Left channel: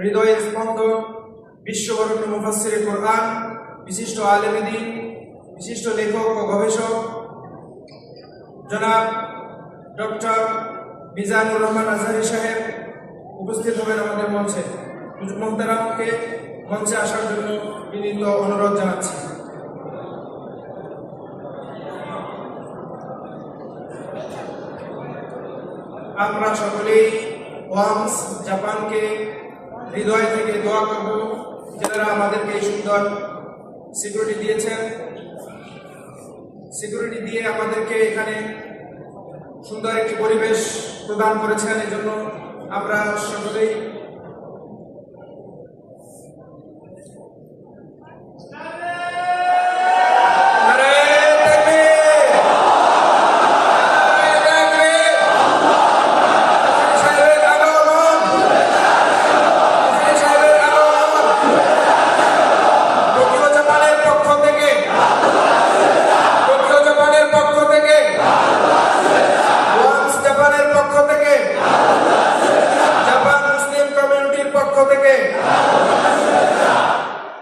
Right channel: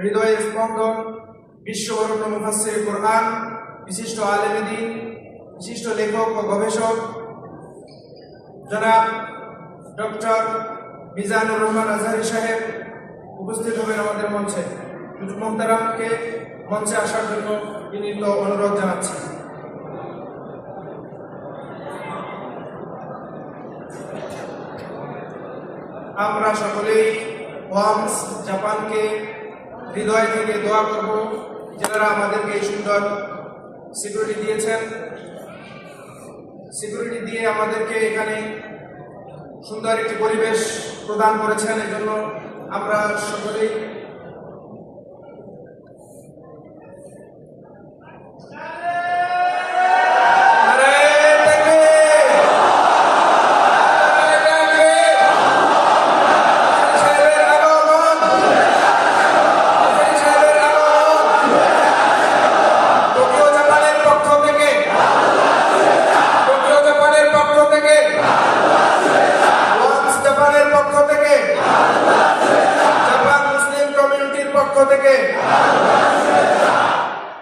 হৃদয়ের স্পন্দন, বিশ্ববরণ্য মুফাসসিরে কোরআন, বিশিষ্ট আলেম দ্বীন, বিশিষ্ট লেখক ও গবেষক জনাব ডক্টর মিজানুর রহমান আজহারী সাহেব উপস্থিত হবেন আমাদের মঞ্চে। হুজুর মোহতারামকে মঞ্চে আসার জন্য বিনীত অনুরোধ জানাচ্ছি। আমরা সকলেই ওয়ামস জাপানকে হৃদয় থেকে দোয়া করব, যারা আমাদেরকে এই সুন্দর সিকিউরিটি দিয়েছেন, সিকিউরিটি দিয়ে আমাদেরকে এখানে সুন্দর একটি পরিবেশ প্রদান করেছেন। এই জন্য আমরা সকলেই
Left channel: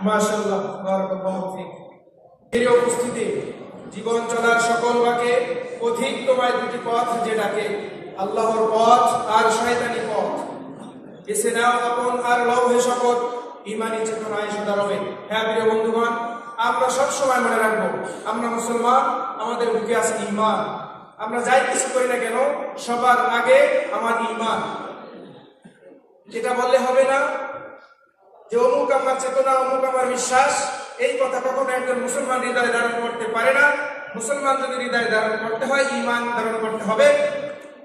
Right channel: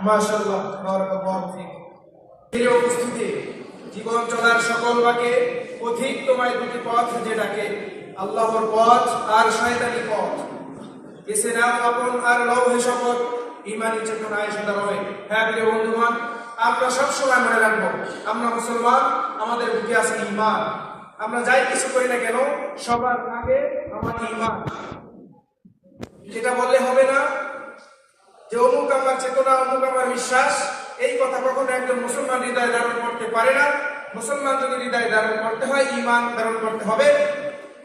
মাশাআল্লাহ, বারাকাল্লাহু ফিক। এর উপস্থিতি জীবন চলার সকল বাকে অধিক তোমায় দুটি পথ যে ডাকে, আল্লাহর পথ আর শয়তানি পথ। বেছে নাও আপন আর লৌহে শপথ, ইমানি চেতনায় সদা রবে। হ্যাঁ প্রিয় বন্ধুগণ, আমরা সবসময় মনে রাখবো, আমরা মুসলমান, আমাদের বুকে আছে ঈমান। আমরা যাই কিছু করি না কেন, সবার আগে আমার ঈমান। এটা বললে হবে না যে অমুক আমার চেতনা, অমুক আমার বিশ্বাস। এই কথা কখনো একজন মুসলমান হৃদয় ধারণ করতে পারে না। মুসলমান যদি হৃদয় ধারণ করতে হয়, ঈমান ধারণ করতে হবে।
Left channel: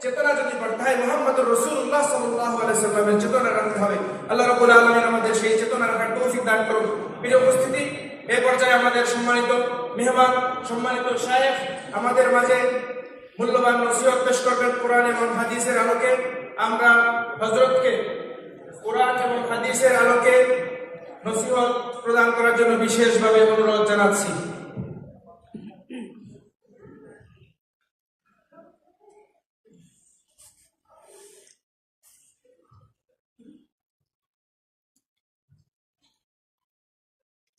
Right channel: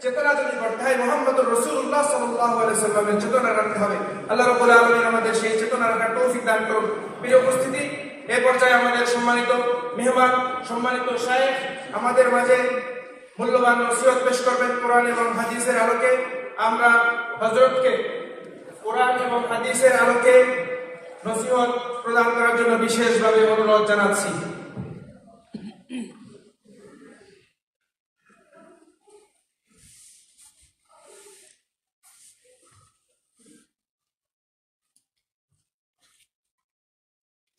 চেতনা যদি করতে হয়, মুহাম্মদুর রাসূলুল্লাহ সাল্লাল্লাহু আলাইহি সাল্লামের চেতনা রাখতে হবে। আল্লাহ রাব্বুল আলামিন আমাদের সেই চেতনা রাখার তৌফিক দান করুন। প্রিয় উপস্থিতি, এই পর্যায়ে আমাদের সম্মানিত মেহমান, সম্মানিত শায়েখ আমাদের মাঝে মূল্যবান নসিহত পেশ করবেন কোরআন এবং হাদিসের আলোকে। আমরা হযরতকে কোরআন এবং হাদিসের আলোকে নসিহত প্রদান করার জন্য বিশেষভাবে অনুরোধ জানাচ্ছি।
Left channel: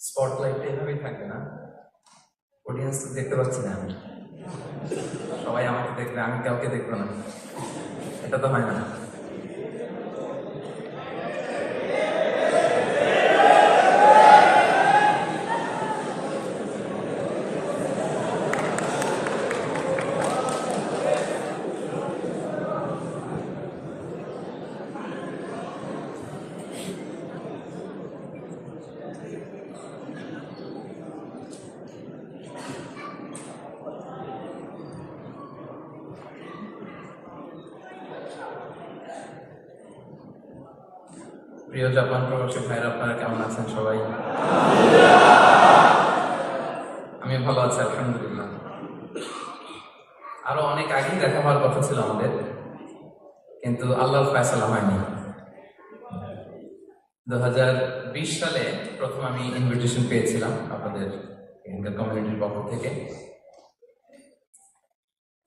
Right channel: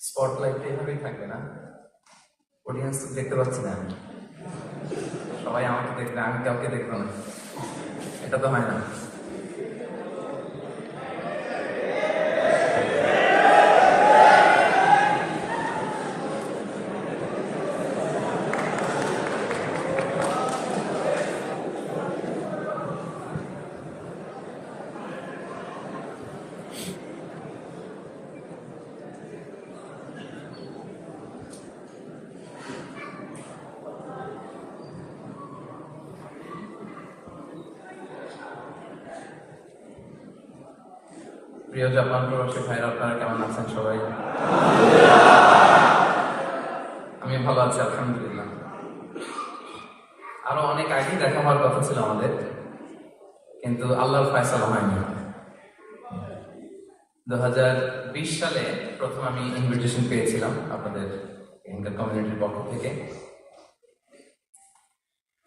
স্পটলাইট এভাবেই থাকবে না, অডিয়েন্স দেখতে পাচ্ছি না, আমি সবাই আমাকে দেখবে, আমি কাউকে দেখবো না, এটা তো হয় না। প্রিয় জাপান প্রবাসী ভাইরা, আপনারা কেমন আছেন সবাই? আমি ভালো আছি, আলহামদুলিল্লাহ। আরো অনেক আগেই দেখা হওয়ার কথা ছিল আমাদের, কিন্তু আল্লাহর ফয়সালা হয়নি। 2020 সালে প্রথম আমি ইনভিটেশন পেয়েছিলাম আপনাদের এখানকার কমিউনিটির পক্ষ থেকে।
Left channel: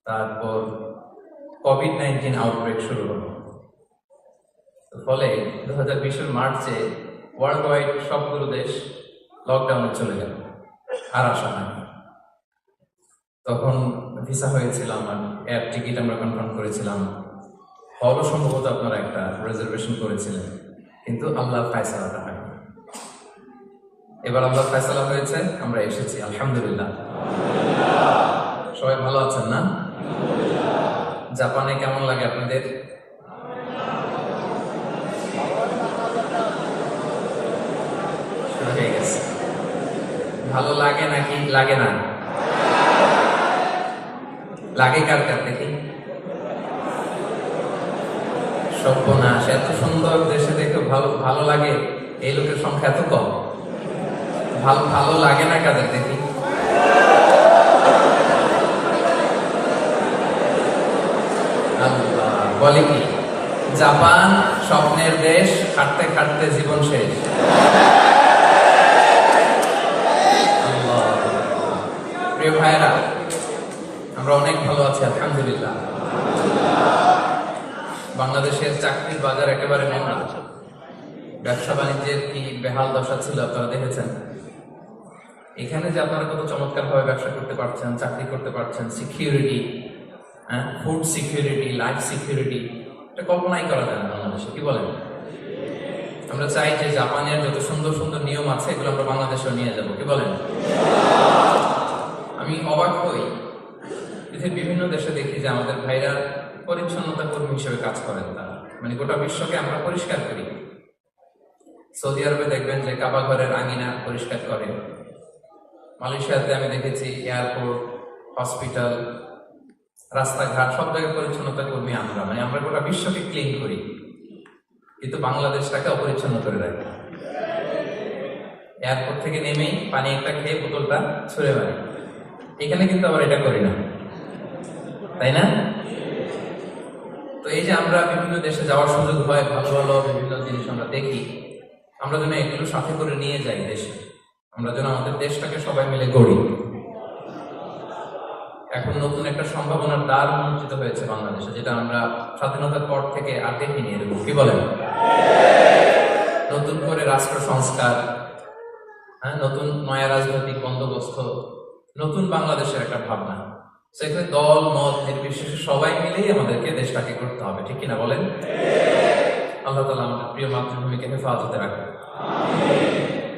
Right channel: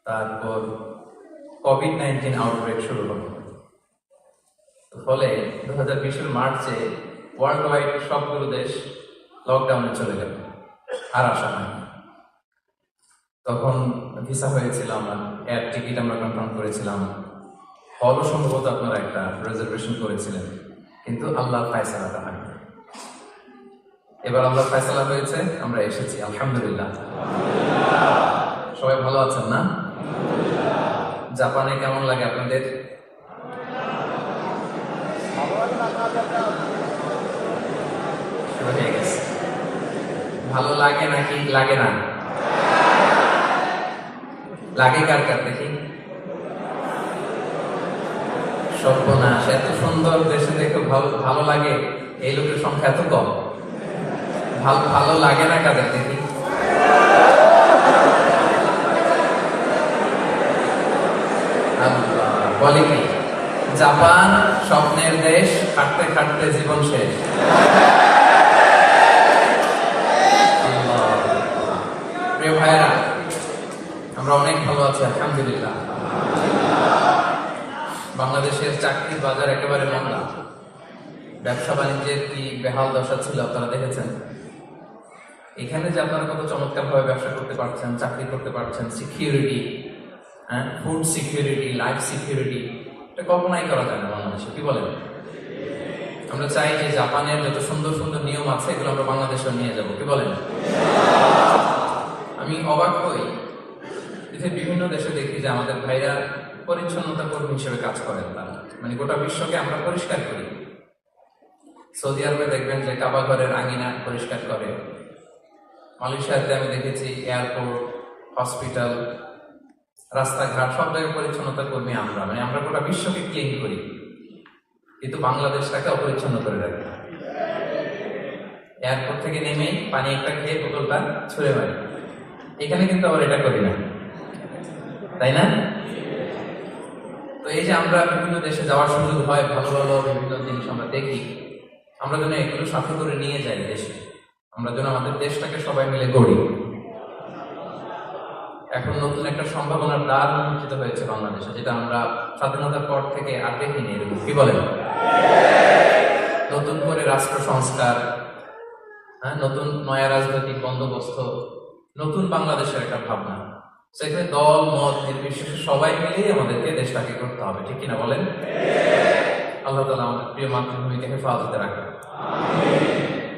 তারপর কোভিড-19 আউটব্রেক শুরু হলো, ফলে 2020 মার্চে ওয়ার্ল্ড ওয়াইড সবগুলো দেশ লকডাউনে চলে গেল, আর আসা হয়নি। তখন ভিসা হয়েছিল, আমরা এয়ার টিকিট আমরা কনফার্ম করেছিলাম, হলও সম্ভবত আপনারা একটা রিজার্ভেশন করেছিলেন, কিন্তু আল্লাহর ফায়সালাটা হয়নি। এবার আল্লাহর ফায়সালা হয়েছে, আমরা এসেছি, আলহামদুলিল্লাহ। সবাই ভালো আছেন না? জাপানে কেমন লাগে আপনাদের? ভালো লাগে নাকি লাগে না? লাগে কার কার দেখি? সর্বনাশ, এত সুন্দর দেশে দেখে ভালো লাগে, এই লোকের সংখ্যা এত কম। ভালো লাগে না কাদের দেখি? আল্লাহ বলে কি, জাপান স্বপ্নের দেশ, খাটতে খাটতে জীবন শেষ। প্রিয় ভাইরা, আমরা অনেক ভালো আছি, আলহামদুলিল্লাহ। বাংলাদেশের চাকরির বাজার একেবারে মন্দা, ব্যবসা বাণিজ্যের কি বেহাল দশা ছিল আপনারা দেখেছেন। এখানে যে আপনারা কত চমৎকারভাবে ব্যবসা করতে পারছেন, চাকরি করতে পারছেন, security, food security, life security, এটা কল্পনাই করা যায় না বাংলাদেশে, কি বলেন? আমরা চাই যে জাপানের যত সুন্দর সুন্দর নিয়ম আছে এগুলো আমরা বাংলাদেশেও নিয়ে যাব, কি বলেন? আমি অবাক হই, পৃথিবীর বিভিন্ন দেশে দেখি যে আমাদের ভাইরা পরিচ্ছন্নতা কর্মী হিসেবে কাজ করেন, তারা মানে গোটা বিশ্বকে আমরা পরিষ্কার করি। সৌদি আরবে দেখবেন যে কাবা ঘরের আঙিনা পরিষ্কার করে। মালয়েশিয়াতে আমি দেখেছি এয়ারপোর্ট, হসপিটাল, রাস্তাঘাট সব জায়গায় পরিচ্ছন্নতা কর্মী আমরা, মানে আমরা গোটা বিশ্বকে ক্লিন করি, কিন্তু বাংলাদেশটাকে অপরিচ্ছন্ন করে রাখি। এয়ারপোর্ট থেকে নেমেই পানি একটা খেয়ে বোতলটা ছুঁড়ে মারি। এখানে কিন্তু আবার এটা করি না, তাই না? তো এই যে আমরা বিভিন্ন দেশে যাওয়ার সুযোগ হয়, ভালো ভালো বিভিন্ন জিনিস আমরা দেখি, আমরা যেন একটু সাথে করে নিয়ে যাই দেশে, আমরা যেন আমাদের দেশটাকে সবাই মিলে গড়ি। এখন নতুন একটা সম্ভাবনার দ্বার উন্মোচিত হয়েছে বাংলাদেশে, যেটা আমরা স্বাধীনতার পর থেকে আর দেখিনি, এরকম কি বলেন? নতুন করে রাষ্ট্র সংস্কার, নতুন নয়া রাজনৈতিক বন্দোবস্ত, নতুন বাংলাদেশের একটা ভাবনা। সেখানে দল মত নির্বিশেষে সবাই মিলেই আমাদেরকে দেশটাকে করতে হবে, ঠিক কিনা বলেন? আল্লাহ তাআলা আমাদের প্রিয় মাতৃভূমিকে হেফাজতে রাখুন,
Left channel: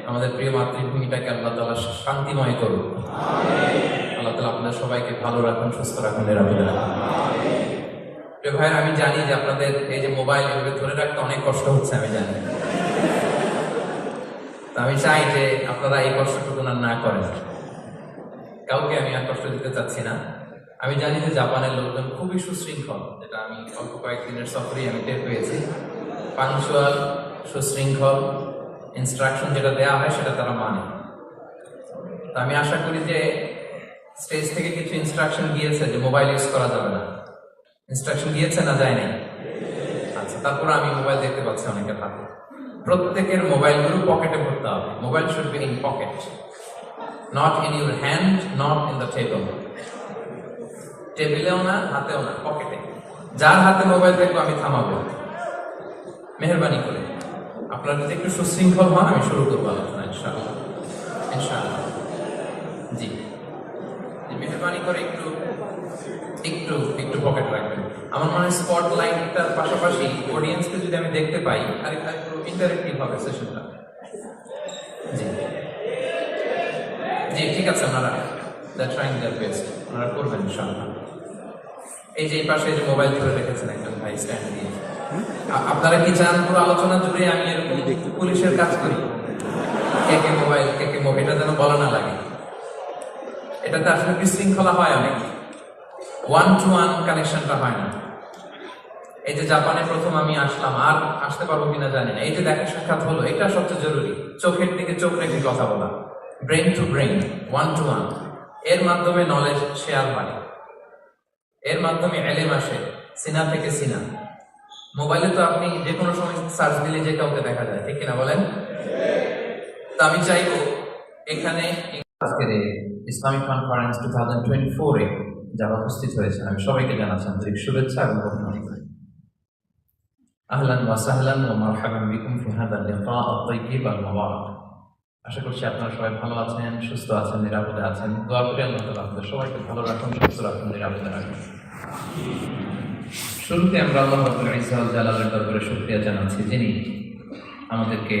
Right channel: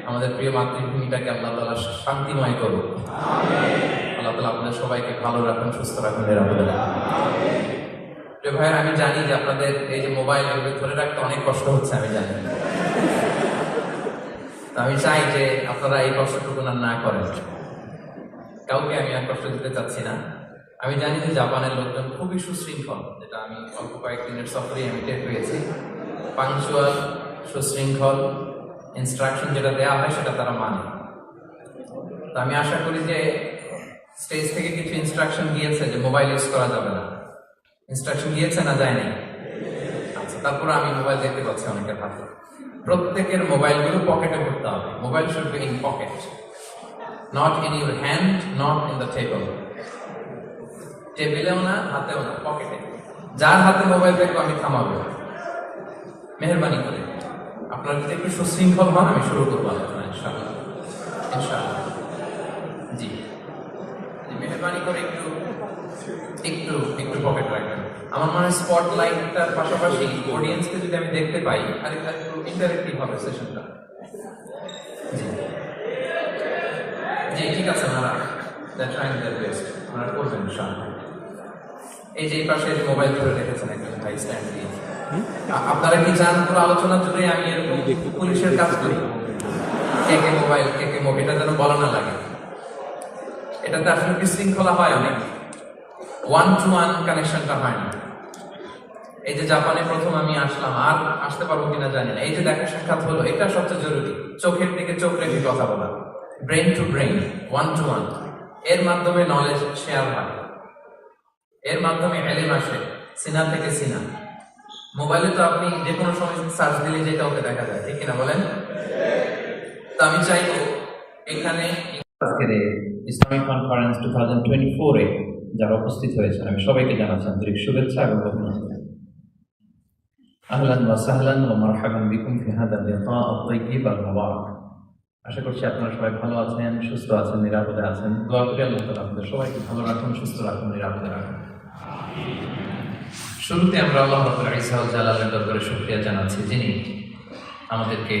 আমাদের প্রিয় মাতৃভূমিটাকে আল্লাহ তাআলা শান্তিময় করুন। আল্লাহ তাআলা আপনাদের সবাইকে ভালো রাখুন, সুস্থ রাখুন, নিরাপদে রাখুন। প্রিয় ভাইয়ের, আমি জানি যে আপনাদের এই যে মোবাইল ধরে রাখতে অনেক কষ্ট হচ্ছে, আমি জানি। আমি চাই যে আপনারা এই কষ্টটুকু না করেন। কাউকে আমি আর কষ্ট দিতে চাচ্ছি না। আমি জানি যে জাপানের লোকজন খুবই সুশৃঙ্খল, যেটা আমি অল্প কয়েকদিনের সফরেই আমি টের পেয়েছি। পাংচুয়াল, সুশৃঙ্খল, ইনস্ট্রাকশন যেটা দেওয়া হয় সেটা তারা মানে। তো আমি আশা করি যে স্টেজ থেকে কিছু ইনস্ট্রাকশন দিয়েছে যে মোবাইল ইউজ করা যাবে না। ইনস্ট্রাকশন দিয়েছে না যায়নি? আচ্ছা, তারপরে আমি মোবাইল দেখতে পাচ্ছি অনেকের হাতে। প্রত্যেকের মোবাইলগুলো পকেটে ভরতে হবে। Mobile should be in pocket, not in your hand, not in the table. টেবিলেও না, হাতেও না, পকেটে। যার হাতে মোবাইল দেখবো আমি থামাবো, মেহরবানি করে। আপনারা যদি একটু সুশৃঙ্খল হন, আমি শুরু করবো আলোচনা ইনশাআল্লাহ। ইনশাআল্লাহ, জি, মেহরবানি করে একটু একটু একটু পকেট রাখবেন। আমার মনে হয় স্পট লাইটটার পাশাপাশি অডিয়েন্সকে যদি আমি দেখতে পাই, আর একটু ইন্টারেক্টিভ হবে সেশনটা। জি জি, ঠিক আছে, ওনারা ট্রাইং দেয়ার বেস্ট, ওনারা করবেন ইনশাআল্লাহ। এই যে এই পাশে যে মোবাইল ধরে রেখেছেন একজন ভাই স্ট্যান্ড দিয়ে, আপনারা কি চান পুরো আলোচনা জুড়ে আমি এরকম পুলিশের কাজ করি? কে মোবাইল, কে মোবাইল, এটা যেন বলা না লাগে। এটাতে আসলে বিশৃঙ্খলা হয়, অনেক ওয়ান টু ওয়ান কানেকশনটা হয় না। এই যে জাপানে প্রথম আমি আসলাম, আর আসতে পারবো কিনা জানি না। এই যে দেখা সাক্ষাৎ হলো, এটা সবচেয়ে জরুরি। চোখের দিকে চোখ রেখে কথা বলা, brain to brain, one to one. এর মাধ্যমে নলেজ শেয়ার হয়, এর মাধ্যমে এলেম আসে, সিনা থেকে সিনা। মোবাইলে তো আপনি যে কোনো সময় সার্চ দিলে যে কাউকে দেখা যায়, ঠিক কিনা বলেন? তো আমি চাইবো এখানে আজকের ইসলামিক কনফারেন্স 2024-এ যারা উপস্থিত হয়েছেন, আমি সবাইকে জানাচ্ছি আন্তরিক শুভেচ্ছা এবং অভিনন্দন। আহলান ওয়া সাহলান ওয়া মারহাবান বিকুম ফি হাযাল লিকা আত-তাইয়্যিব আল-মুবারাক। আশা করছি আপনারা সবাই ভালো আছেন, সুস্থ আছেন, নিরাপদে আছেন। দোয়া করি আল্লাহ তাআলা আপনাদের সবাইকে ভালো রাখুন, সুস্থ রাখুন, নিরাপদে রাখুন। শুরুতে আমরা আল্লাহ রাব্বুল ইজ্জত ওয়াল জালালের দরবারে শুকরিয়া জানাচ্ছি, যিনি আমাদেরকে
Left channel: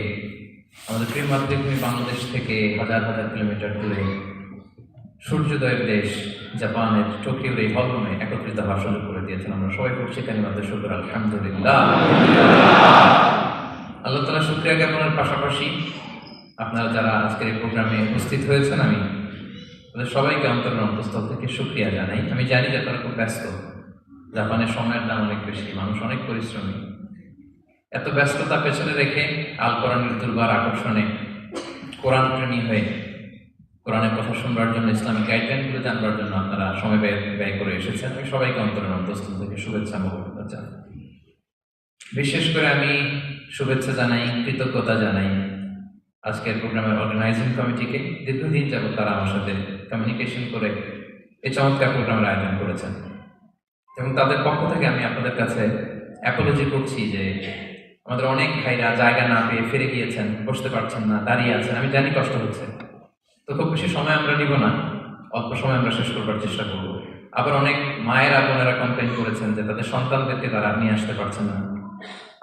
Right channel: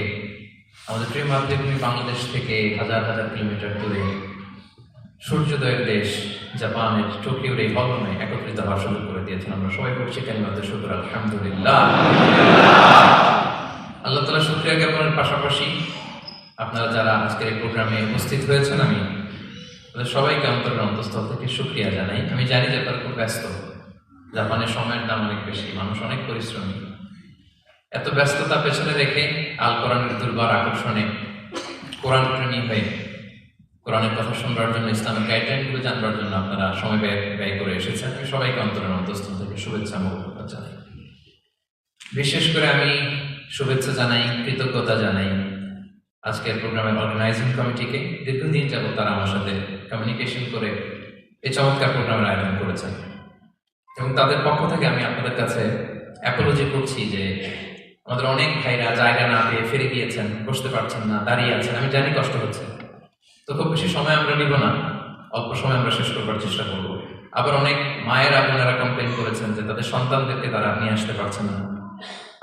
আমাদের প্রিয় মাতৃভূমি বাংলাদেশ থেকে হাজার হাজার কিলোমিটার দূরে সূর্যোদয়ের দেশ জাপানের টোকিওর এই ভবনে একত্রিত হওয়ার সুযোগ করে দিয়েছেন। আমরা সবাই করছি কালিমাতুশ শুকর, আলহামদুলিল্লাহ। আল্লাহ তাআলা শুকরিয়া জ্ঞাপনের পাশাপাশি আপনারা যারা আজকের এই প্রোগ্রামে উপস্থিত হয়েছেন, আমি তাদের সবাইকে অন্তরের অন্তঃস্থল থেকে শুকরিয়া জানাই। আমি জানি যে তারা খুব ব্যস্ত, জাপানের সময়ের দাম অনেক বেশি, মানুষ অনেক পরিশ্রমী। এত ব্যস্ততা পেছনে রেখে আল কোরআনের দুর্বার আকর্ষণে কোরআন প্রেমী হয়ে কোরআনের কথা শুনবার জন্য, ইসলামিক গাইডলাইনগুলো জানবার জন্য আপনারা সময় ব্যয় করে এসেছেন। আমি সবাইকে অন্তরের অন্তঃস্থল থেকে শুভেচ্ছা মোবারক জানাই। বিশেষ করে আমি শুভেচ্ছা জানাই, কৃতজ্ঞতা জানাই আজকের প্রোগ্রামের অর্গানাইজিং কমিটিকে। দীর্ঘদিন যাবত তারা আমার সাথে কমিউনিকেশন করে এই চমৎকার প্রোগ্রামের আয়োজন করেছেন, এবং তাদের পক্ষ থেকে আমি আপনাদের কাছে অ্যাপোলজি করছি যে আমাদের অনেক ভাইরা জায়গা না পেয়ে ফিরে গিয়েছেন, বসতে পারছেন না, দাঁড়িয়ে আছেন। আমি জানি কষ্ট হচ্ছে, তো খুব বেশি সময় আমরা নিব না, অল্প সময় আমরা শেষ করবার চেষ্টা করব। আবার অনেক মায়েরা বোনেরা কমপ্লেন করেছেন যে তাদের সন্তানদেরকে তারা নিয়ে আসতে পারছেন না।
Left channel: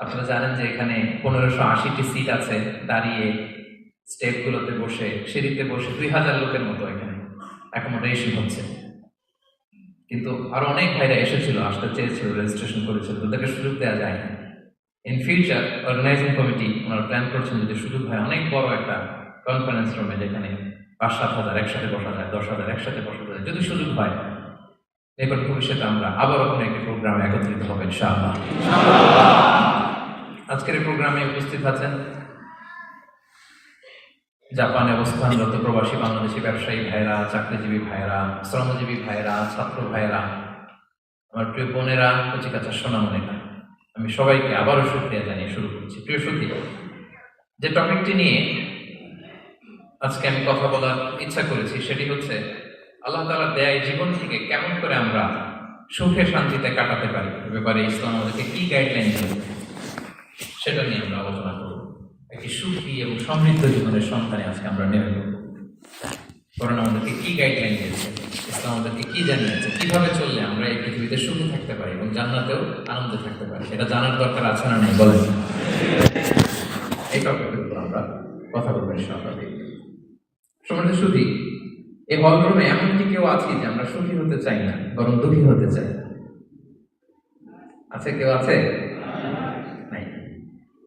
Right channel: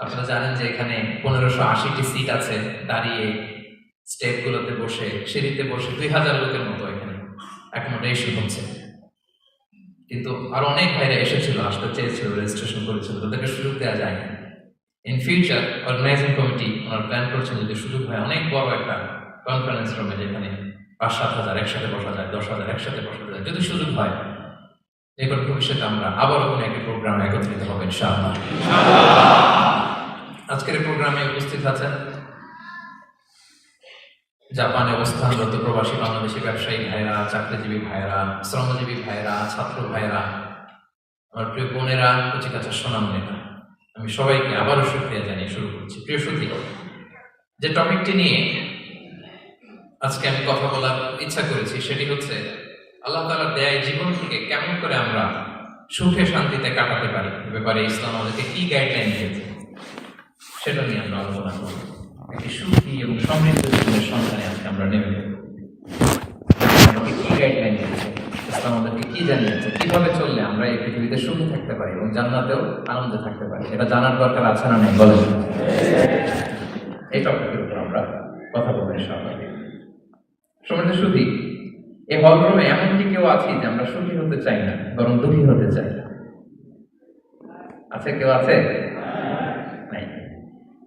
আপনারা জানেন যে এখানে 1580টি সিট আছে, দাঁড়িয়ে স্টেপগুলোতে বসে, সিঁড়িতে বসে 2000 লোকের মতো এখানে অ্যাকোমোডেশন হচ্ছে। কিন্তু আরো অনেক ভাইরা এসেছিল, আসতে চেয়েছিল, রেজিস্ট্রেশন করেছিল, তাদেরকে সুযোগ দেওয়া যায় না। ইন ফিউচার অর্গানাইজিং কমিটি ওনারা প্ল্যান করছেন যদি সুযোগ হয় অনেক বড় একটা কনফারেন্স রুমে, যেখানে 5-7 হাজার একসাথে বসা যায়, 10 হাজার একসাথে বসা যায়, যদি সুযোগ হয়, এরপর ভবিষ্যতে আমরা আবারও কোনো একটি প্রোগ্রামে একত্রিত হবে ইনশাআল্লাহ। আজকের এই প্রোগ্রামে উপস্থিত আছেন জাপানে অবস্থানরত প্রবাসী বাংলাদেশি ব্যবসায়ী ভাইরা, চাকরিজীবী ভাইরা, শ্রমজীবী ভাইরা, ছাত্র ভাইরা, আমার প্রিয় বোনেরা, কচিকাচার সোনামণিরা, আমি সবাইকে আবারও শুকরিয়া জানিয়ে শুরু করছি। প্রিয় সুধী, যে টপিকটি নিয়ে আজকে আমি কথা বলার ইচ্ছা করেছি সেটি হচ্ছে আল্লাহ তাআলার দেয়া জীবন থেকে কেমন করে আমরা সুখে শান্তিতে কাটাতে পারি, এ ব্যাপারে ইসলাম আমাদেরকে কি গাইডলাইন দিয়েছে সেটা নিয়ে আমরা আলোচনা করব। একটি সুখী এবং সমৃদ্ধ জীবনের সন্ধানে আজকে আমরা নেমে পড়ব। আমাদেরকে কি গাইডলাইন দিয়েছে, ইসলাম আমাদেরকে কি জানিয়েছে, কিভাবে চললে আমরা এই পৃথিবীতে সুখে থাকতে পারি এবং জান্নাতেও আনন্দে থাকতে পারি, এটা জানার দরকার আছে না নেই বলেন? এই টপিকের উপর আমরা কথা বলবো ইনশাআল্লাহ। সমৃদ্ধ সুখী, এই হলরুমে এমন কি কেউ আছি যে আমরা সুখী হতে চাই না, বরং দুঃখী হতে চাই? আছে কেউ? আছে? নাই।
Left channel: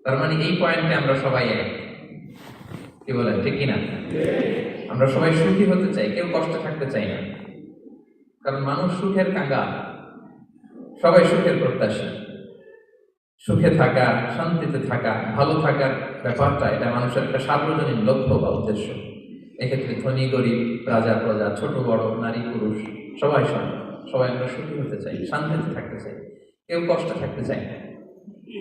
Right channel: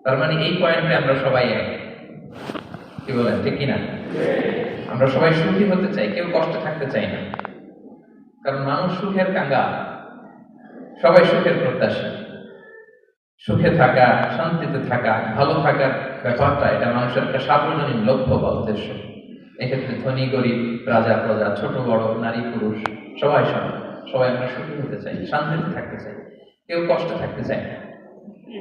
তার মানে এই পয়েন্টে আমরা সবাই এক, কি বলেন, ঠিক কিনা? আমরা সবাই সুখী হতে চাই, কেউ কষ্টে থাকতে চাই না। কারণ মানুষ সুখের কাঙ্গাল, সবাই সুখের প্রত্যাশী। সুখে থাকা, শান্তিতে থাকা, ভালো থাকার ব্যাপারটা এটা মানুষের একটা সার্বজনীন লক্ষ্য বা উদ্দেশ্য। এক্ষেত্রে ধনী গরিব, রাজা প্রজা, ছোট বড়, নারী পুরুষ, সবাই সমান। সবাই আমরা সুখী হতে চাই, শান্তিতে থাকতে চাই, কেউ কষ্টে থাকতে চাই না।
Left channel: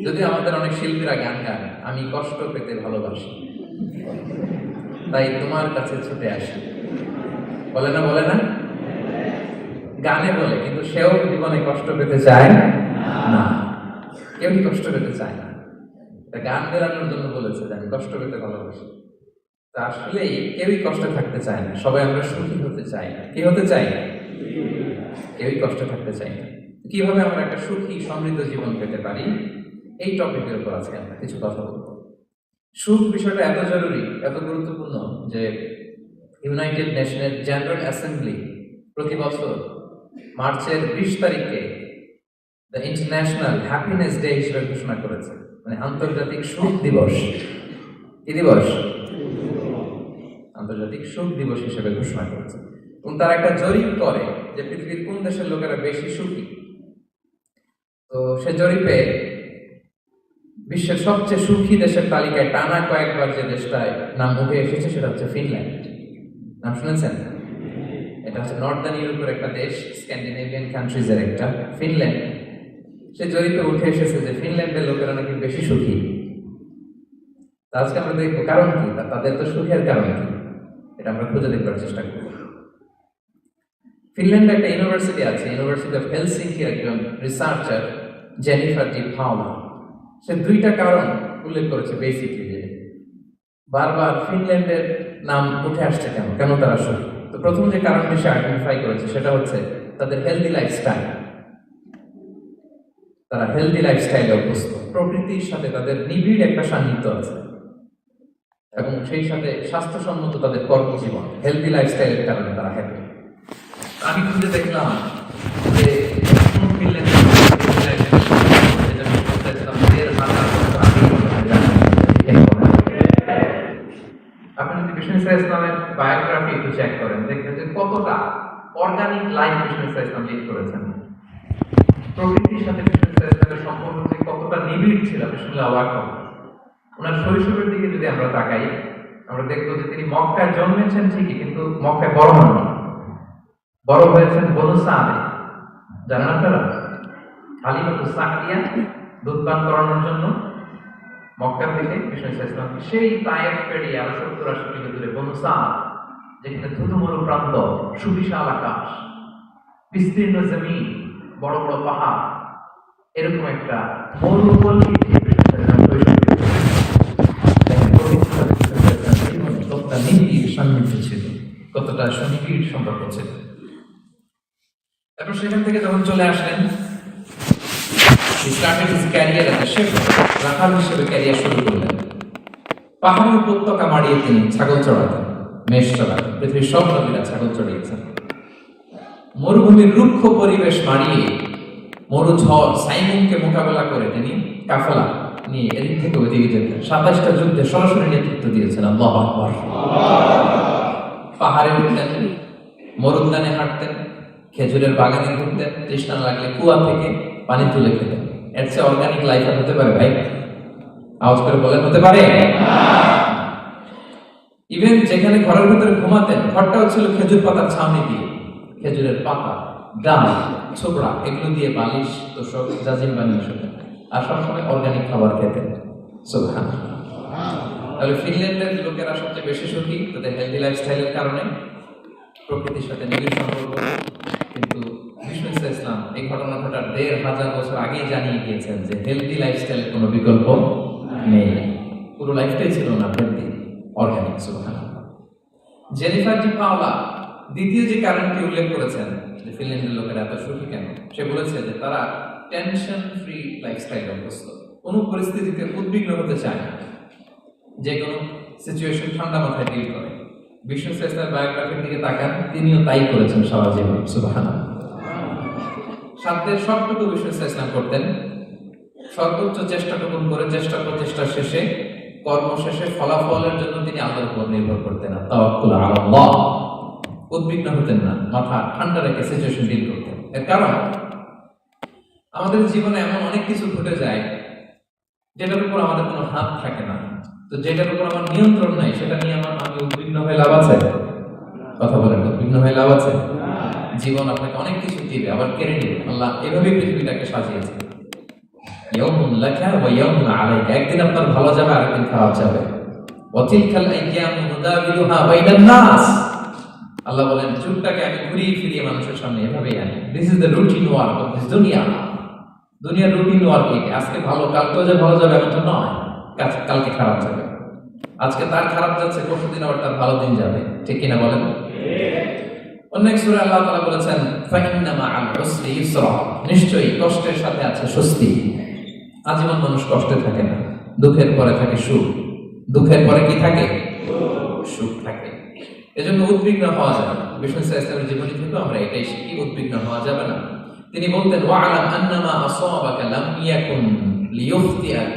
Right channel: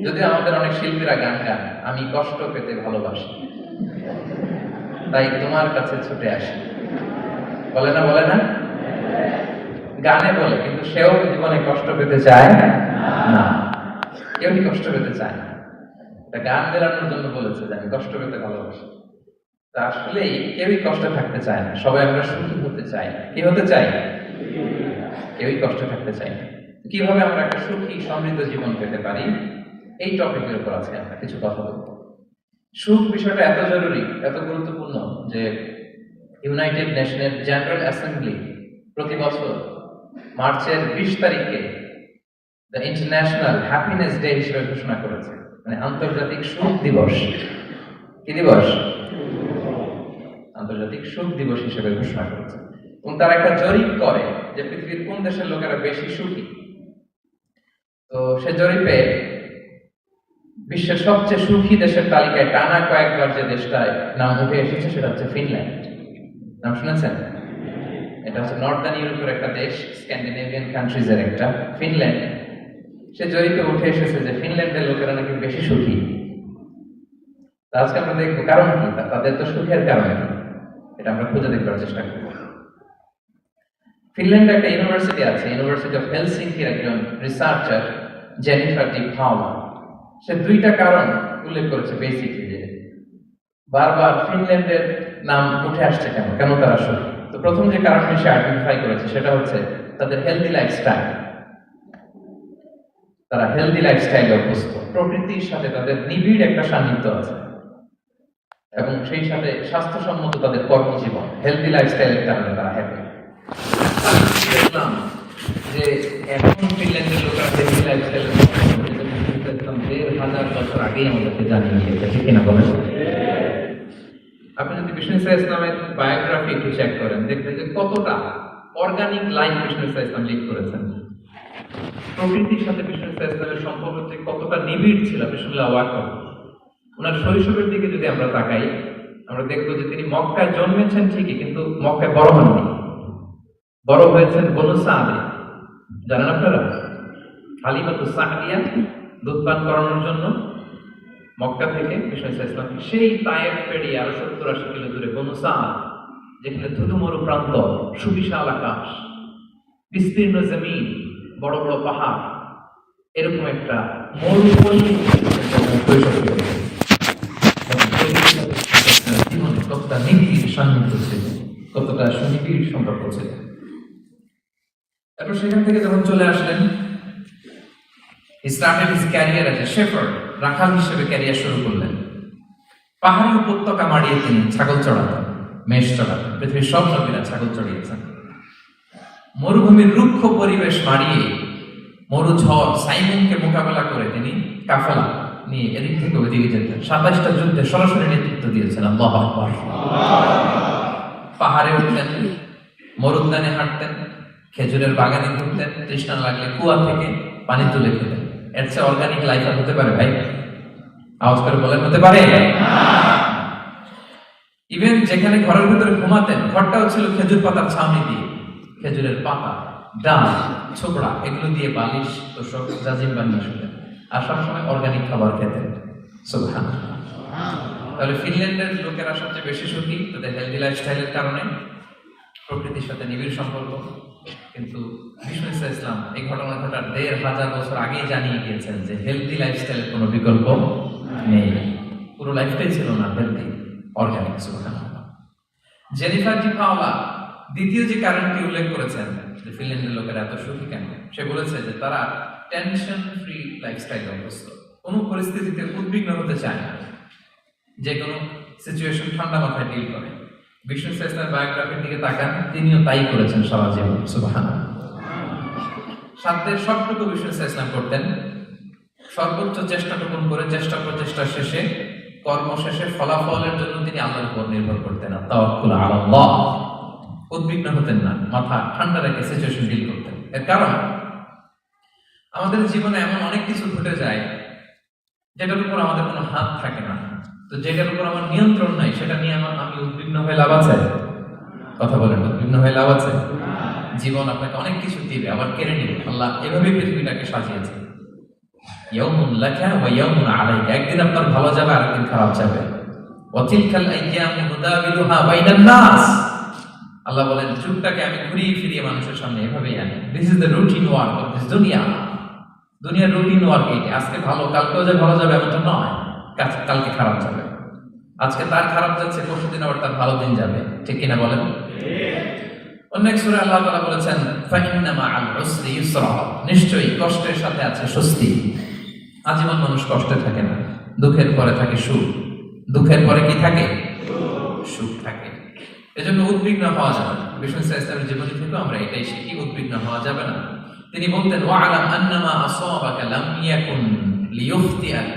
যদি আমাদের অনেক শিল্পীরা গান গান, আমি কষ্ট পেতে ভালোবাসি, তাই তোমার কাছে ছুটে আসি, বলে না? বলে না? গানে বলে, কিন্তু সেও জীবনে কষ্ট পেতে চায় না। কেউ কষ্ট পেতে চায় না। গান বেরানোর জন্য বলেছে যে আমি কষ্ট পেতে ভালোবাসি। তা আসলেই কেউই কষ্টে থাকতে চায় না, সবাই আমরা সুখী হতে চাই। কি হতে চাই? কেউই কষ্টে থাকতে চাই না। কিভাবে আমরা একটা সুখী সমৃদ্ধ জীবন পেতে পারি, এই টপিকের উপর আজকে আমরা কিছু কথা বলব। সুখ বিষয়টা এত জরুরি, এত গুরুত্বপূর্ণ যে ইউনাইটেড নেশনের জেনারেল অ্যাসেম্বলি প্রতি বছর মার্চের 20 তারিখে দ্য ইন্টারন্যাশনাল হ্যাপিনেস ডে হিসেবে ঘোষণা করেছে, মানে আন্তর্জাতিক সুখ দিবস। কি দিবস? আন্তর্জাতিক সুখ দিবস হিসেবে ঘোষণা করেছে। এবং তারা একটা জরিপ করে যে পৃথিবীর কোন দেশের লোকেরা বেশি সুখী। তো সে জরিপে বিশ্বের সবচেয়ে সুখী দেশের তালিকায় টানা কয়েকবার যে দেশটায় নাম উঠে এসেছে সেটা হচ্ছে ফিনল্যান্ড। নাম শুনেছেন? এটা হচ্ছে নর্দার্ন ইউরোপের একটা দেশ, স্ক্যান্ডিনেভিয়ান কান্ট্রিজের একটা, ফিনল্যান্ড। সে জরিপে উঠে এসেছে যে ফিনল্যান্ডের লোকেরা নাকি বেশি সুখী। আজকে আমরা দেখবো কারণ কি, তাদের তো সুখের কারণ কি, এটা আমরা খুঁজে দেখবার চেষ্টা করব। ফিনল্যান্ডে একটা ইউনিভার্সিটি আছে, ইউনিভার্সিটি অফ হেলসিঙ্কির একজন রিসার্চার জেনিফার ডি পাওলা, সে 2টা কারণ উল্লেখ করেছে বেসিকলি, যে বারবার ফিনল্যান্ডের নাম উঠে আসছে কেন, কেন তারা সুখী। তো প্রথম যে কারণটি সে আইডেন্টিফাই করেছে সেটা হচ্ছে তাদের হেলদি লাইফস্টাইল। তারা হেলদি লাইফস্টাইলে অভ্যস্ত, প্রকৃতির সাথে তাদের নিবিড় একটা সান্নিধ্য আছে, এবং সেই সাথে স্বাস্থ্যসম্মত তাদের কর্মজীবন। হেলদি লাইফস্টাইলের কারণে তারা হ্যাপি। আমি দেখলাম যে এখন ফিনল্যান্ডের হেলদি লাইফস্টাইল আপনি যদি বিষ্ণু ইসলামের বায়োগ্রাফি একটু চেক করেন, দেখবেন যে কতটা অর্গানিক লাইফ বিষ্ণু ইসলাম লিড করেছেন। প্রকৃতির সাথে বিষ্ণু ইসলামের সম্পর্ক যে কতটা নিবিড় ছিল, বিষ্ণুল্লাহ ওয়াকাব। ওনার শৈশবের দিকে যদি আমরা তাকাই, আমরা দেখবো যে তিনি মক্কায় জন্মেছেন ঠিকই, কিন্তু মক্কায় বড় হননি। বড় হয়েছেন বনু সাদে। জানেন আপনারা? হালিমাতু সাদিয়া দুধ পান করানোর জন্য মক্কা থেকে বিষ্ণু ইসলাম সেই তায়েফ পেরিয়ে আরো 70-80 কিলো দূরে বনু সাদ, যেখানে ধুধু মরু প্রান্ত, সুবিশাল আকাশ, বিস্তীর্ণ জমিন, বড় বড় পাহাড়, এরকম একটা মরুভূমি কৈশোরকে জীবনে কতটা নিবিড় সান্নিধ্য ছিল, কতটা সুনিবিড় সম্পর্ক ছিল। তারপর সেখান থেকে যখন চলে আসলেন, ক্যারিয়ার রাখাল হিসেবে ক্যারিয়ার শুরু করলেন। পাহাড়ি উপত্যকা মাড়িয়ে তিনি ছাগল চড়াতেন, মেষ চড়াতেন। পৃথিবীর সব নবীরা ছাগল চড়িয়েছেন। মরুভূমির রুক্ষ পরিবেশ মাড়িয়ে মরু ঝড় সাইমনকে মোকাবেলা করে তিনি কাফেলা নিয়ে এদিক থেকে ওইদিকে যেতেন। 27টা যুদ্ধে সরাসরি নেতৃত্ব দিয়েছেন। আল্লাহু আকবার। পাহাড়ে উঠতেন, মরুদ্যানে হাঁটতেন, খেজুরের বাগানে ঘুরতেন, তৃষ্ণা লাগলে কুয়া থেকে পানি তুলে খেতেন। এর চেয়ে অর্গানিক লাইফ আর হতে পারে ভাই? আওয়াজ করে বলেন, হতে পারে? ইভেন যেখানে ঘরের ভিতরে ঘুমাতেন, ঘরটাও ছিল খেজুর পাতার ছাউনি দিয়ে, খেজুরের পাতা, ডাল, ছোকরা এগুলো দিয়ে বালিশ, তোষক, জাজিম বানিয়ে শোতেন। আর সবসময় অর্গানিক খাবার খেতেন। সুবহানাল্লাহ। তাহলে ফিনল্যান্ডের লোকেরা সবচেয়ে বেশি সুখী তাদের হেলদি লাইফস্টাইলের কারণে, প্রকৃতির সাথে নিবিড় সম্পর্ক। কিন্তু বিষ্ণু ইসলাম এই ঘটনাটা 1500 বছর আগেই জানিয়ে গিয়েছেন যে হেলদি লাইফস্টাইলের কোনো বিকল্প নেই। পুরো লাইফটাই ছিল না হেলদি, অর্গানিক। সুবহানাল্লাহ। জেনিফার ডি পাওলা দ্বিতীয় যে কারণটি উল্লেখ করেছেন যে ফিনল্যান্ডের লোকেরা এত সুখী কেন, সে বলেছে যে তারা টেনশন ফ্রি লাইফস্টাইল অভ্যস্ত। কোনো পরিস্থিতিতে উদ্বিগ্ন হতে চায় না, যে কোনো সিচুয়েশন ঠান্ডা মাথায় ডিল করে। বিষ্ণু ইসলামের বায়োগ্রাফির দিকে তাকান, তিনিও তাই করেছেন সারা জীবন। সুবহানাল্লাহ। সাধ্যের সবটুকু বিষ্ণু ইসলাম করতেন, সর্বোচ্চ চেষ্টাটুকু করে চেষ্টা প্রচেষ্টা শেষে, কর্ম শেষে ফলাফলের জন্য তিনি আল্লাহর উপর নির্ভর করতেন। তাওয়াক্কুল আলাল্লাহ। উদ্বিগ্ন হতেন না, মাথা ঠান্ডা রেখে সিচুয়েশন ডিল করতেন। এর কারণ আমাদের জীবনে এমন অনেক কিছু ঘটে যায় যেটার উপর আমাদের কোনো হাত থাকে না। তো যেটার উপর আমার নিয়ন্ত্রণ নাই, সেটা নিয়ে আমি উদ্বিগ্ন হয়ে লাভ আছে? কথা বলেন, উদ্বিগ্ন হয়ে লাভ আছে? জীবন আপনাকে অনেক কিছু দিবে, আবার কেড়ে নিবে। আল্লাহ এভাবেই পৃথিবীটাকে সাজিয়েছে। ইয়াউমুন লাকা ওয়া ইয়াউমুন আলাইকা। একদিন আপনার ভালো যাবে, আরেকদিন খারাপ যাবে। ওয়া তিলকাল আইয়ামু নুদাবিলুহা বাইনান নাস। আল্লাহ বলেন, যুগটাকে আমি ঘুরিয়ে ফিরিয়ে মানুষের সামনে এভাবেই আনি। This is the routine work of this দুনিয়া। দুনিয়ার রুটিন ওয়ার্ক এই। আজকে ভালো, কালকেও যে ভালো যাবে এমনটা নয়। কালকে খারাপ যাবে, আজকে তার খারাপ যাচ্ছে, পরশুদিন আবার তার ভালো দিন যাবে। ঠিক কিনা বলেন? অন্য এক সূরায় আল্লাহ তাআলা বলেছেন, ফাইন্না মাআল উসরি ইউসরা। নিশ্চয়ই কষ্টের সাথে আছে স্বস্তি। আজীবন মানুষ কষ্টে থাকে না, দুঃখের পরে থাকে সুখ। দুঃখের পরে কি থাকে? সুখ থাকে। এজন্য উদ্বিগ্ন হওয়া যাবে না। বিষ্ণু ইসলামের জীবনী থেকে আমরা এটাই শিখি, উদ্বিগ্ন হওয়া যাবে না। তিনি বলতেন, ওয়া'লাম আন্নামা আসাবাকা লাম ইয়াকুন লিয়ুখতিআক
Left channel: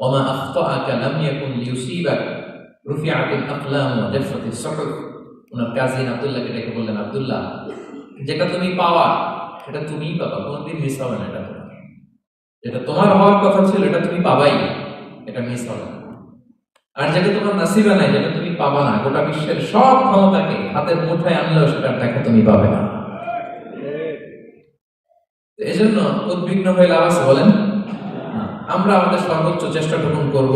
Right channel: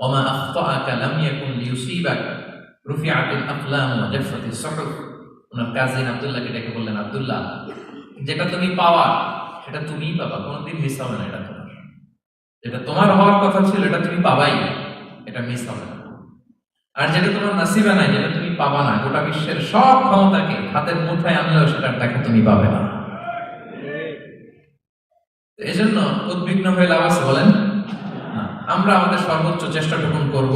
ওয়া মা আখতাআকা লাম ইয়াকুন লিয়ুসিবাক রুফিআতিল আকলাম ওয়া জাফফাতিস সুহুফ। ওনার কাজিন আব্দুল্লাহকে ডেকে বললেন, আব্দুল্লাহ, যেটা তুমি পাওয়া সেটা তুমিই পাবা, কোনোদিন মিস হবে না। এটা তোমার, যেটা তোমার হওয়ার কথা ছিল এটা তুমি পাবাই, এটা মিস হবে না। আর যেটা তোমার নসিবে নাই, যেটা তুমি পাবা না, গোটা বিশ্বের সব ক্ষমতাকে হাতের মুঠোয় আনলেও সেটার দেখা তুমি পাবে না। এজন্য উদ্বিগ্ন হয়ে লাভ আছে বলেন? আমরা আমাদের সর্বোচ্চ চেষ্টাটুকু করব,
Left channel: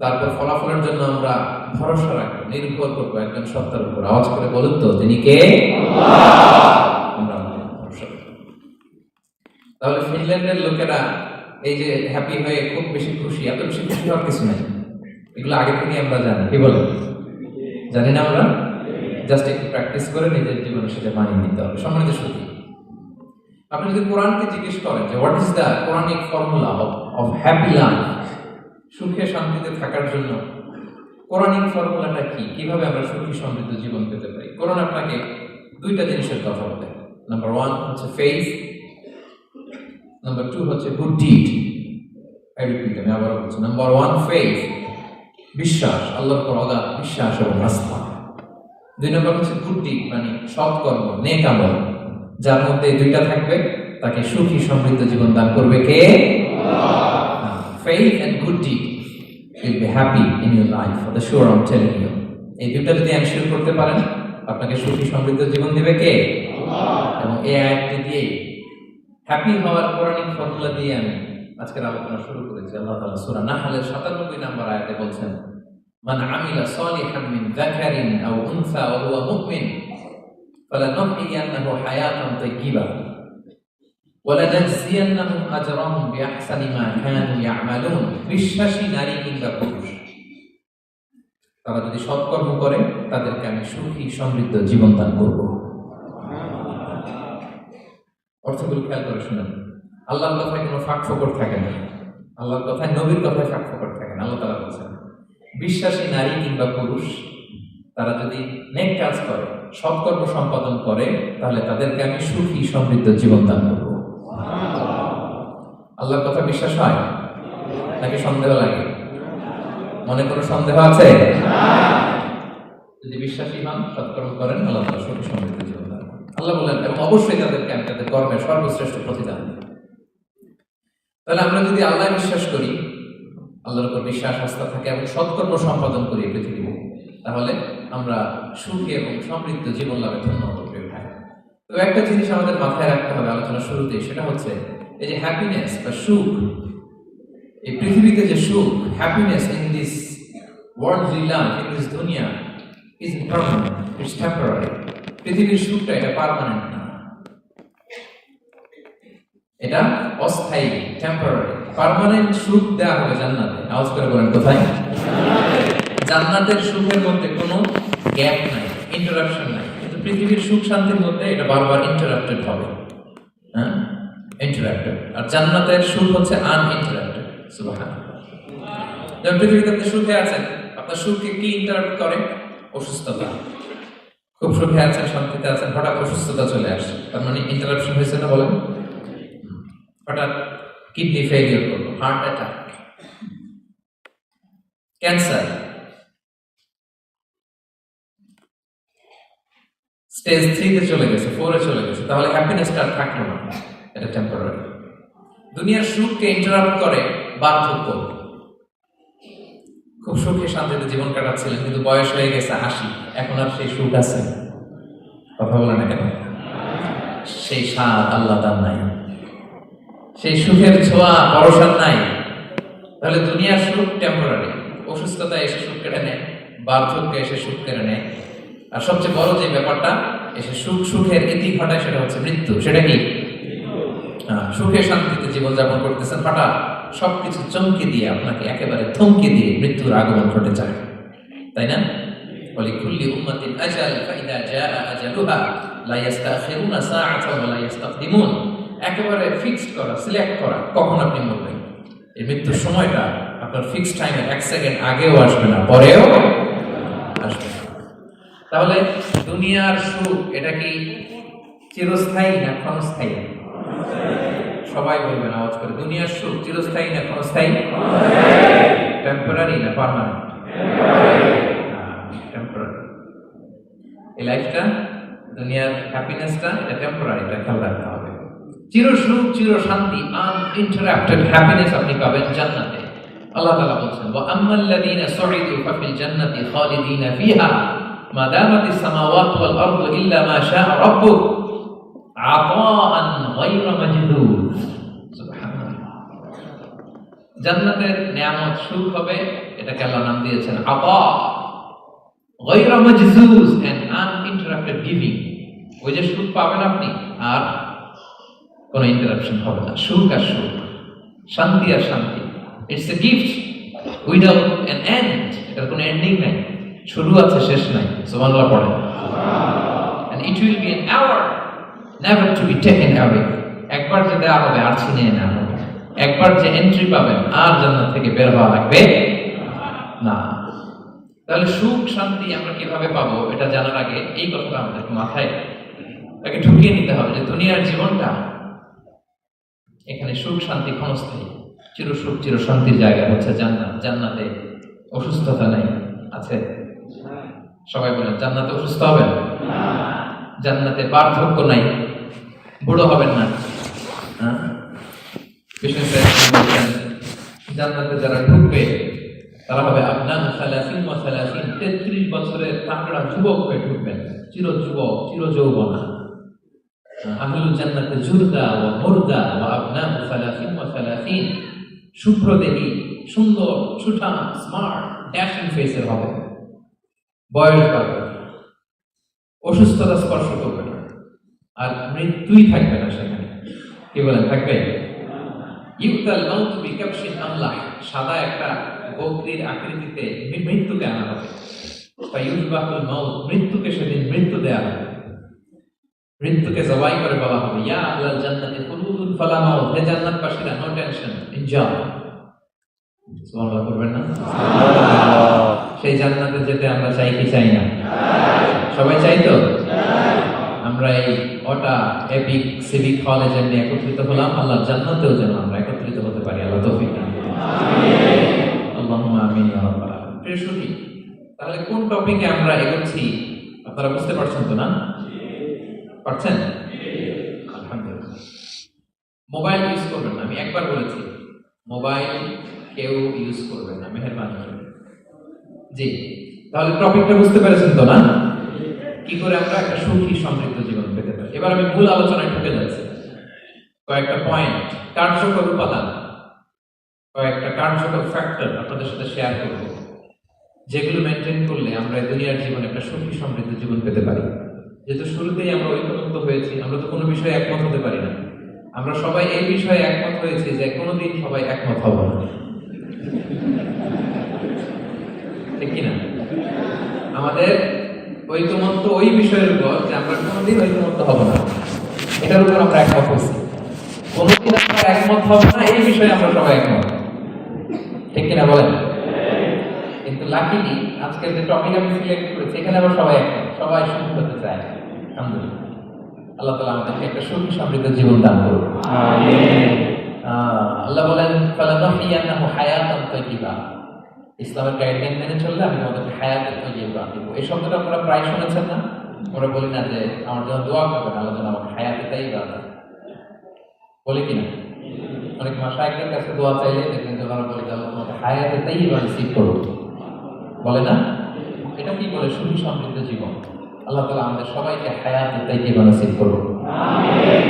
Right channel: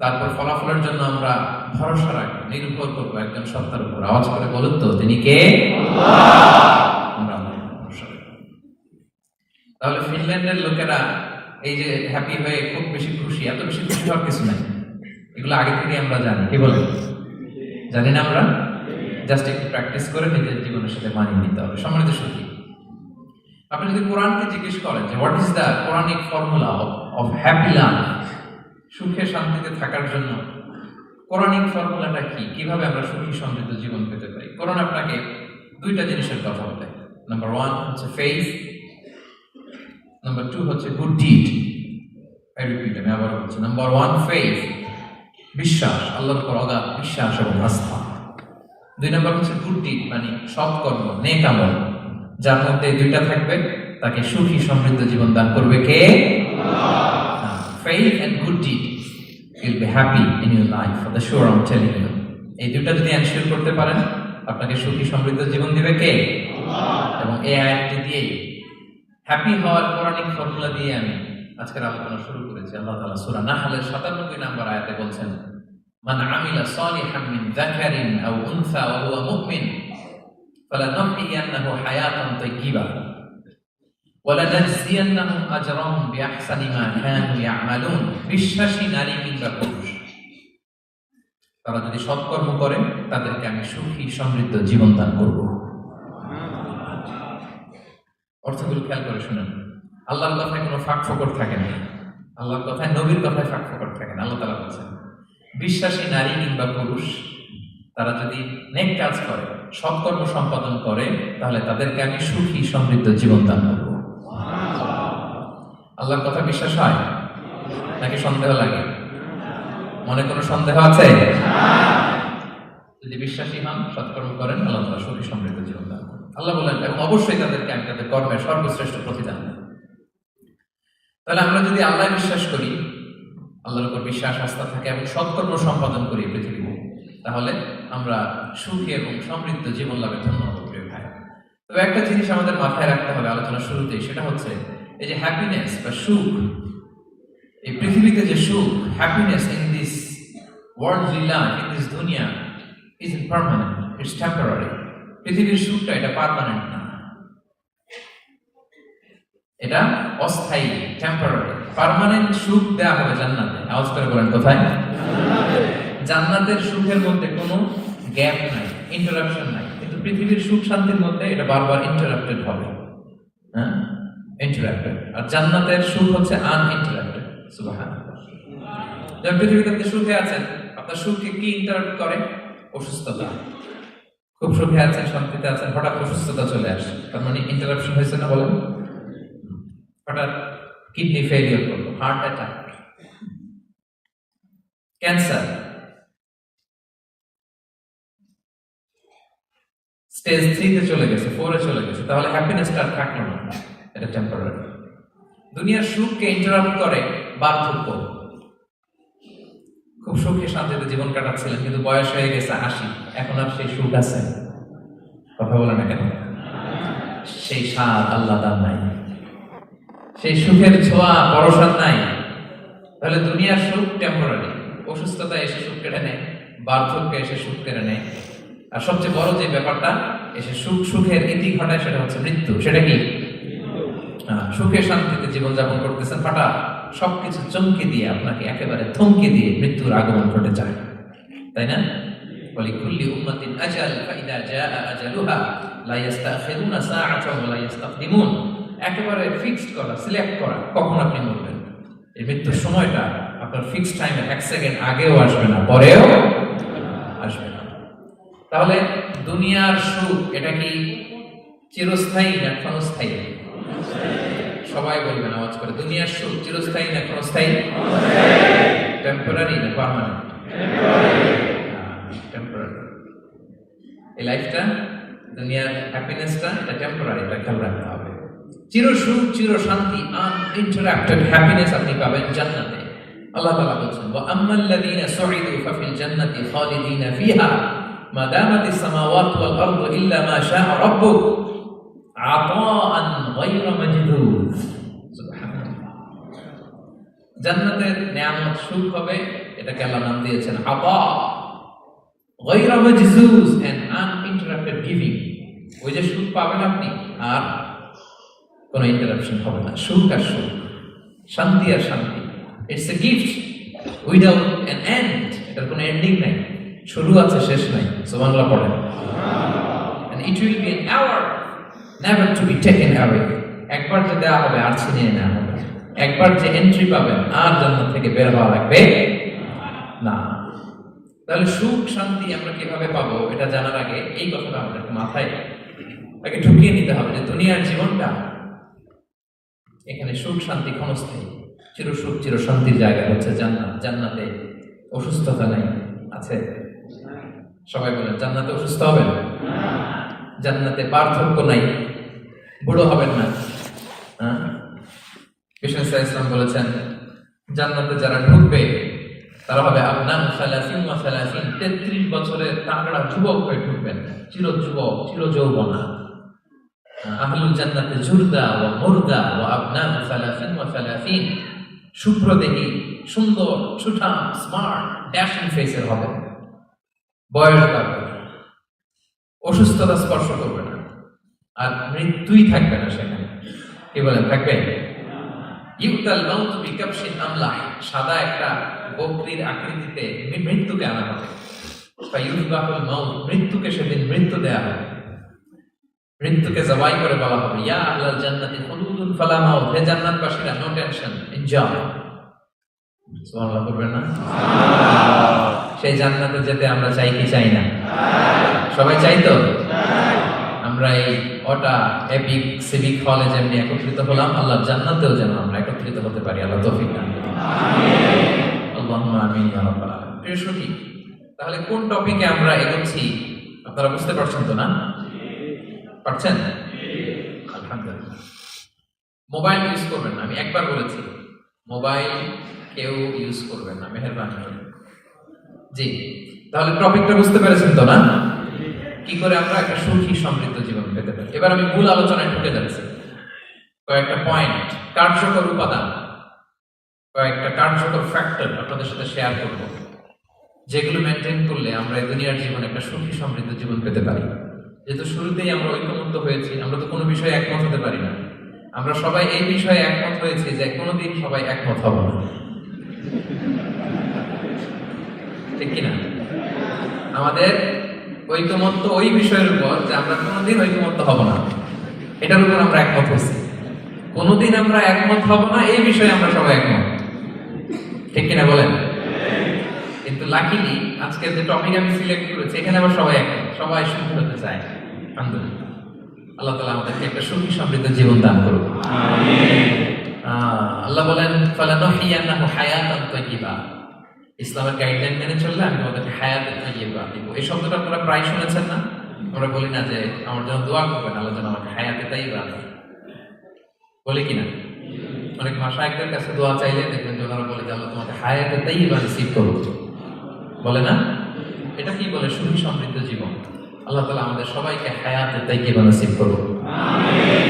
তারপর ফলাফলের জন্য আমরা ভরসা রাখবো, নির্ভর করবো একজন সত্তার উপর। আওয়াজ করে বলুন তো, তিনি কে? আমরা ভরসা রাখবো। তাহলে ফিনল্যান্ডের লোকেরা এই যে হ্যাপি হয়ে খুব বেশি খুশি, এত বেশি খুশি হওয়ার কিছু নাই। এগুলো আগে থেকে আমরা জানি। কি বলেন? জানি না আমরা? জাস্ট একটু প্র্যাকটিস করে নিজের জীবনের সাথে মানিয়ে নিতে হবে। সম্মানিত সুখী, আপনি যদি কোরআনকে জিজ্ঞেস করেন যে what is the Quranic formula of happy life, সুখে শান্তিতে থাকার জন্য কোরআনিক ফর্মুলাটা কি, কিভাবে আমরা সুখী সমৃদ্ধ জীবন পেতে পারি, কোরআন আপনাকে দুইটা জিনিসের কথা বলে। নাম্বার 1 হচ্ছে ফেইথ, নাম্বার 2 হচ্ছে গুড ডিড। আমি আবার বলছি, নাম্বার 1 ফেইথ, বিশ্বাস, আল্লাহর উপর অগাধ বিশ্বাস এবং আস্থা। 2 নম্বর হচ্ছে গুড ডিড, মানে সৎকর্ম, নেক আমল। যার মধ্যে দুইটা থাকবে তাকে সুখী সমৃদ্ধ জীবন দান করবে কে? Faith and good deed will be happy in your life. For the sure I'm telling you. এই দুইটা যদি এনশিওর করতে পারেন, আপনাকে সুখী সমৃদ্ধ জীবন দিবে কে? এবং এই আয়াতটি দিয়ে হ্যাপি হওয়ার কোরআনিক ফর্মুলা দিয়ে আমি আজকের আলোচনা শুরু করেছি। আল্লাহ তাআলা সূরা নাহলের 97 নম্বর আয়াতে বলছেন, মান আমিলা সালিহান মিন যাকারিন আও উনসা ওয়া হুয়া মুমিন ফালানুহইয়ান্নাহু হায়াতান তাইয়্যিবা ওয়ালানাজজিয়ান্নাহুম আজরাহুম বিআহসানি মা কানু ইয়ামালুন। বিশ্বাসী নারী কিংবা পুরুষ তারা যদি সৎকর্ম করে তাদেরকে আমি সুখী সমৃদ্ধ জীবন দান করব। অর্থগুলো খেয়াল করে শুনুন। আল্লাহর কথায় কোনো ফাঁক ফোকর থাকে না, আল্লাহর কথায় নবীর কথায় ফাঁক ফোকর থাকে না। আল্লাহ তাআলা বলছেন বিশ্বাসী নারী কিংবা পুরুষ তারা যদি নেক কাজ করে, সৎকর্ম সম্পাদন করে, তাহলে তাদেরকে আমি সুখী সমৃদ্ধ জীবন দান করব। আল্লাহর কথা বিশ্বাস হয় নাকি সন্দেহ লাগে? মনে কোনো সন্দেহ আছে? যদি বিশ্বাসী হন, সৎকর্ম করেন, আল্লাহ তাআলা সুখী সমৃদ্ধ জীবন দান করবেন। আল্লাহ বলেন অবশ্যই তাদেরকে আমি তাদের কর্মের সর্বশ্রেষ্ঠ প্রতিদান দেব। তাহলে আমরা যদি আল্লাহ বিশ্বাস করি, আল্লাহর উপর বিশ্বাস আস্থা থাকে এবং সৎকর্ম সম্পাদন করি পৃথিবীতে, তাহলে আমরা সুখী এবং সমৃদ্ধ জীবন লাভে ধন্য হতে পারি। তবে একটা জিনিস আমাদের মাথায় রাখতে হবে আলোচনার শুরুতেই, সেটা হচ্ছে এই যে হ্যাপিনেস বা সুখ, এই পৃথিবীতে যে সুখ, happiness in this worldly life, in this দুনিয়া ইজ ইমপারমানেন্ট, ইটস টেম্পোরারি। পৃথিবীর সুখটা এটা পার্মানেন্ট না, এটা অস্থায়ী, টেম্পোরারি। পার্মানেন্ট সুখ দেওয়া হবে জান্নাতে। আওয়াজ করে বলেন কোথায়? জান্নাতের সুখের মধ্যে কোনো গ্যাপ নাই, ইন্টারাপশন নাই। কিন্তু পৃথিবীর সুখ শান্তির মধ্যে এটা বারবার ইন্টারাপ্টেড হবে, হ্যাঁ, ইন্টারাপ্টেড। আর জান্নাতের সুখ হচ্ছে আনইন্টারাপ্টেড। সুবহানাল্লাহ। যেমন পৃথিবীতে আপনি সুখে আছেন, আপনার সুখকে কি ইন্টারাপ্ট করে? অসুস্থতা। খুব সুখে আছেন, শান্তিতে আছেন, হঠাৎ অসুস্থতা চলে আসে, তার মানে ইন্টারাপশন হয়েছে না? বলেন। হঠাৎ কিডনি ফেলিয়ার করলো, হার্ট অ্যাটাক, ক্যান্সার, স্টেজ 3 চলে গেছে, 4 চলে গেছে, তাহলে হ্যাপিনেসটা আর থাকলো না, এটা টেম্পোরারি। দুনিয়ার সুখকে ইন্টারাপ্ট করে বার্ধক্য। খুব সুখে শান্তিতে জীবন কাটাচ্ছিলেন, কিন্তু বয়স হয়ে গেছে 80, এখন আর সেই সুখ আছে? কথা বলে না কেন? সেই স্বাদ আল্লাহ তার নাই, সেই সুখের ছোঁয়া পরশাদ নাই। তাহলে দুনিয়ার সুখ টেম্পোরারি। অসুস্থতা এসে সুখ কেড়ে নেয়, বার্ধক্য এসে সুখ কেড়ে নেয়, আর সবচেয়ে বড় যে ব্যাপারটা এসে সুখের ইতি ঘটায়, সেটা হচ্ছে মৃত্যু। সেটা কি? সুখে শান্তিতে জীবনযাপন করতেছেন, হঠাৎ সবকিছু চমকে দিয়ে, আপনাকে একেবারে থমকে দিয়ে মৃত্যুর আগমন ঘটে যায়, তাই না? ওয়ালিকুল্লি উম্মাতিন আজাল ফাইদা জাআ আজালুহা লা ইস্তাখিরুনা সাআতান ওয়া লা ইস্তাকদিমুন। একেবারে ফিক্সড করা, সিলেক্ট করা কখন আপনি মরবেন। এই মৃত্যুর সময়টা আপনার ফিক্সড টাইমে 1 সেকেন্ড আগেও আসবে না, পরেও আসবে না। তাহলে দুনিয়ার সুখ এটা কি চিরস্থায়ী না ক্ষণস্থায়ী? সবাই বলবেন আওয়াজ করে, দুনিয়ার সুখ চিরস্থায়ী না ক্ষণস্থায়ী? টেম্পোরারি না পার্মানেন্ট? টেম্পোরারি। এই লাইফটা, দুনিয়ার হ্যাপিনেসটা, এটা টেম্পোরারি, এটা খেয়াল রাখতে হবে। চির সুখ, চির শান্তি, আনইন্টারাপ্টেড হ্যাপিনেস আপনি পাবেন জান্নাতে। আল্লাহ তাআলা বলছেন ওয়া আম্মাল্লাযীনা সুইদু ফাফিল জান্নাতি খালিদিনা ফিহা মা দামাতিস সামাওয়াতু ওয়াল আরদু ইল্লা মা শাআ রাব্বুক আতাআন গায়রা মাজদুদ। সুবহানাল্লাহ। জান্নাতের নিয়ামত সুখ হবে, এটাকে আল্লাহ নাম দিয়েছেন আতা, গায়রা মাজদুদ, এন্ড আনইন্টারাপ্টেড গিভিং। ওই যে সুখ পাবেন আপনি, আর কোনো ইন্টারাপশন হবে না। সুখ আর সুখ, শান্তি আর শান্তি। It's a gift without an end. এটার কোনো এন্ডিং নাই, শুরু আছে শেষ নাই। সুবহানাল্লাহ পড়েন। And it will be an hour never to be taken away. একবার যে দেওয়া হবে আর ছিনিয়ে নেওয়া হবে। একবার যে এন্ট্রি পাবেন আর জান্নাত থেকে বের হওয়া লাগবে না। তাহলে সুখ শান্তি আমরা কিভাবে পাবো, এটা জানার আগে এই কথাটা আমাদের মাথায় আগে ঢুকিয়ে নিতে হবে যে দুনিয়ার জীবনটা, এখানে সুখ শান্তি ক্ষণস্থায়ী। চির সুখ চির শান্তির জায়গা হচ্ছে জান্নাত। জান্নাতে অসুস্থতা নাই, আছে? সবাই বলেন জান্নাতে অসুস্থ হবেন না, জান্নাতে বার্ধক্য নাই, বুড়ো হবেন না। বিষ্ণু সাহেব বলছেন জান্নাতে যারা ঢুকবে তারা হবে আপনার 33 বছরের তাকড়া যুবক হয়ে ঢুকবেন, চির যুবক, চির যৌবনা। আহলুল জান্নাতে জুরদা ওয়া মুরদা ওয়া আবনাউ 33, শুভ্রদেহী, সুন্দর, সুঠাম, স্মার্ট, ড্যাশিং ফেসের হবে। বয়স বাড়বে, অসুস্থতা স্পর্শ করবে না, আর মৃত্যুই থাকবে না সেখানে। কি বলেন, থাকবে? ইউতাল মাউত বিকাবশিন আমলাহ, সাদা একটা বকরির আকৃতিতে মৃত্যুকে আনা হবে। ফায়ুযবাহুল মাউত, মৃত্যুকে সেদিন মৃত্যু দেয়া হবে, মৃত্যুকে জবাই করে বলা হবে, ইয়া আহলাল জান্নাতি খুলুদুন ফালা মাউত, হে জান্নাতবাসীরা, নো টেনশন, এনজয়। সুবহানাল্লাহ করবেন না? সেই জান্নাতে যেতে আমরা চাই কি চাই না? সবাই চাই তো? আমরা এই ওটা এপিক সিভিক হলে যেমনি একত্রিত হলাম, আল্লাহ জান্নাতেও যেন আমরা একত্রিত হতে পারি। আল্লাহ তৌফিক দান করুন। আল্লাহুম্মা আমিন ইয়া রাব্বাল আলামিন। প্রিয় সুখী, তাহলে কোন টপিকে আমরা এগোচ্ছি আপনারা বুঝতে পারছেন তো না? পারছেন? আলহামদুলিল্লাহ। মোবাইল ইউজ করবেন না, আমি একবার বলেছি মোবাইল কেউ ইউজ করবেন না, মেহেরবানি করে। জি, তাহলে টপিকটা বুঝতে পেরেছেন তো না? কি করে আমরা একটা সুখী সমৃদ্ধ জীবন পেতে পারি। এবার আমি মূল আলোচনায় ঢুকে যাচ্ছি। কয়েকটা পয়েন্ট, কার্যকর উপাদান, কয়েকটা কার্যকর ফ্যাক্টর আপনাদের সাথে শেয়ার করব, যেগুলো মেনটেন করলে আমরা এই দুনিয়ার জীবনে একটা সুখী সমৃদ্ধ জীবন পেতে পারি। যেহেতু শুরুতেই আমরা ঐক্যমত্য হয়েছি, আমরা তো কোনো বিষয়ে একমত হতে পারি না। আমরা সবাই এই বিষয়ে একমত হয়েছি যে কোনোদিন সবাই একমত হব না, ঠিক কিনা? আমাদের ঐকমত্য ওই বিষয়ের উপর যে আমরা কোনোদিন ঐকমত্য হব না, এটার উপর আমরা একমত হয়েছি। কোনোদিন আমরা একমত হব না এই বিষয়ে আমরা সবাই একমত, ঠিক কিনা বলেন? কিন্তু লাকিলি আজকের যে টপিক আমি সিলেক্ট করেছি এখানে আমরা সবাই একমত, সবাই সুখী হতে চাই। আলহামদুলিল্লাহ, আল্লাহ তাআলা আমাদেরকে একটা সুখী সমৃদ্ধ জীবন দান করুন। আমিন। আল্লাহ বলেন ফালানুহইয়ান্নাহু হায়াতান তাইয়্যিবা, ইসলামের গাইডলাইন মেনে চললে আমি তোমাদেরকে হায়াতে তাইয়্যিবা দেব। এই শব্দটা আপনারা প্রায় শুনেছেন না? আমরা বলি না যে আমার জন্য দোয়া করবেন, আল্লাহ যেন আমাকে হায়াতে তাইয়্যিবা দেন, বলে কিনা? অনেক মাশায়েখদের কাছে দোয়া চাইলে দেখবেন যে ওনারা বলে যে আল্লাহ তোমাকে হায়াতে তাইয়্যিবা নসিব করুন, বলে না? এটা কি বলে? সুখী সমৃদ্ধ জীবন। আল্লাহ তাআলা আমাদের সবাইকে হায়াতে তাইয়্যিবা নসিব করুন। আমিন।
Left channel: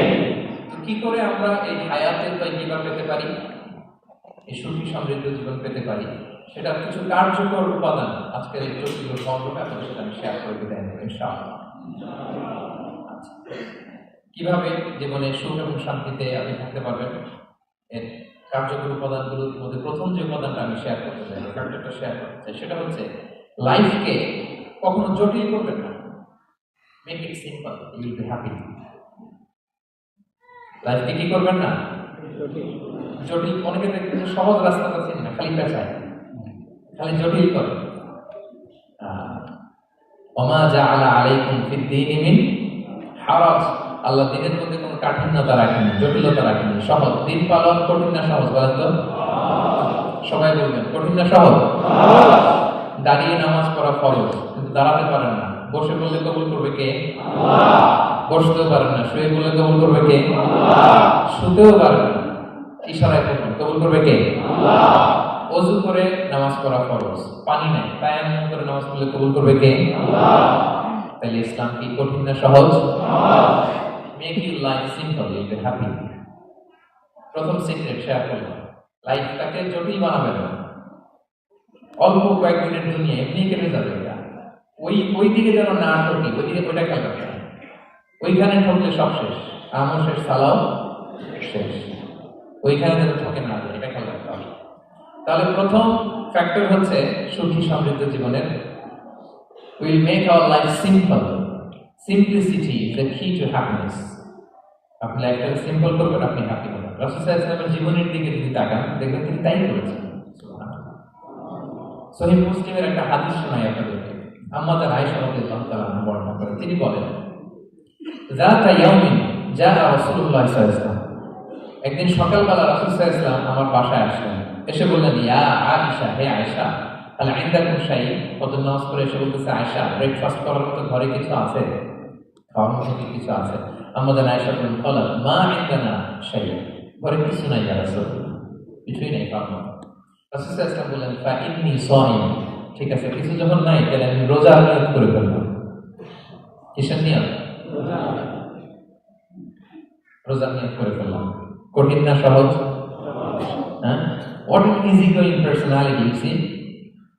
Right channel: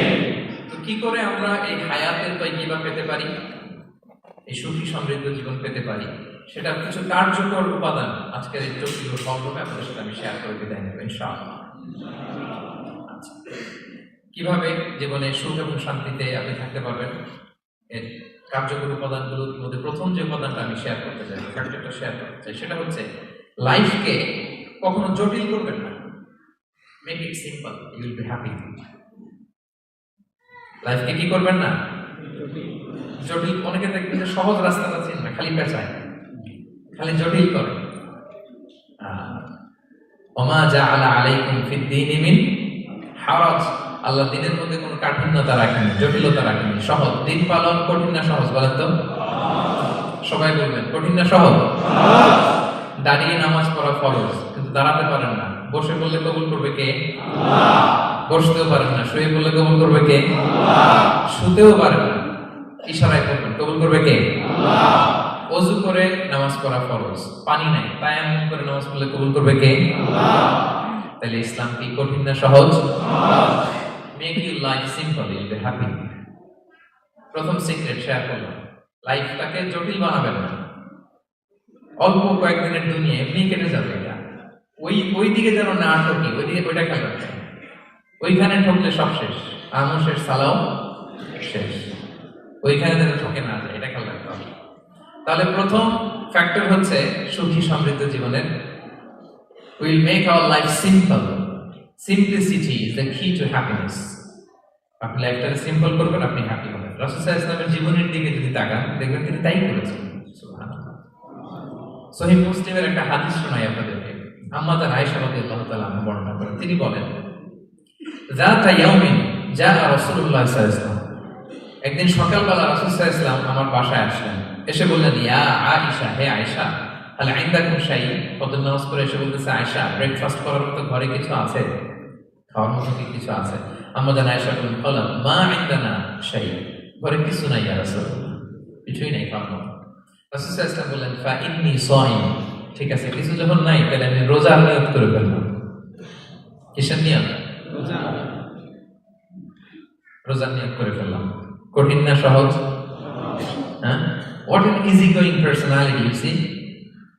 তো কি করে আমরা এই হায়াতে তাইয়্যিবা পেতে পারি, এই সুখী সমৃদ্ধ জীবন পেতে পারি, সেটার কিছু কার্যকর উপাদান আজকের এই জটিল পর্বে আপনাদের সাথে আমি শেয়ার করে বিদায় নেব ইনশাআল্লাহ। আচ্ছা, কিভাবে জীবনে সুখ এবং শান্তিতে আপনি থাকতে পারবেন, এর কার্যকর উপাদানগুলোর মধ্যে প্রথম যে উপাদানটা আমি শেয়ার করতে চাই, ফ্যাক্টরটা শেয়ার করতে চাই, সেটা হচ্ছে লাইফকে কখনো জটিল করবেন না। Make it simple, you will be happy. লাইফকে কি করবেন না? জটিল। অনেকে দেখবেন যে সহজ রাস্তাটা চিন না, খালি পেঁচায়, খালি জটিল করে। ওমা জাআলা আলাইকুম ফিদ-দীনি মিন হারাজ, আল্লাহ দিনের মধ্যে কোনো কাঠিন্যতা রাখেনি, জটিলতা রাখেনি, সহজ। দিন পালন কঠিন না সহজ বলেন তো? সবাই বলবেন কঠিন না সহজ? দাঁড়িয়ে নামাজ পড়া ফরজ, কিন্তু দাঁড়াতে পারেন না। বসে বললে কবুল করবে কে? আল্লাহ। বসতেও পারেন না, শুয়ে বললে কবুল করবে কে? আল্লাহ। শুতেও পারেন না, ইশারায় করবেন, কবুল করবে কে? আল্লাহ। ওযু করে নামাজ পড়া ফরজ, পানি নাই, তায়াম্মুম করে নামাজ পড়লে কবুল করবে কে? আল্লাহ। তাহলে ইসলাম কি কঠিন না সহজ? সহজ। Make your life simple, you will be happy. প্রথম সিক্রেট শেয়ার করব, লাইফটাকে জটিল বানাবেন না। অল্প কয়েকদিনের দুনিয়া এমনি কেটে যাবে, এটা ওই দিকে যেন না ঠকি, ওইটা খেয়াল রাখবেন। ওইখানে ঠকলে সব শেষ, আমও শেষ, সালাও শেষ। ওইখানে যেন ঠকে না যায়, এটা খেয়াল রাখতে হবে। তাহলে প্রথম ফ্যাক্টর হচ্ছে সুখী সমৃদ্ধ জীবনের will make our life simple. Simplicity is the key to happiness. আপনি লাইফটাকে সিম্পল করবেন, আপনি হ্যাপি হবেন। রাসূল সাল্লাল্লাহু আলাইহি ওয়াসাল্লামের জীবনের দিকে যদি তাকান দেখবেন তিনি তাই করেছেন। সুবহানাল্লাহ। সহিহ মুসলিমের একটা হাদিস শোনাই আপনাদেরকে। আম্মা জান আয়েশা রাদিয়াল্লাহু তাআলা আনহা বর্ণনা করেন, তিনি বলেন যাতা ইয়াউমিন জা রাসূলুল্লাহ সাল্লাল্লাহু আলাইহি ওয়াসাল্লাম, একদিন সকালবেলা রাসূল সাল্লাল্লাহু আলাইহি ওয়াসাল্লাম আমার বাসায় আসলেন। এসে বললেন, ইয়া আয়েশা, হে আয়েশা, তাহলে ইনদাকুম শাই, ফজর নামাজ পড়ে এসে বলতেছে, আয়েশা ব্রেকফাস্ট করার মতো ঘরে কিছু আছে, খাওয়ার মতো কি কিছু আছে? আম্মা জান আয়েশা বলেন, ক্বালাত মা ইনদানা শাই, ঘরে কিছু নাই ইয়া রাসূলুল্লাহ, কিছুই নাই খাওয়ার মতো। রাসূল সাল্লাল্লাহু আলাইহি ওয়াসাল্লাম বললেন, ফা ইন্নী সাইম, ঠিক আছে, কিছু যখন নাই তাহলে আমি রোজার নিয়ত করে ফেললাম। কিসের নিয়ত? রোজার নিয়ত করে ফেললাম। কঠিন না সহজ? হ্যাঁ, what an easy going personality, you see.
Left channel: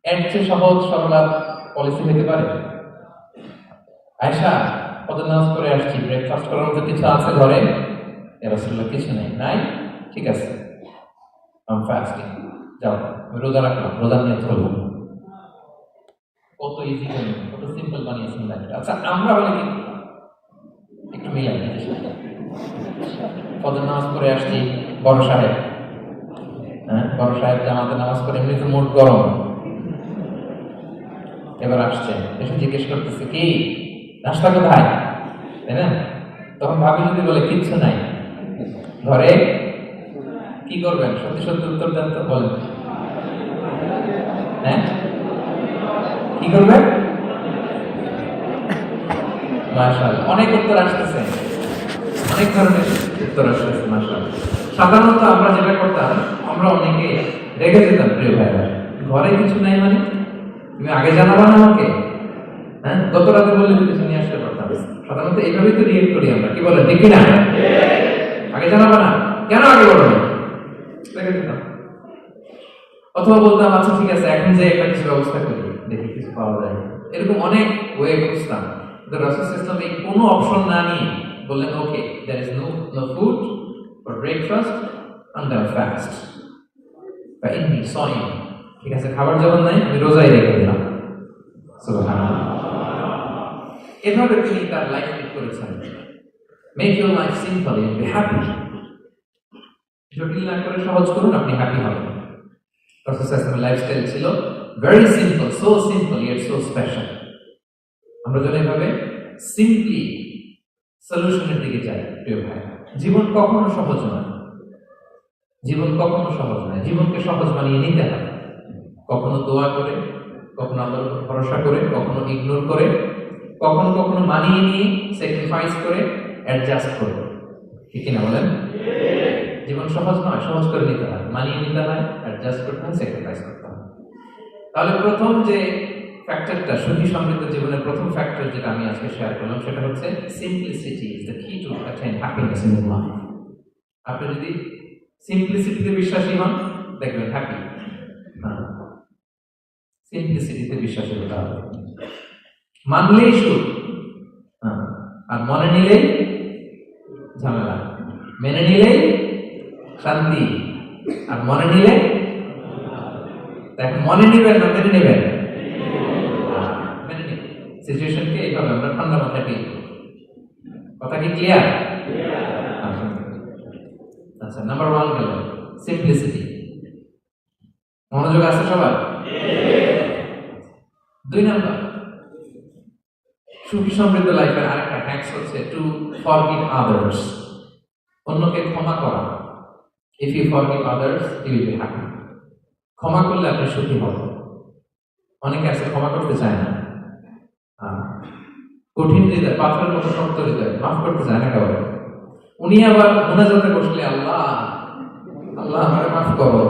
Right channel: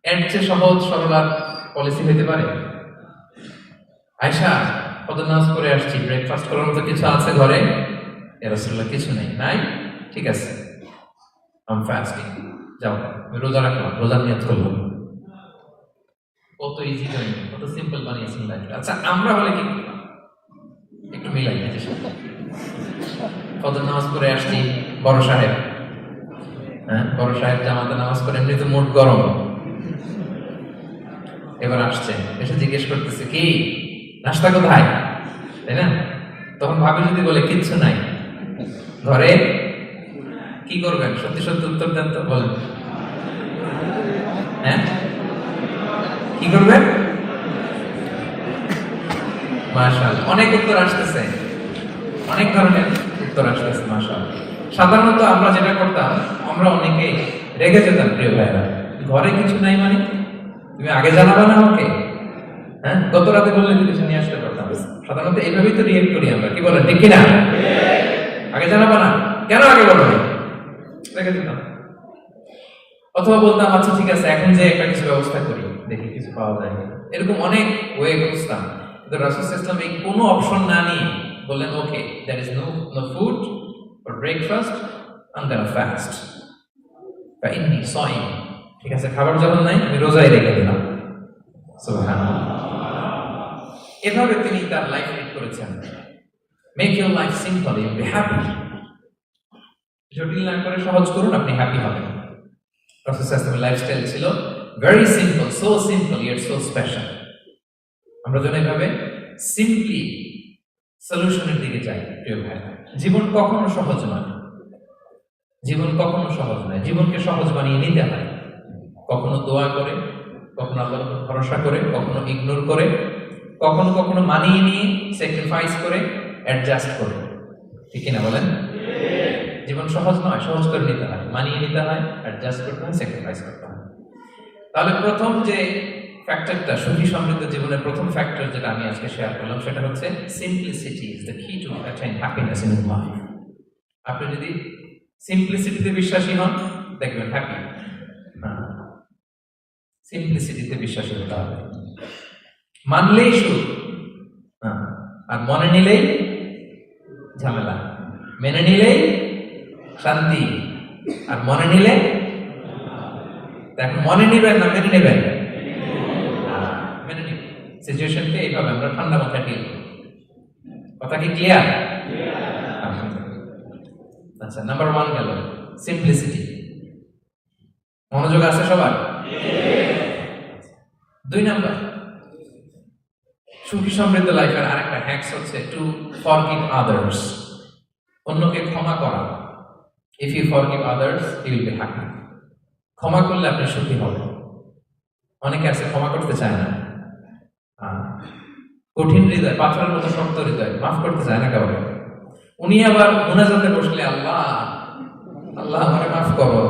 এর চেয়ে সহজ সরল পলিসি হতে পারে? আয়েশা, ফজর নামাজ পড়ে আসছি, ব্রেকফাস্ট করার মতো কিছু আছে ঘরে? ইয়া রাসূলুল্লাহ কিছু নেই, নাই, ঠিক আছে, আম ফাস্টিং, যাও আমি রোজা রাখলাম, রোজার নিয়ত করলাম। কত ইজি করে, কত সিম্পল বানিয়েছেন লাইফটা। আচ্ছা আমরা হলে কি করতাম? একটু মিলাই নিজের সাথে। ফজর নামাজ পড়ে আসছি, বড় সাহেব, হ্যাঁ বড় সাহেব জামাতে নামাজ পড়ে, এমনি তো মুড গরম, এবার আসছে, এসে জিজ্ঞেস করতেছে কি নাস্তা কোথায়, তাই না? তখন ভাবি যদি বলে কিচ্ছু নাই ঘরে, কি করবেন? সত্যি সত্যি উত্তর দেন তো, বলেন। হ্যাঁ কি করবেন? মাশাআল্লাহ, অনেক উত্তর আসতেছে, অনেক ধরনের উত্তর আসতেছে, মাশাআল্লাহ। সাধারণত আমরা যেটা করতাম, আমরা অনেকে রেগে যেতাম, প্রিয় ভাইরা, ঘরে কিছু নাই মানে তুমি আগে জানাবা না আমাকে? হ্যাঁ, গত রাতে বললে তো কিছু নিয়ে আসতে পারতাম। সাধারণত এইভাবেই তো রিয়েক্ট করি আমরা, কি বলেন, ঠিক কিনা? আগে জানাবা না কেন, আগে বলো না, রেগে যেতাম। অথবা বলতাম আচ্ছা ঠিক আছে এখন যে একটা কিছু ব্যবস্থা করি, দেখি কিছু পাওয়া যায়, এরকম অনেক ওয়ে করতাম। কিন্তু রাসূল সাল্লাল্লাহু আলাইহি ওয়াসাল্লাম এই কোনো অপশন না নিয়ে বললেন, okay there is no food for breakfast, I am gonna fast বা ইন্নী সাইম, ঠিক আছে খাবার যখন নাই আমি রোজাই রেখে দিলাম। সুবহানাল্লাহ। এভাবে তিনি তার লাইফ লিড করেছেন। Make your life simple, you be happy. জটিল না করে সহজ করুন, আপনি হ্যাপি হবেন। রাসূল সাল্লাল্লাহু আলাইহি ওয়াসাল্লামের লাইফস্টাইল ছিল very simple, so simple yet so special. আমরা যেন এইভাবে সিম্পলি সলিউশনের দিকে যাই, প্রিয় ভাই। জীবন কখনো সহজ নয়, জীবন কখনো সহজ নয়, জীবনকে সহজ বানিয়ে নিতে হয়। কখনো দোয়া করে, কখনো আল্লাহর উপর ভরসা করে, কখনো ইগনোর করে, কখনো কখনো মানিয়ে নিয়ে স্যাক্রিফাইস করে, অ্যাডজাস্ট করে, ঠিক কিনা বলেন? জীবন সহজ নয়, সহজ করে নিতে হয়, মানিয়ে নিতে হয়, অ্যাডজাস্ট করতে হয়, স্যাক্রিফাইস করতে হয়। তাহলে প্রথম যে ফ্যাক্টরটা, সুখী সমৃদ্ধ জীবনের প্রথম ফ্যাক্টর যেটা আমি আজকে শেয়ার করলাম, সেটা হচ্ছে simplicity is the key to attain happiness in life. আপনি যদি সিম্পলিসিটিতে বিশ্বাসী হন, দেখবেন হ্যাপি। সিম্পলিসিটিতে বিশ্বাসী হতে হবে। মানলেই সুখ, আর মনে নিলেই ঝামেলা, মেনে নিলেই শান্তি, আর মনে নিলে, এখন মনে নিবেন না মেনে নিবেন? মেনে নিবেন। সিচুয়েশনকে এইভাবে আমরা ঠান্ডা মাথায় ডিল করি। কথা কি ক্লিয়ার? আচ্ছা, নাম্বার 1 গেল সিম্পলিসিটি। মনোযোগ আছে সবার? 2 নাম্বার, সুখী সমৃদ্ধ লাইফের আরেকটা হ্যাকস হচ্ছে টু ফরগিভ আদার্স। অন্যকে ক্ষমা করা। If you forgive others you will be happy. ক্ষমা করলে আপনি সুখী হবেন। অনেকে আছে ক্ষমা করতে চায় না, কঠিন হৃদয়, পাথরের মতো শক্ত হৃদয়, মাফ করতে চায় না কাউকে। উনি আবার মুনাজাতে বসলে আল্লাহ আল্লাহ আমারে মাফ করো,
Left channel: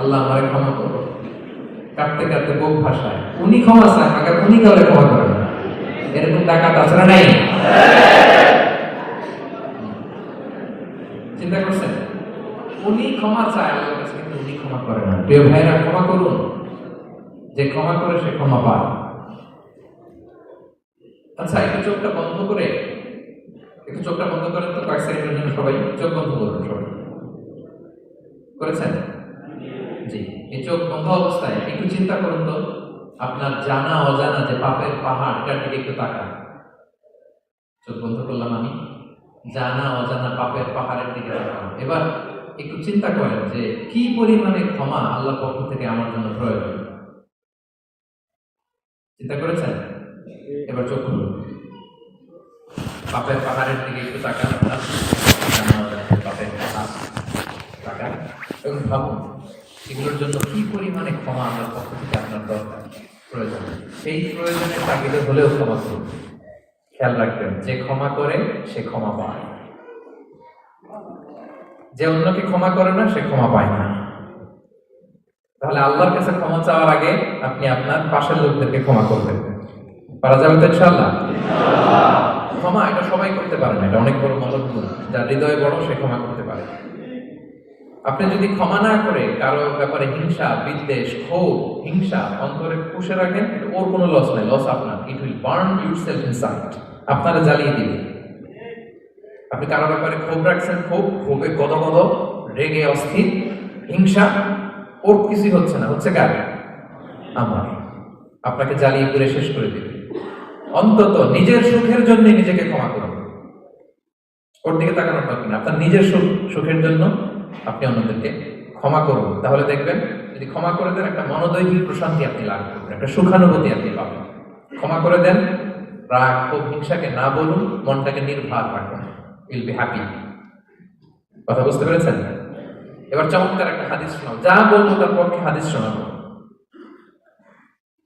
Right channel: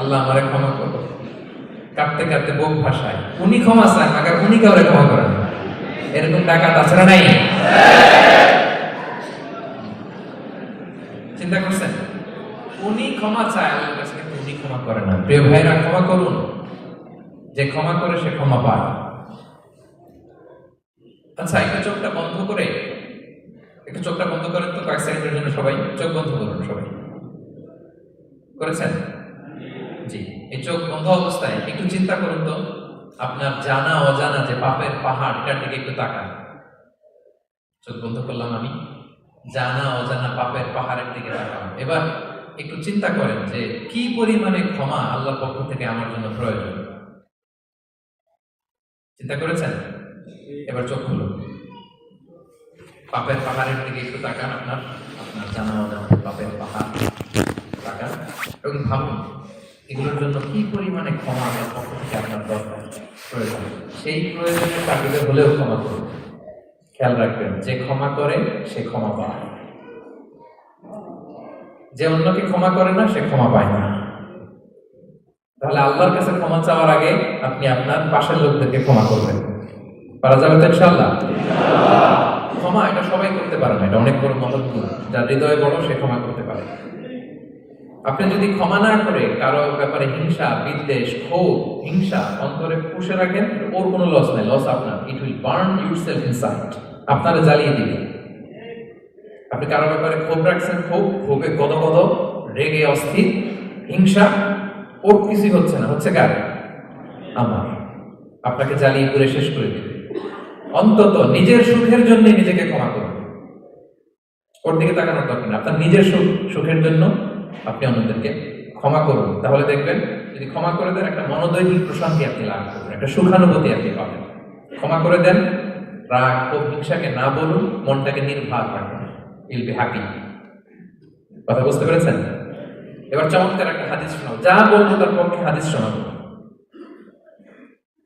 আল্লাহ আমারে ক্ষমা করো, কাঁদতে কাঁদতে বুক ভাসায়, উনি ক্ষমা চায়, আগে উনি কাউরে ক্ষমা করেন। এরকম ডাকাত আছে না নাই? চিন্তা করছেন? উনি ক্ষমা চায় আল্লাহর কাছে, কিন্তু উনি ক্ষমা করে না। প্রিয় ভাইরা, ক্ষমা করুন। যে ক্ষমা করে সে ক্ষমা পায়। আচ্ছা, একটু চোখটা বন্ধ করে, একটু চোখটা বন্ধ করেন তো কয়েক সেকেন্ডের জন্য। সবাই চোখ বন্ধ করুন। সবাই করেছেন? জি। এই চোখ বন্ধ অবস্থায় একটু চিন্তা করুন তো, আপনার জানা অজানা যে পাপের পাহাড়, এটার দিকে একটু তাকান। চোখ বন্ধ করলাম আমি, জানা অজানা পাপের পাহাড়ের দিকে তাকান। এবার একটু চিন্তা করেন যে কি পরিমাণে ক্ষমা আল্লাহর পক্ষ থেকে আমার জন্য প্রয়োজন। চিন্তা করেছেন? এবার চোখ খুলুন, পাপের পাহাড়ের দিকে একটু তাকান। আপনার জানা অজানা পাপের পাহাড় তাকান এবং ভাবুন এগুলোর জন্য কি পরিমাণে ক্ষমা আমার পক্ষ থেকে আপনার দরকার, প্রয়োজন। সেই প্রয়োজনের তাগিদে হলেও ক্ষমা করুন। খেয়াল রাখবেন, যে ক্ষমা করে সে ক্ষমা পায়, যে অন্যকে ক্ষমা করে না সে ক্ষমা পায় না। তাহলে আল্লাহর কাছে ক্ষমা চাওয়ার আগে আপনি আপনার পাশের লোকদেরকে ক্ষমা করবেন। পারা যাবে তো ইনশাআল্লাহ? ক্ষমা এটা সবাই করতে পারে না, এটা অনেক বড় মহৎ গুণ। যার হৃদয় বড় সে ক্ষমা করতে পারে। আপনি যদি ক্ষমা না করে কারো ব্যাপারে হিংসা, বিদ্বেষ, ক্ষোভ, হিংসা অন্তরে পুষে রাখেন, ওর কোনো লস নাই, লস আপনার। It will burn yourself inside, আপনারা জ্বালিয়ে দিবে। আপনি কারো ব্যাপারে ক্ষোভ রাখছেন, ক্ষোভে গদগদ, রেগে অস্থির, হিংসা, ওর কিছুই হচ্ছে না, হচ্ছে কার? আমার। আপনাকে জ্বালিয়ে পুড়ে শেষ করে দেবে। অন্তত নিজের সুখের জন্য নিজেকে ক্ষমা করুন। ওর দিকে তাকানোর দরকার নেই। আপনার নিজের সুখের জন্য আপনি অন্যদেরকে ক্ষমা করুন। তাহলে দেখবেন, যদি ক্ষমা করে দেন, একটা মনোদৈহিক প্রশান্তি আপনি লাভ করবেন, একটা সুখানুভূতি আপনি পাবেন। ক্ষমা করে দেন, রাগ ও হিংসাকে না বলুন, মনটাকে নির্ভার রাখুন, ইল বি হ্যাপি। কথা বুঝতে পেরেছেন? এবার চমৎকার একটা হাদিস শোনাও, যা বলবো তার পক্ষে হাদিস শোনাবো।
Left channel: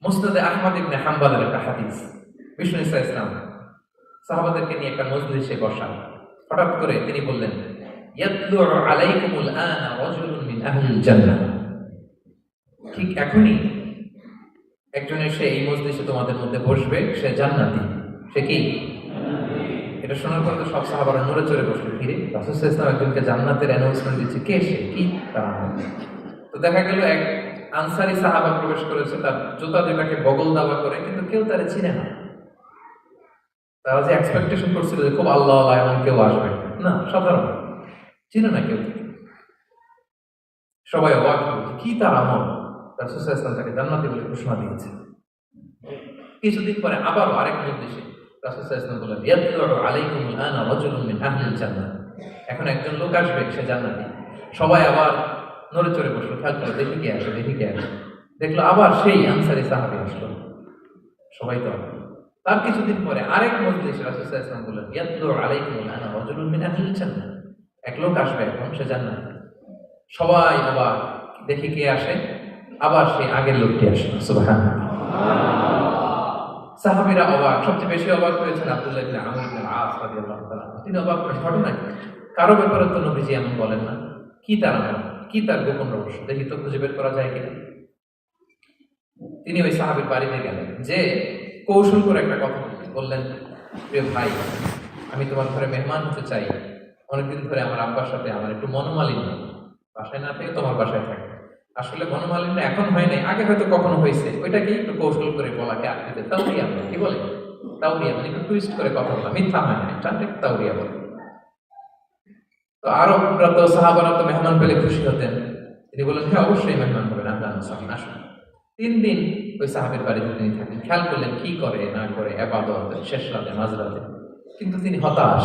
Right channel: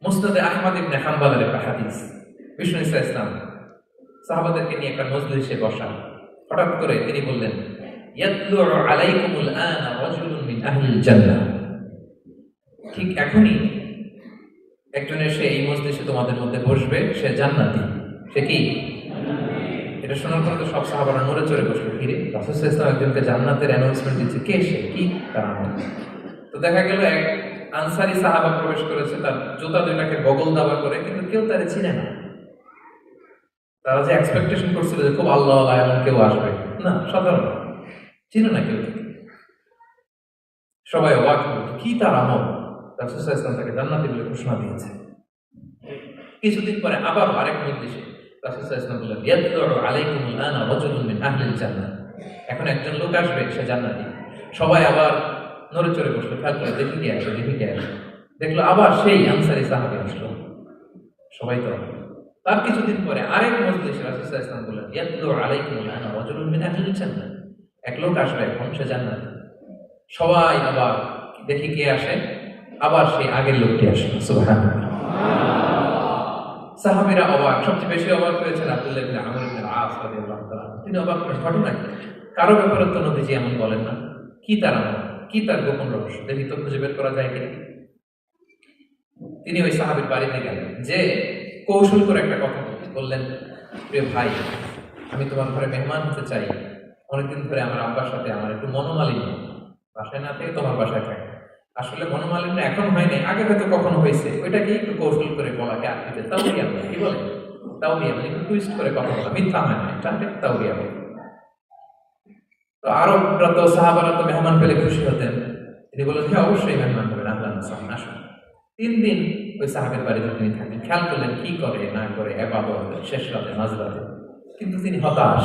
মুসনাদে আহমদ ইবনে হাম্বলের একটা হাদিস। বিষ্ণু ইসলাম সাহাবাদেরকে নিয়ে একটা মজলিসে বসা। হঠাৎ করে তিনি বললেন, ইয়াতলু আলাইকুমুল আনা রাজুলুন মিন আহলিল জান্নাহ। ঠিক এখনই একজন এসে এই মজলিসে তোমাদের মধ্যে বসবে, সে জান্নাতি। সে কি? এটা শোনার পর তো সব সাহাবারা নড়ে চড়ে বসলো। কি রে, রাসূল সাল্লাল্লাহু আলাইহি ওয়াসাল্লাম একজনকে জান্নাতের অ্যানাউন্সমেন্ট দিচ্ছে, কে সে, কি তার নাম? তো দেখা গেল এক আনসারী সাহাবা প্রবেশ করেছে, তার জুতা দুইটাকে বগল দাবা করে, কিন্তু কেউ তারে চিনে না। তারা যে এক্সপেকটেশন করছিল যে খুব আল্লাহ এমন কেউ আসবে, না, সাধারণ, চিনে না কেউ। সবাই অবাক হলো, কি তার আমল? রাসূল সাল্লাল্লাহু আলাইহি ওয়াসাল্লাম তাকে জান্নাতি বলে ঘোষণা দিয়েছে। কিছুদিন পরে আবার আরেক নির্দেশে রাসূল সাল্লাল্লাহু আলাইহি ওয়াসাল্লাম বললেন, ইয়াতলু আলাইকুমুল আনা রাজুলুন মিন আহলিল জান্নাহ। এখন একজন লোক আসবে, সে জান্নাতি। সবাই আবার নড়ে চড়ে বসলো, খেয়াল করে দেখি কে আসে, দেখি কে আসে। দেখলো আবার সেই আনসারী সাহাবী আসলো। সবাই তো তার কিছুদিন পরে আরেক মজলিসে রাসূল সাল্লাল্লাহু আলাইহি ওয়াসাল্লাম বললেন, ইয়াতলু আলাইকুমুল আনা রাজুলুন মিন আহলিল জান্নাহ। এক লোক আসবে, এখন সে জান্নাতি। সবাই আবার দেখি কে আসে, আবার সেই আগের লোকটি আসলো। সুবহানাল্লাহ। সাহাবীরা অবাক, সবচেয়ে বেশি অবাক হয়েছেন আব্দুল্লাহ ইবনে আমর ইবনে আস রাদিয়াল্লাহু তাআলা। তিনি অবাক হলেন, ঘটনা কি? কারো ব্যাপারে তো নবীজি এমন বলেন না, কি তার আমল, কি তার গোপন রহস্য, দেখি তো খুঁজে বের করা যায় কিনা। তিনি ওই সাহাবীর বাড়িতে গেলেন, যে কৌশল করে একটা কথা বললেন, প্রিয় ভাই, আমি তোমার ঘরে মেহমান হতে চাই। অনেকদিন ধরে আমার আব্বার সাথে আমার একটু মনোমালিন্য, বাসায় না থেকে তোমার বাসায় থাকে। আসলে মনোমালিন্য এখন হয় নাই, আগে হয়তো কখনো হয়েছে, ওইটাকে একটু কৌশল করে বলাকে আটকে তাওরিয়া বলে। কি বলে? তাওরিয়া মানে একটু টুইস্ট করে কথা বলা, মিথ্যা হয় না, এটা তাওরিয়া বলে। তো আরবরা তো, সাহাবারা তো মেহমান পেলে খুশি হতেন। তিনি বললেন, হ্যাঁ অবশ্যই মেহমান হবেন, আহলান ওয়াসাহলান, আসুন। 3 দিন ওই সাহাবের বাড়িতে তিনি থাকেন। খেয়াল করলেন কি করে না করে, ইবাদত শেষ রাতে, মাঝরাতে। কিন্তু তিনি হতাশ,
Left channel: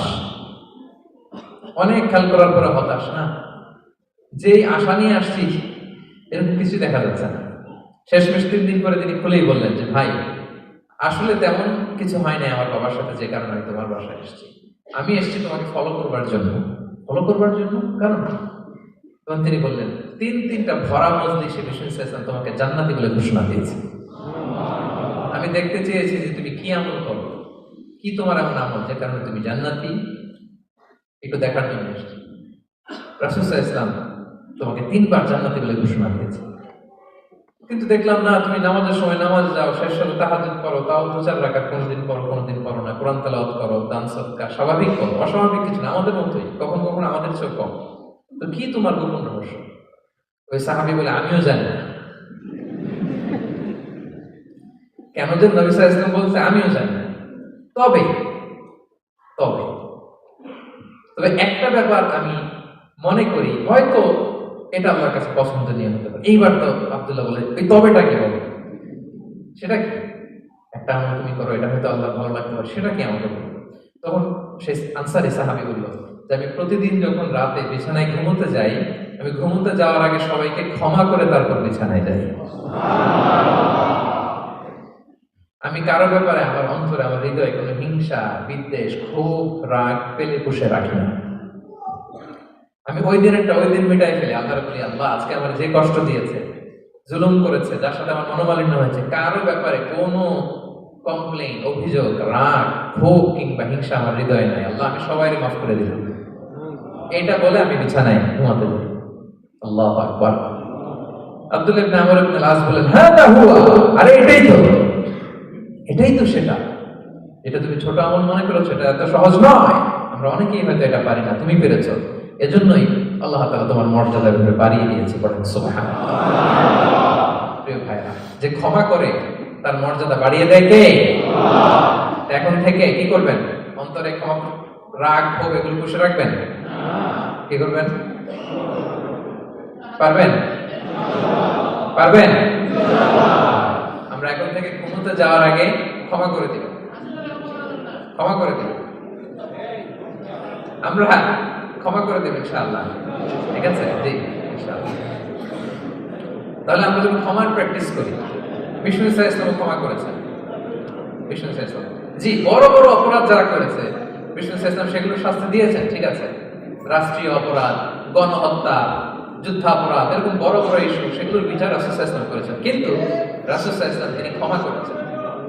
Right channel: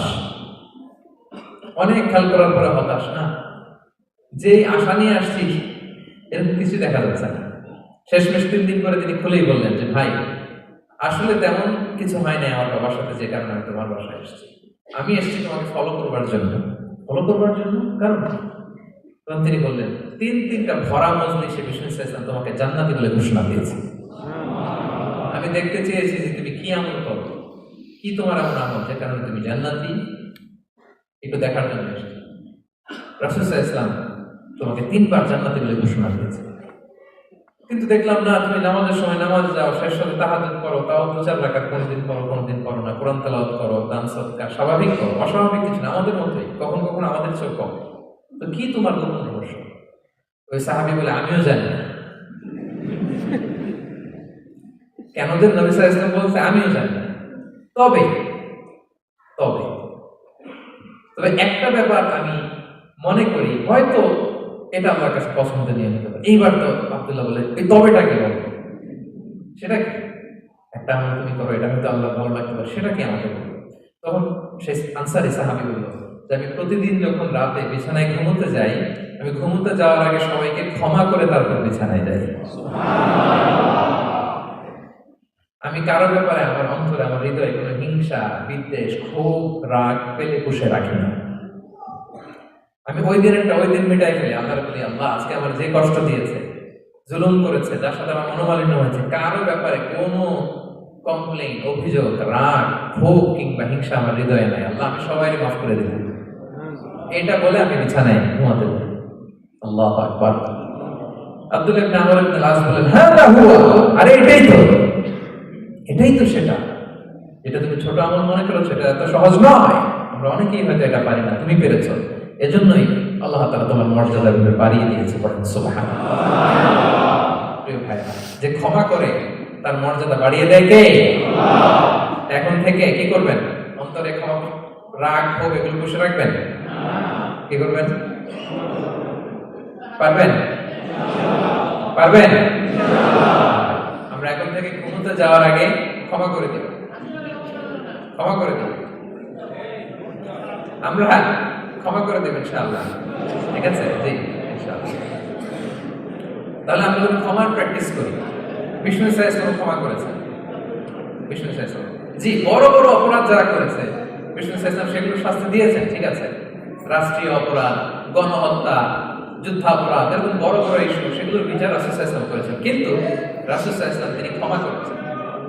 অনেক খেয়াল করার পরে হতাশ। না, যে আশা নিয়ে আসছি এরকম কিছু দেখা যাচ্ছে না। শেষমেশ 3 দিন পরে তিনি খুলেই বললেন যে, ভাই আসলে তেমন কিছু হয় নাই আমার বাবার সাথে, যে কারণে আমি তোমার বাসায় এসেছি। আমি এসেছি তোমাকে ফলো করবার জন্য। ফলো করবার জন্য কারণ? তখন তিনি বললেন, 3টা ভরা মজলিসে বিষ্ণু ইসলাম তোমাকে জান্নাতি বলে ঘোষণা দিয়েছে। আমি দেখতে চেয়েছি যে তুমি কি আমল করো, কি তোমার এমন আমল যে কারণে তুমি জান্নাতি, একটু দেখার জন্য এসেছি। রাসূল সাল্লাল্লাহু আলাইহি ওয়াসাল্লাম তোমাকে 3বার জান্নাতি বলে ঘোষণা দিয়েছে, কিন্তু দেখলাম না, তুমি নামাজের সময় নামাজে যাও, শেষ সাথে তাহাজ্জুদ করো, তাও 2-4 রাকাত কোনদিন করো, কোনদিন করো না, কোরআন তেলাওয়াত করো, দান সদকা স্বাভাবিক করো, অস্বাভাবিক কিছু না, আমাদের মতোই, কখনো কখনো আমাদের চেয়েও কম। তো কি তোমার গোপন রহস্য? ওই সাহাবী বলে, আমিও জানি না। কেন যে নবী সাল্লাল্লাহু আলাইহি ওয়াসাল্লাম বলছে আমিও জানি না। তবে তবে তবে একটা ব্যাপার আমি মনে করি, হয়তো এটা আল্লাহর কাছে পছন্দনীয় হতে পারে। এইবার তো আব্দুল্লাহ বলে, ওই তবেটা কি বলো? সেটা কি? একটা আমল তুমি করো, এটা হয়তো আল্লাহ ভালো লাগতে পারে, সেটা কি আমাকে বলো? তখন সে আনসারী সাহাবী বলল যে, আমি প্রতিদিন যখন রাতে বিছানায় ঘুমোতে যাই, আমি ঘুমোতে যাওয়ার আগে সবাইকে ক্ষমা করে তারপর বিছানায় যাই। আমি কারো ব্যাপারে আমার অন্তরে, আমার হৃদয়ে কোনো হিংসা, বিদ্বেষ, ক্ষোভ, রাগ পেলে পুষে রাখি না। আমি ওই দিনেরটা ওই দিন মিটাই ফেলি। আল্লাহর বলি, আল্লাহ আজকে আমার যে কষ্ট দিয়েছে, জুলুম করেছে, যার সাথে আমার মনোমালিন্য হয়েছে, কারো ব্যাপারে কোনো কমপ্লেইন, অভিযোগ, রাগ, ক্ষোভ কিংবা হিংসা আমার হৃদয়ে নাই। আল্লাহ আমি সবাই মাফ করে দিলাম। এটা বলে আমি বিছানায় ঘুমাতে যাই। আল্লাহু আকবার। আব্দুল্লাহ ইবনে আমর ইবনে আস বলেন, হাদা হুয়া, আরে এটাই তো সেটা। এটা তুমি ছোট আমল মনে করো, সেটা এত সহজ নয়। আমরা অনেকেই হয়তো এটা পারি না, তুমি পেরেছো। এজন্যই আল্লাহ তাআলা তোমার মর্যাদা এভাবে বাড়িয়ে দিয়েছে। পড়েন সুবহানাল্লাহ। প্রিয় ভাইরা, যে ক্ষমা করে তার মর্যাদা বাড়িয়ে দেয় কে? আল্লাহ। এখন থেকে কি করবেন? অন্তরে ক্ষমা রাগ ক্ষোভ এগুলো পুষে রাখবেন? কি করবেন? পারবেন? পারবেন? আমরা এখন থেকে ঘুমোতে যাওয়ার আগে ক্ষমা করে দিব, ক্ষমা করে দিব, আমরা ক্ষমা করে দেব ইনশাআল্লাহ। ঠিক আছে? জি ইনশাআল্লাহ। তাহলে আমরা যখন ক্ষমার প্র্যাকটিস করি, বিষ্ণু ইসলাম ক্ষমা করেছেন। বিষ্ণু ইসলাম জি বড় বড় অপরাধ যারা করেছে বিষ্ণু ইসলাম সেগুলো শাস্তি দিয়েছেন, ঠিক আছে? রাষ্ট্রীয় অপরাধ, গণহত্যা, যুদ্ধাপরাধ, এরকম বড় বড় ইস্যু, সেগুলোর বিচার রাসূল সাল্লাল্লাহু আলাইহি ওয়াসাল্লাম করেছেন। কিন্তু রাসূল সাল্লাল্লাহু আলাইহি ওয়াসাল্লাম তিনি ক্ষমা করেছেন।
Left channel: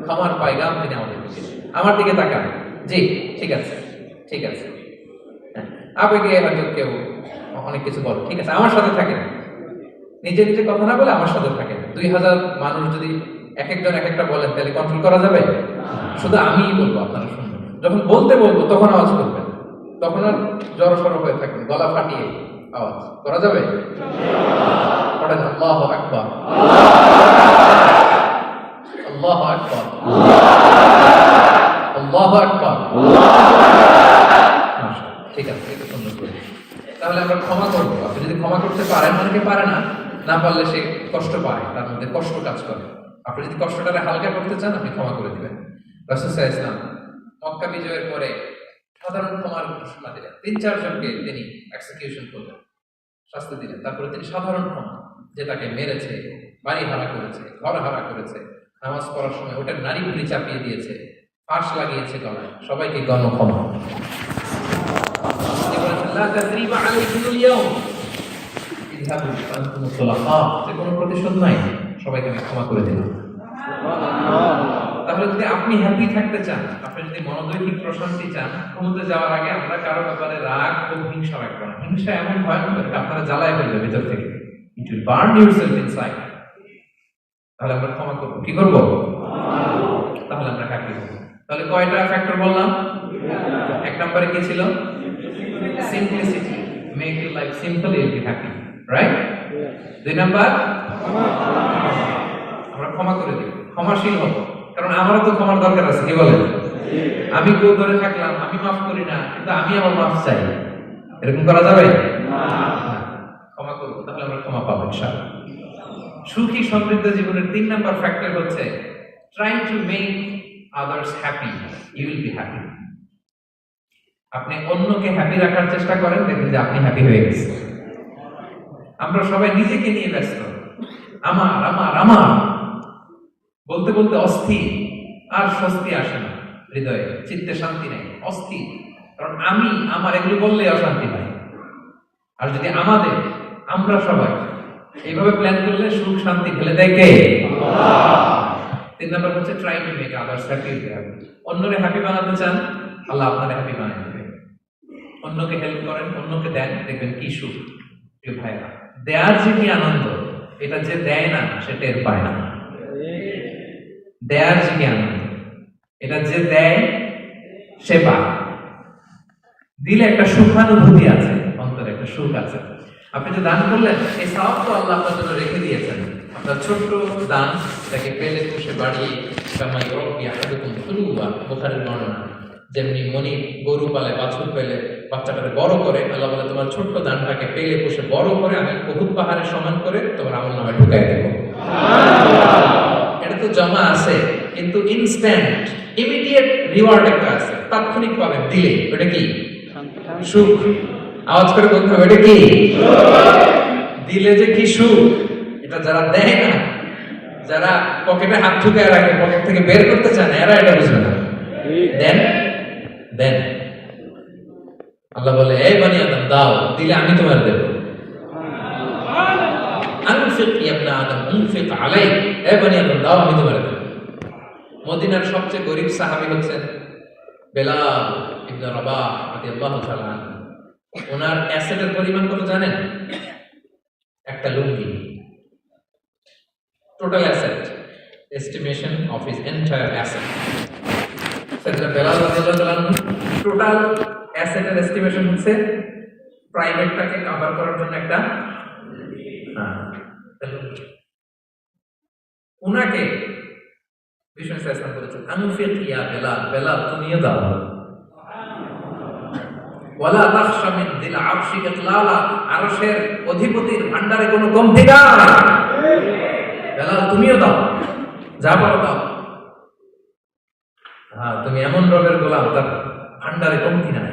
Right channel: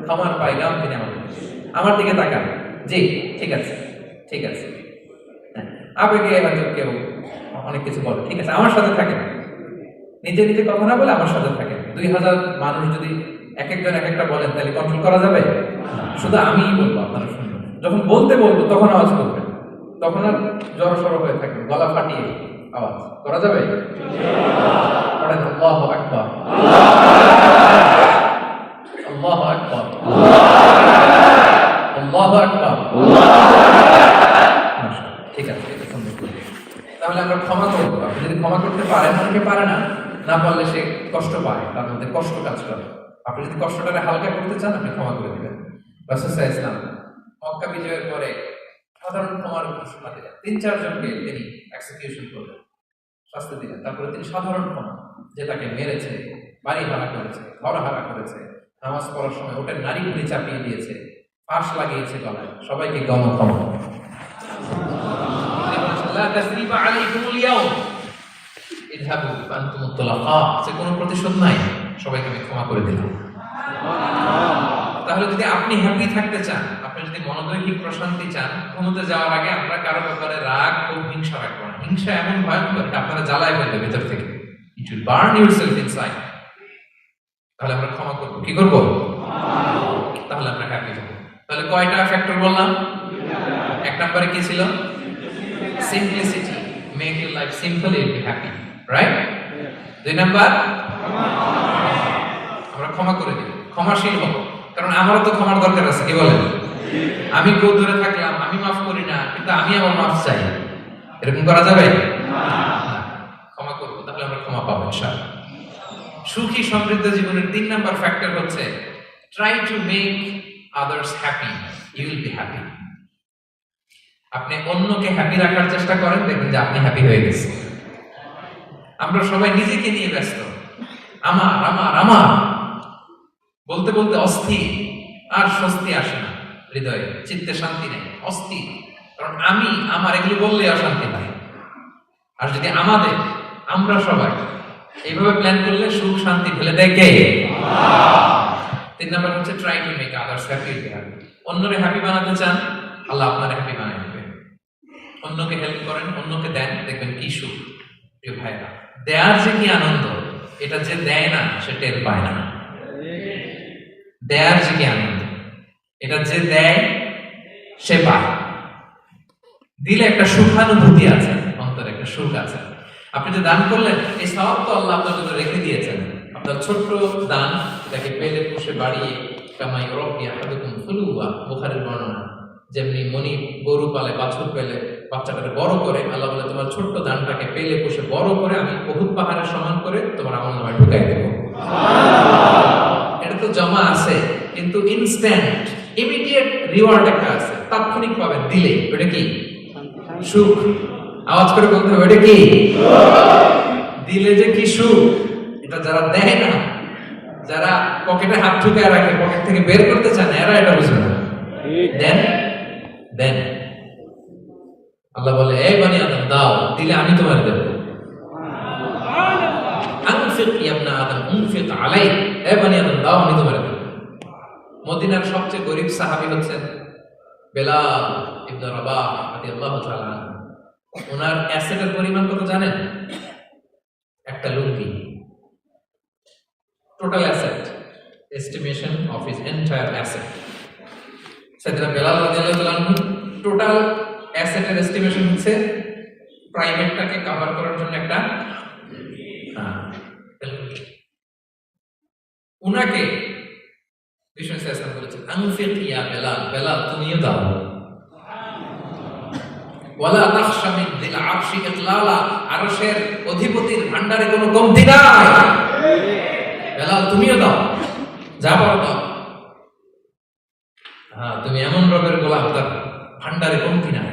ক্ষমার পায়গাম তিনি আমাদের দিয়েছেন। আমার দিকে তাকান। জি ঠিক আছে, ঠিক আছে। হ্যাঁ, আবেগে হয়তো কেউ অনেক কিছু বলে, ঠিক আছে, আমার সাথে থাকেন, নিজে নিজে কথা না বলে আমার সাথে থাকেন। 2000 মানুষ যদি এক একজন এক একটা বলেন তাহলে কন্ট্রোল করা যাবে? শুধু আমিই বলবো, আপনারা শুনবেন। যখন বলতে বলবো তখন আওয়াজ করবেন, তখন আর জড়সড় হয়ে থাকবেন, গলা ফাটিয়ে আওয়াজ করা যাবে? পড়েন আল্লাহু আকবার, আল্লাহু আকবার, আল্লাহু আকবার। মাশাআল্লাহ, ঠিক আছে, এটা সুন্দর করে। তাহলে আমরা ক্ষমা করবো। আপনি যদি ক্ষমা করতে পারেন, অনেকে পারে না, না পারলে সে কষ্ট পায়, তার মধ্যে কষ্ট কাজ করে। আপনি যদি কষ্টটাকে হালকা করতে চান, আপনি ক্ষমা করে দিবেন। রাসূল সাল্লাল্লাহু আলাইহি ওয়াসাল্লাম মক্কা বিজয়ের পরে সাধারণ ক্ষমার ঘোষণা দিলেন। 3-4 জনকে তিনি এক্সিকিউশন করলেন, শাস্তি দিলেন। তারপরে তিনি সাধারণ ক্ষমা, যে তাকে মেরেছে, বাড়ি হারা করেছে, ঘর হারা করেছে, নামাজ পড়ার সময় ওটা নারী ভুড়ি চাপিয়ে দিয়েছে, ফাঁস লাগিয়েছে গলায়, সবাইকে গণক্ষমা। যে কোনো প্রতিশোধ নাই, সবাইকে আমি ক্ষমা করে দিলাম। তাহলে যদি আপনি হ্যাপি থাকতে চান, আপনি যদি মনোদৈহিক প্রশান্তি চান, ঘুমোতে যাওয়ার আগে আমরা কারো ব্যাপারে রাগ ও হিংসা রাখবো না। হিংসা এমন ভয়ঙ্কর আপনারা জ্বালায় ফেলবে ভিতর থেকে, it will burn yourself inside. তাহলে আমরা ক্ষমা করবো, কি করবো? তাহলে আমরা হ্যাপি হবো। তাহলে কয়টা ফ্যাক্টর বললাম? 1 নম্বরে কি ছিল? Simplicity, make your life simple, you will be happy, right? 2 number, আমরা ক্ষমা করে দিই, ক্ষমাশীল হব। কারণ আমারও তো ক্ষমার দরকার আছে, কি বলেন? আমি কেউ ধরে থাকলাম, আমি মাফ করি না, কিন্তু আমি আমার মাফ চাই, এরকম করা যাবে না। ক্ষমা করবো, তাহলে আমরা ক্ষমা পাবো ইনশাআল্লাহ। সুখী সমৃদ্ধ জীবনের 3 নাম্বার ফ্যাক্টর হচ্ছে try to make others happy, you will be happy. আপনি অন্যকে হ্যাপি রাখার চেষ্টা করেন, দেখবেন যে আপনি হ্যাপি হয়ে গেছেন। আমরা সবাই নিজেকে নিয়ে ব্যস্ত, আমার আমার আমার বলতে বলতে অস্থির, আর স্বস্তি আসে না হৃদয়ে, চিত্তে শান্তি নেই, অস্থির। কারণ আমি আমার এগুলো বললেই অশান্তি নাই। আর যদি আমাদের, আমরা সবাই এইভাবে প্ল্যান করলে সুখ শান্তি ফেলে দেয় কে? আল্লাহ। 3 নাম্বার হচ্ছে try to make others happy. অন্যরে হ্যাপি বানাতে চান, আল্লাহ আপনারে হ্যাপি বানায় দিবে। অন্যকে হেল্প করেন, অন্যকে দেন, দেখবেন কি সুখ। প্রিয় ভাইরা, দেয়ার যে কি আনন্দ, এটা যে দেয় না সে টের পায় না। দেয়ার যে কি আনন্দ, এটা যে দেয় সে পায়। দিলে একটা সুখানুভূতি আছে, অন্তরে একটা সুখ আছে। আপনি যে দান করলেন, এই সওয়াব তো আল্লাহ আপনার জন্য রেখে দিয়েছেন। আপনার ছোট্ট দান, তাকে পেলে পুষে বাড়িয়ে, কামাই রব্বি আহাদুকুম ফুলুয়া, বুখারীর বর্ণনা। যেমনি মনি গরু পালে, বাছুর পেলে বাচ্চাটাকে বড় করে, আল্লাহ বলে তোমার ছোট্ট দানটাকে পেলে পুষে বড় করে আমি বহুত পাহাড়ের সমান করে তোমার আমল নামে ঢুকাই দেব। এটা তো জমা আছে, কিন্তু ইনস্ট্যান্ট ইমিডিয়েট রিওয়ার্ড একটা আছে, তাৎক্ষণিক পাবেন দিলে। ওটা কি? সুখ। আওয়াজ করে বলতে হবে, ওটা কি? দিলে যে কি সুখ, এটা যারা দেয় না, যারা পকেটে হাত ঢুকে রাখে, পকেট থেকে বের করতে চায় না, এরা এটা বুঝবে না। দেন দেন, আল্লাহ বলে এই বনি আদম দাও, দিলে আমি তোমার দেব। আনফিক ইয়া ইবনা আদম আনফিক আলাইক, এই বনি আদম দাও, আমি তোমার দেব। মদিনার সবচেয়ে গরীব সাহাবী হচ্ছেন বেলাল ইবনে রাবাহ রাদিয়াল্লাহু তাআলা আনহু। ওনার অ্যাসেটের পরিমাণ কত জানেন? একটা লুঙ্গি। Total asset, estimation of his entire asset. সেটা বেলাল রাদিয়াল্লাহু তাআলা আনহু টোটাল অ্যাসেটের এস্টিমেশন হচ্ছে প্রাইভেটটাকে কভার করার জন্য একটা লুঙ্গি। উনাকে বিষ্ণু সাল্লাল্লাহু আলাইহি ওয়াসাল্লাম বলেছেন আনফিক ইয়া বেলাল, বেলাল তুমিও দাও। ওয়ালা তাখশা মিন যিল আরশি ইকলালা, আরশের অধিপতির ভান্ডারে কোনো কমতি নাই। বেলাল তুমিও দাও, যা পারো দাও। হ্যাঁ, তুমি এমন রবের গোলাম, তার ভান্ডারে কমতি নাই।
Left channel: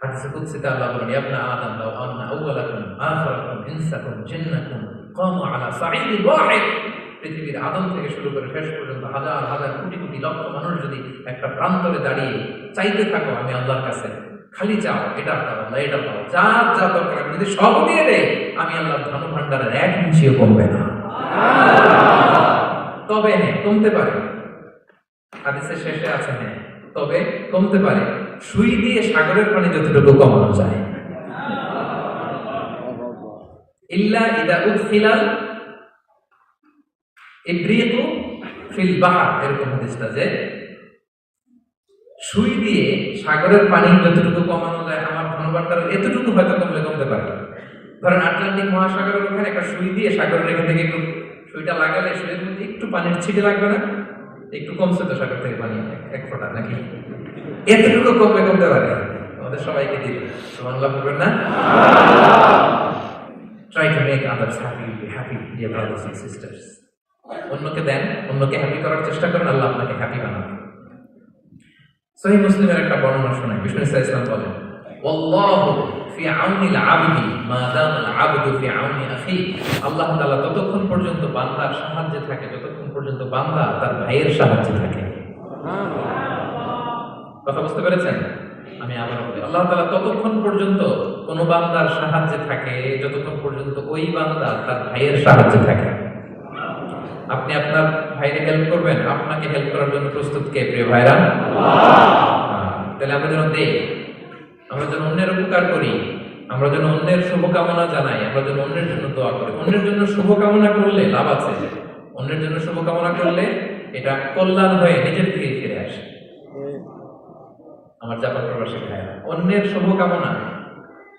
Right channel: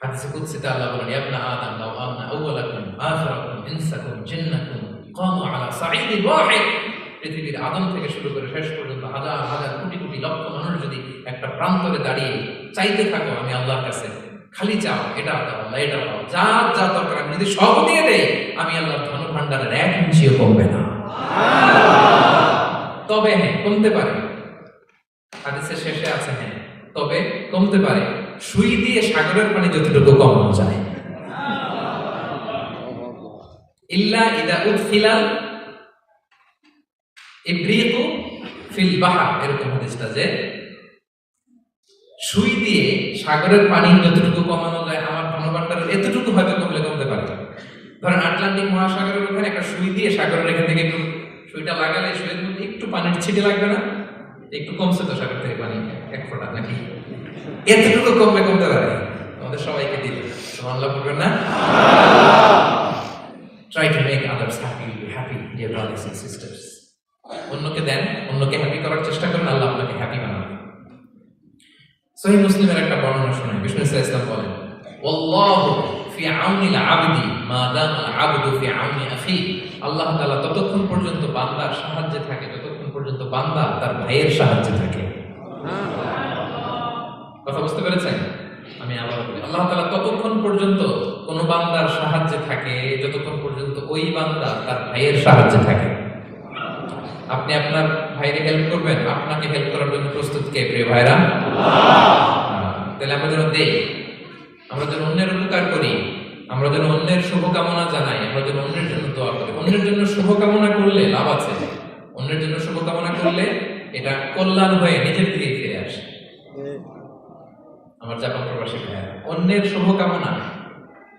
হাদিসে কুদসিতে আল্লাহ বলেন, ইয়া ইবনা আদম লাউ আন্না আউওয়ালাকুম আখিরাকুম ইনসাকুম জিন্নাকুম কামু আলা সাঈদিন ওয়াহিদ। পৃথিবীর আদম থেকে শুরু করে শেষ পর্যন্ত হাজার হাজার কোটি কোটি লক্ষ মানুষ যদি একটা প্রান্তরে দাঁড়িয়ে চাইতে থাকো আমি আল্লাহর কাছে, খালি চাও এটা দাও আল্লাহ, এটা দাও, যা যা দরকার আমি যদি সব দিয়ে দেই, আমি আল্লাহর ধন ভান্ডারের এক ইঞ্চিও কমবে না। তবে হ্যাঁ, কমতে পারে। হাদিসের শেষে আছে হ্যাঁ, তবে কমতে পারে সুই দিয়ে সাগরের পানি যতটুকু কমানো যায়। ইল্লা ইদা উদখিলাল ইব্রিকু ফিল বাহর, এরকম হাদিসটা যে সুই দিয়ে সাগরের পানি যতটুকু কমানো যায় আমার ধনভাণ্ডারের এতটুকু হয়তো কমলে কমতে পারে। ধরেন আটলান্টিক মহাসাগরের ওখানে একটা সুই দিয়ে সাগরের এখান থেকে একটু সুইটা লাগালে সুইয়ের মধ্যে একটু পানির ছিটে লাগবে না? একটু কমছে তো সাগর থেকে পানি, এক ফোঁটা নাকি? এতটুকু কমবে, কমতে পারে। আমাদের সবাইকে দিল সুবহানাল্লাহ বলবেন না? Try to make others happy, be happy, dear brothers and sisters. অন্যকে দেন, অন্যকে হ্যাপি করার চেষ্টা করেন, আল্লাহ আপনাকে হ্যাপি বানাবে। সহিহ মুসলিমের একটা বর্ণনা শোনায়, বিষ্ণু ইসলাম বলেন, ওয়াল্লাহু ফি আউনিল আবদি মা দামাল আবদু ফি আউনি আখি। আল্লাহ তাআলা ততক্ষণ পর্যন্ত বান্দার সাহায্যে থাকে যতক্ষণ পর্যন্ত বান্দা তার ভাইয়ের সাহায্যে থাকে। কথা বুঝতে পেরেছেন? আমি আবার বলি, আল্লাহ তাআলা ততক্ষণ পর্যন্ত কোন বান্দার সাহায্যে থাকে যতক্ষণ পর্যন্ত ওই বান্দা তার ভাইয়ের সাহায্যে থাকে। আপনি আপনার ভাইকে হেল্প করবেন, আপনাকে হেল্প করার জন্য প্রস্তুত কে প্রিয় ভাইরা? তাহলে আমরা যেন দেই, আমরা যেন অন্যের উপকার করি, আমরা যেন অন্যের শুভকামনা জানাই, আমরা যেন অন্যের জন্য দোয়া করি। অন্যের জন্য শুভকামনা করলে লাভ আছে, অন্যের জন্য শুভকামনা করলে এটা কল্যাণ হয়ে নিজের দিকে ফিরে আসে। আমার জাপান প্রবাসী ভাইরা, অন্যের শুভকামনা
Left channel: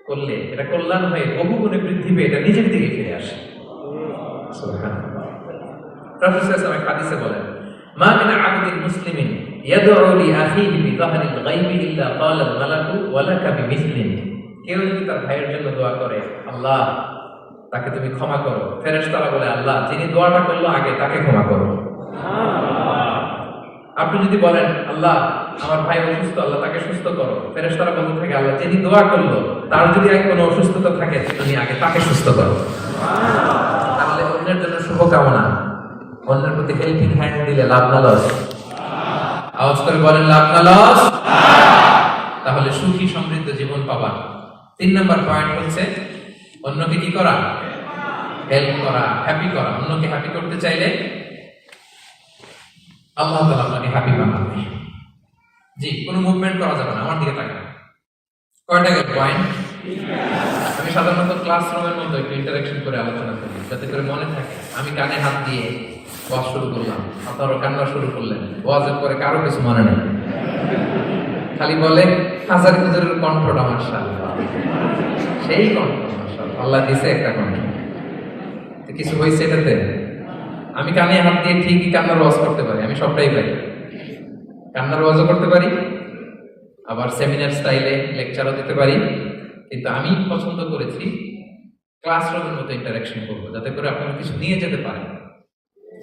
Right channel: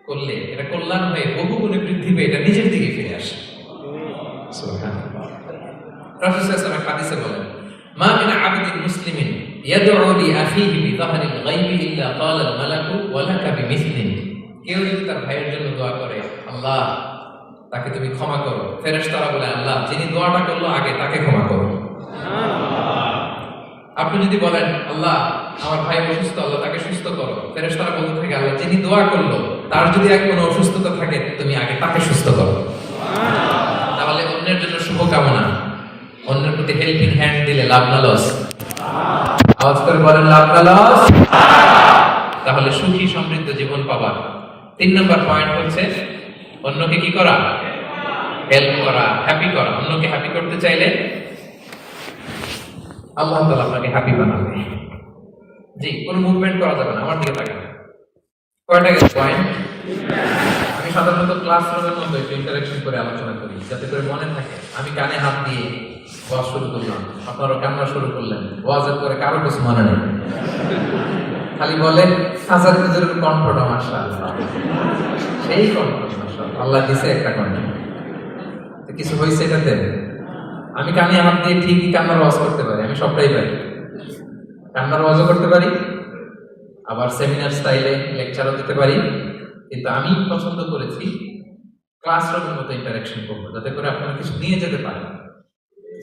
করলে এটা কল্যাণ হয়ে বহু গুণে বৃদ্ধি পেয়ে এটা নিজের দিকে ফিরে আসে। সুবহানাল্লাহ। রাসূল সাল্লাল্লাহু আলাইহি ওয়াসাল্লাম হাদিসে বলেন, মা মিন আবদিন মুসলিমিন ইয়াদউ লি আখিহি বিযাহরিল গায়বি ইল্লা ক্বালা আল মালাকু ওয়া লাকা বিমিসলিন। কেউ যদি তার ভাইয়ের জন্য দোয়া করে, আল্লাহ তাকে তুমি ক্ষমা করো, ফেরেশতারা বলে, আল্লাহ যিনি দোয়াটা করলো আগে তাকে ক্ষমা করো। আপনি যদি বলেন, আল্লাহ আমার ভাই অসুস্থ, আল্লাহ তাকে সুস্থ করো, ফেরেশতারা বলতে থাকে, আল্লাহ যিনি দোয়া করলো তার যদি আর কোনো অসুস্থতা থাকে তুমি আগে তাকে সুস্থ করো। তাহলে অন্যের জন্য শুভকামনা, অন্যের প্রতি হেল্পিং হ্যান্ড দিলে লাভ না লস? আওয়াজ করে বলেন, লাভ না লস? তাহলে সুখী সমৃদ্ধ জীবন পাবার 3 নম্বর পয়েন্ট হচ্ছে অন্যকে কি করা? হেল্প করা, হ্যাপি করা। অন্যকে হ্যাপি করতে চাইলে আল্লাহ তাআলা আপনাকে হ্যাপি বানাবে। জি, কোনো মুভমেন্ট করা যাবে না। আমার দিকে তাকান। কয়টা পয়েন্ট? আমি সাধারণত ক্লাসরুমের মধ্যে একটু ইন্টারঅ্যাকশন করে আলোচনা করি যাতে করে মনে থাকে। আমি কানে হাত দিয়ে ওয়াজ শুরু করলাম, আপনারা কান্না শুরু করলেন, ওয়াজের পরে কারো কিছু মনে নেই, খালি বলে হাজার হুজুরের কণ্ঠটা মাশাআল্লাহ, সেই কণ্ঠ মাশাআল্লাহ, আল্লাহ দিয়েছে একটা কণ্ঠ। তো কিছু হয়েছে এটাতে? আমি কানে হাত দিয়ে ঠিকই কান্নার ওয়াজ করতে পারি, আমি সবটাই পারি, কান্নার ওয়াজও করতে পারি, আবার সেমিনার স্টাইলে লেকচারও দিতে পারি। কিন্তু আমি পছন্দ করেছি ক্লাসরুমের মতো ইন্টারঅ্যাকশন করবো যাতে করে আপনারা কিছু নিয়ে যেতে পারেন।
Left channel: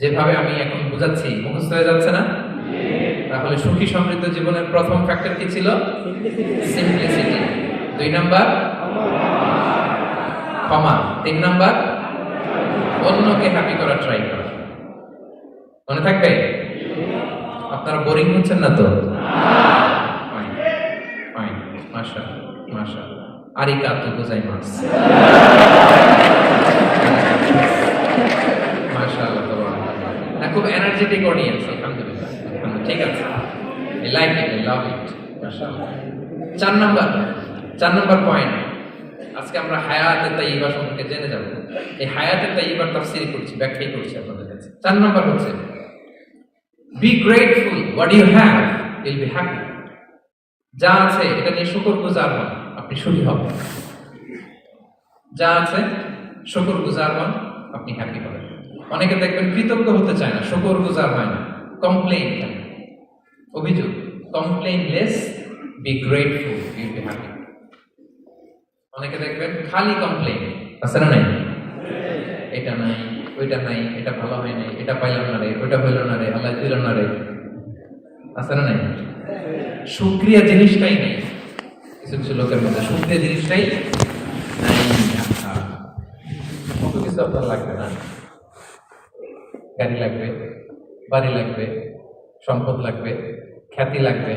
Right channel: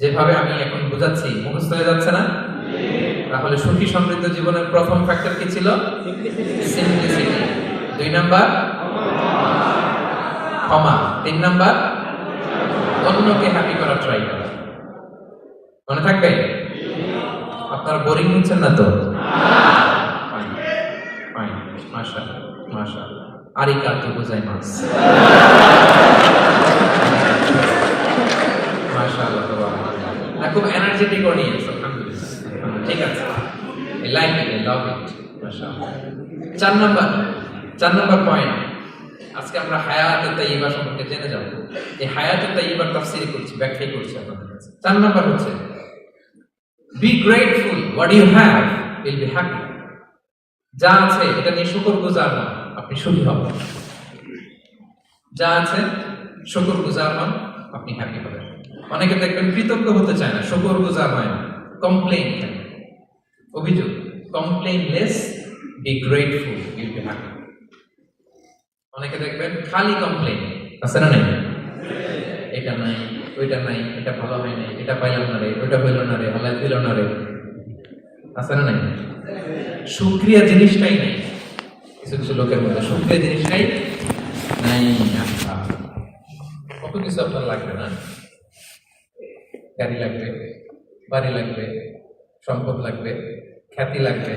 যেভাবে আমি এখন বোঝাচ্ছি মুখস্থ হয়ে যাচ্ছে না? তাহলে সুখী সমৃদ্ধ জীবনের প্রথম ফ্যাক্টর কি ছিল? সিম্পলিসিটি। 2 নাম্বার ক্ষমা। 3 নাম্বার অন্যকে হ্যাপি করার ট্রাই করা। মনে থাকবে? আপনারা বোরিং হচ্ছেন না তো? ফাইন ফাইন, মাশাআল্লাহ মাশাআল্লাহ, আরিগাতো গোজাইমাসু, মাশাআল্লাহ, না খুব এনার্জেটিক অডিয়েন্স, আলহামদুলিল্লাহ। ঠিক আছে, I like it, I love it, মাশাআল্লাহ। 4 নাম্বার পয়েন্ট, আজকে আমরা হায়াতে তাইয়্যিবা সম্পর্কে জেনে যাব। এই হায়াতে তাইয়্যিবার তাফসীর করছি, ব্যাখ্যা করছি আপনাদের কাছে। 4 নাম্বার হচ্ছে be grateful, what you have will be happy. যা আছে এটা নিয়ে শুকরগুজার হন, আপনি সুখী হবেন। যা আছে শুকরগুজার হন, আপনি হ্যাপি হবেন। অনেকে দেখবেন কৃতজ্ঞ হতে চায় না, শুকরগুজার হয় না, কমপ্লেইন থাকে, অভিযোগ, complain less be grateful, you'll be happy. অনেকে দেখবেন খালি কমপ্লেন, আছে না নাই? এটা নাই, ওইটা নাই, এটা ভালো হয় নাই, এটা পাইলাম না রে, ওইটা হইল না রে, আল্লাহ দিল না রে, আছে না নাই? শুকরিয়া জিনিসটাই নেই কিছু কিছু লোকের মধ্যে, শুকরিয়া জিনিসটাই নাই। কত কিছু আপনার লাগবে না, গাড়ি লাগবে, বাড়ি লাগবে, সম্পদ লাগবে, খ্যাতি লাগবে,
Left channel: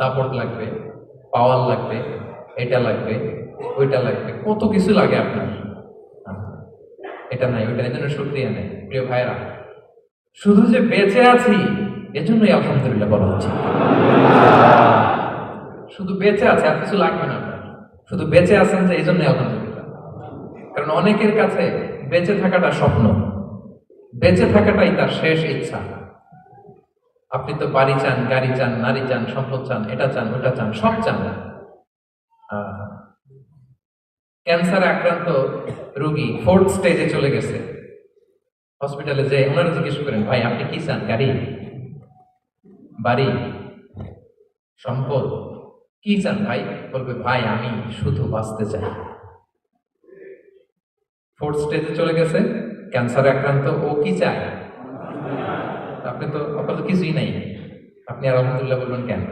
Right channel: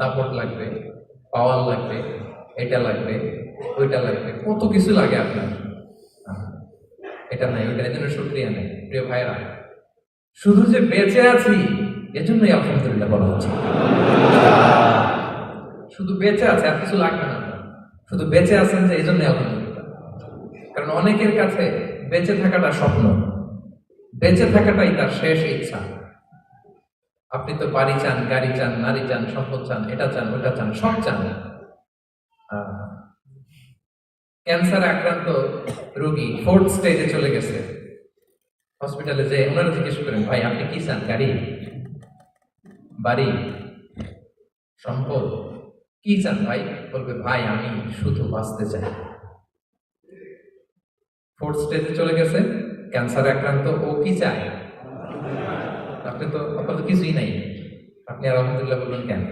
দাপট লাগবে, পাওয়ার লাগবে, এটা লাগবে, ওইটা লাগবে, কত কিছু লাগে আপনার। এটা নাই, ওইটা এই জন্য শুকরিয়া নেই। প্রিয় ভাইরা, শুধু যে বেঁচে আছি এজন্যই আলহামদুলিল্লাহ বলা হচ্ছে। শুধু বেঁচে আছে, আর কিছু লাগবে না আপনার, শুধু বেঁচে আছেন যে এই জন্যই আলহামদুলিল্লাহ। কারণ অনেকের কাছে বেঁচে থাকাটা স্বপ্ন, বেঁচে থাকাটাই তার শেষ ইচ্ছা। আপনি তো বাড়ি চান, গাড়ি চান, নারী চান, সম্পদ চান, এটা চান, ওটা চান, সব চান। ক্যান্সারে আক্রান্ত রোগী 4th স্টেজে চলে গেছে, হসপিটালে যে ওনারা জিজ্ঞেস করেন, ভাই আপনি কি চান? গাড়ি, বাড়ি, সম্পদ, কি চান ভাই? বলবে, ভাই আমি শুধু বাঁচতে চাই। 4th স্টেজে চলে গেছে, ক্যান্সারে আক্রান্ত, ও কি চায়? আপনি তো, আপনার তো কিছুই নাই, আপনি আর আলহামদুলিল্লাহ বলবেন কেন?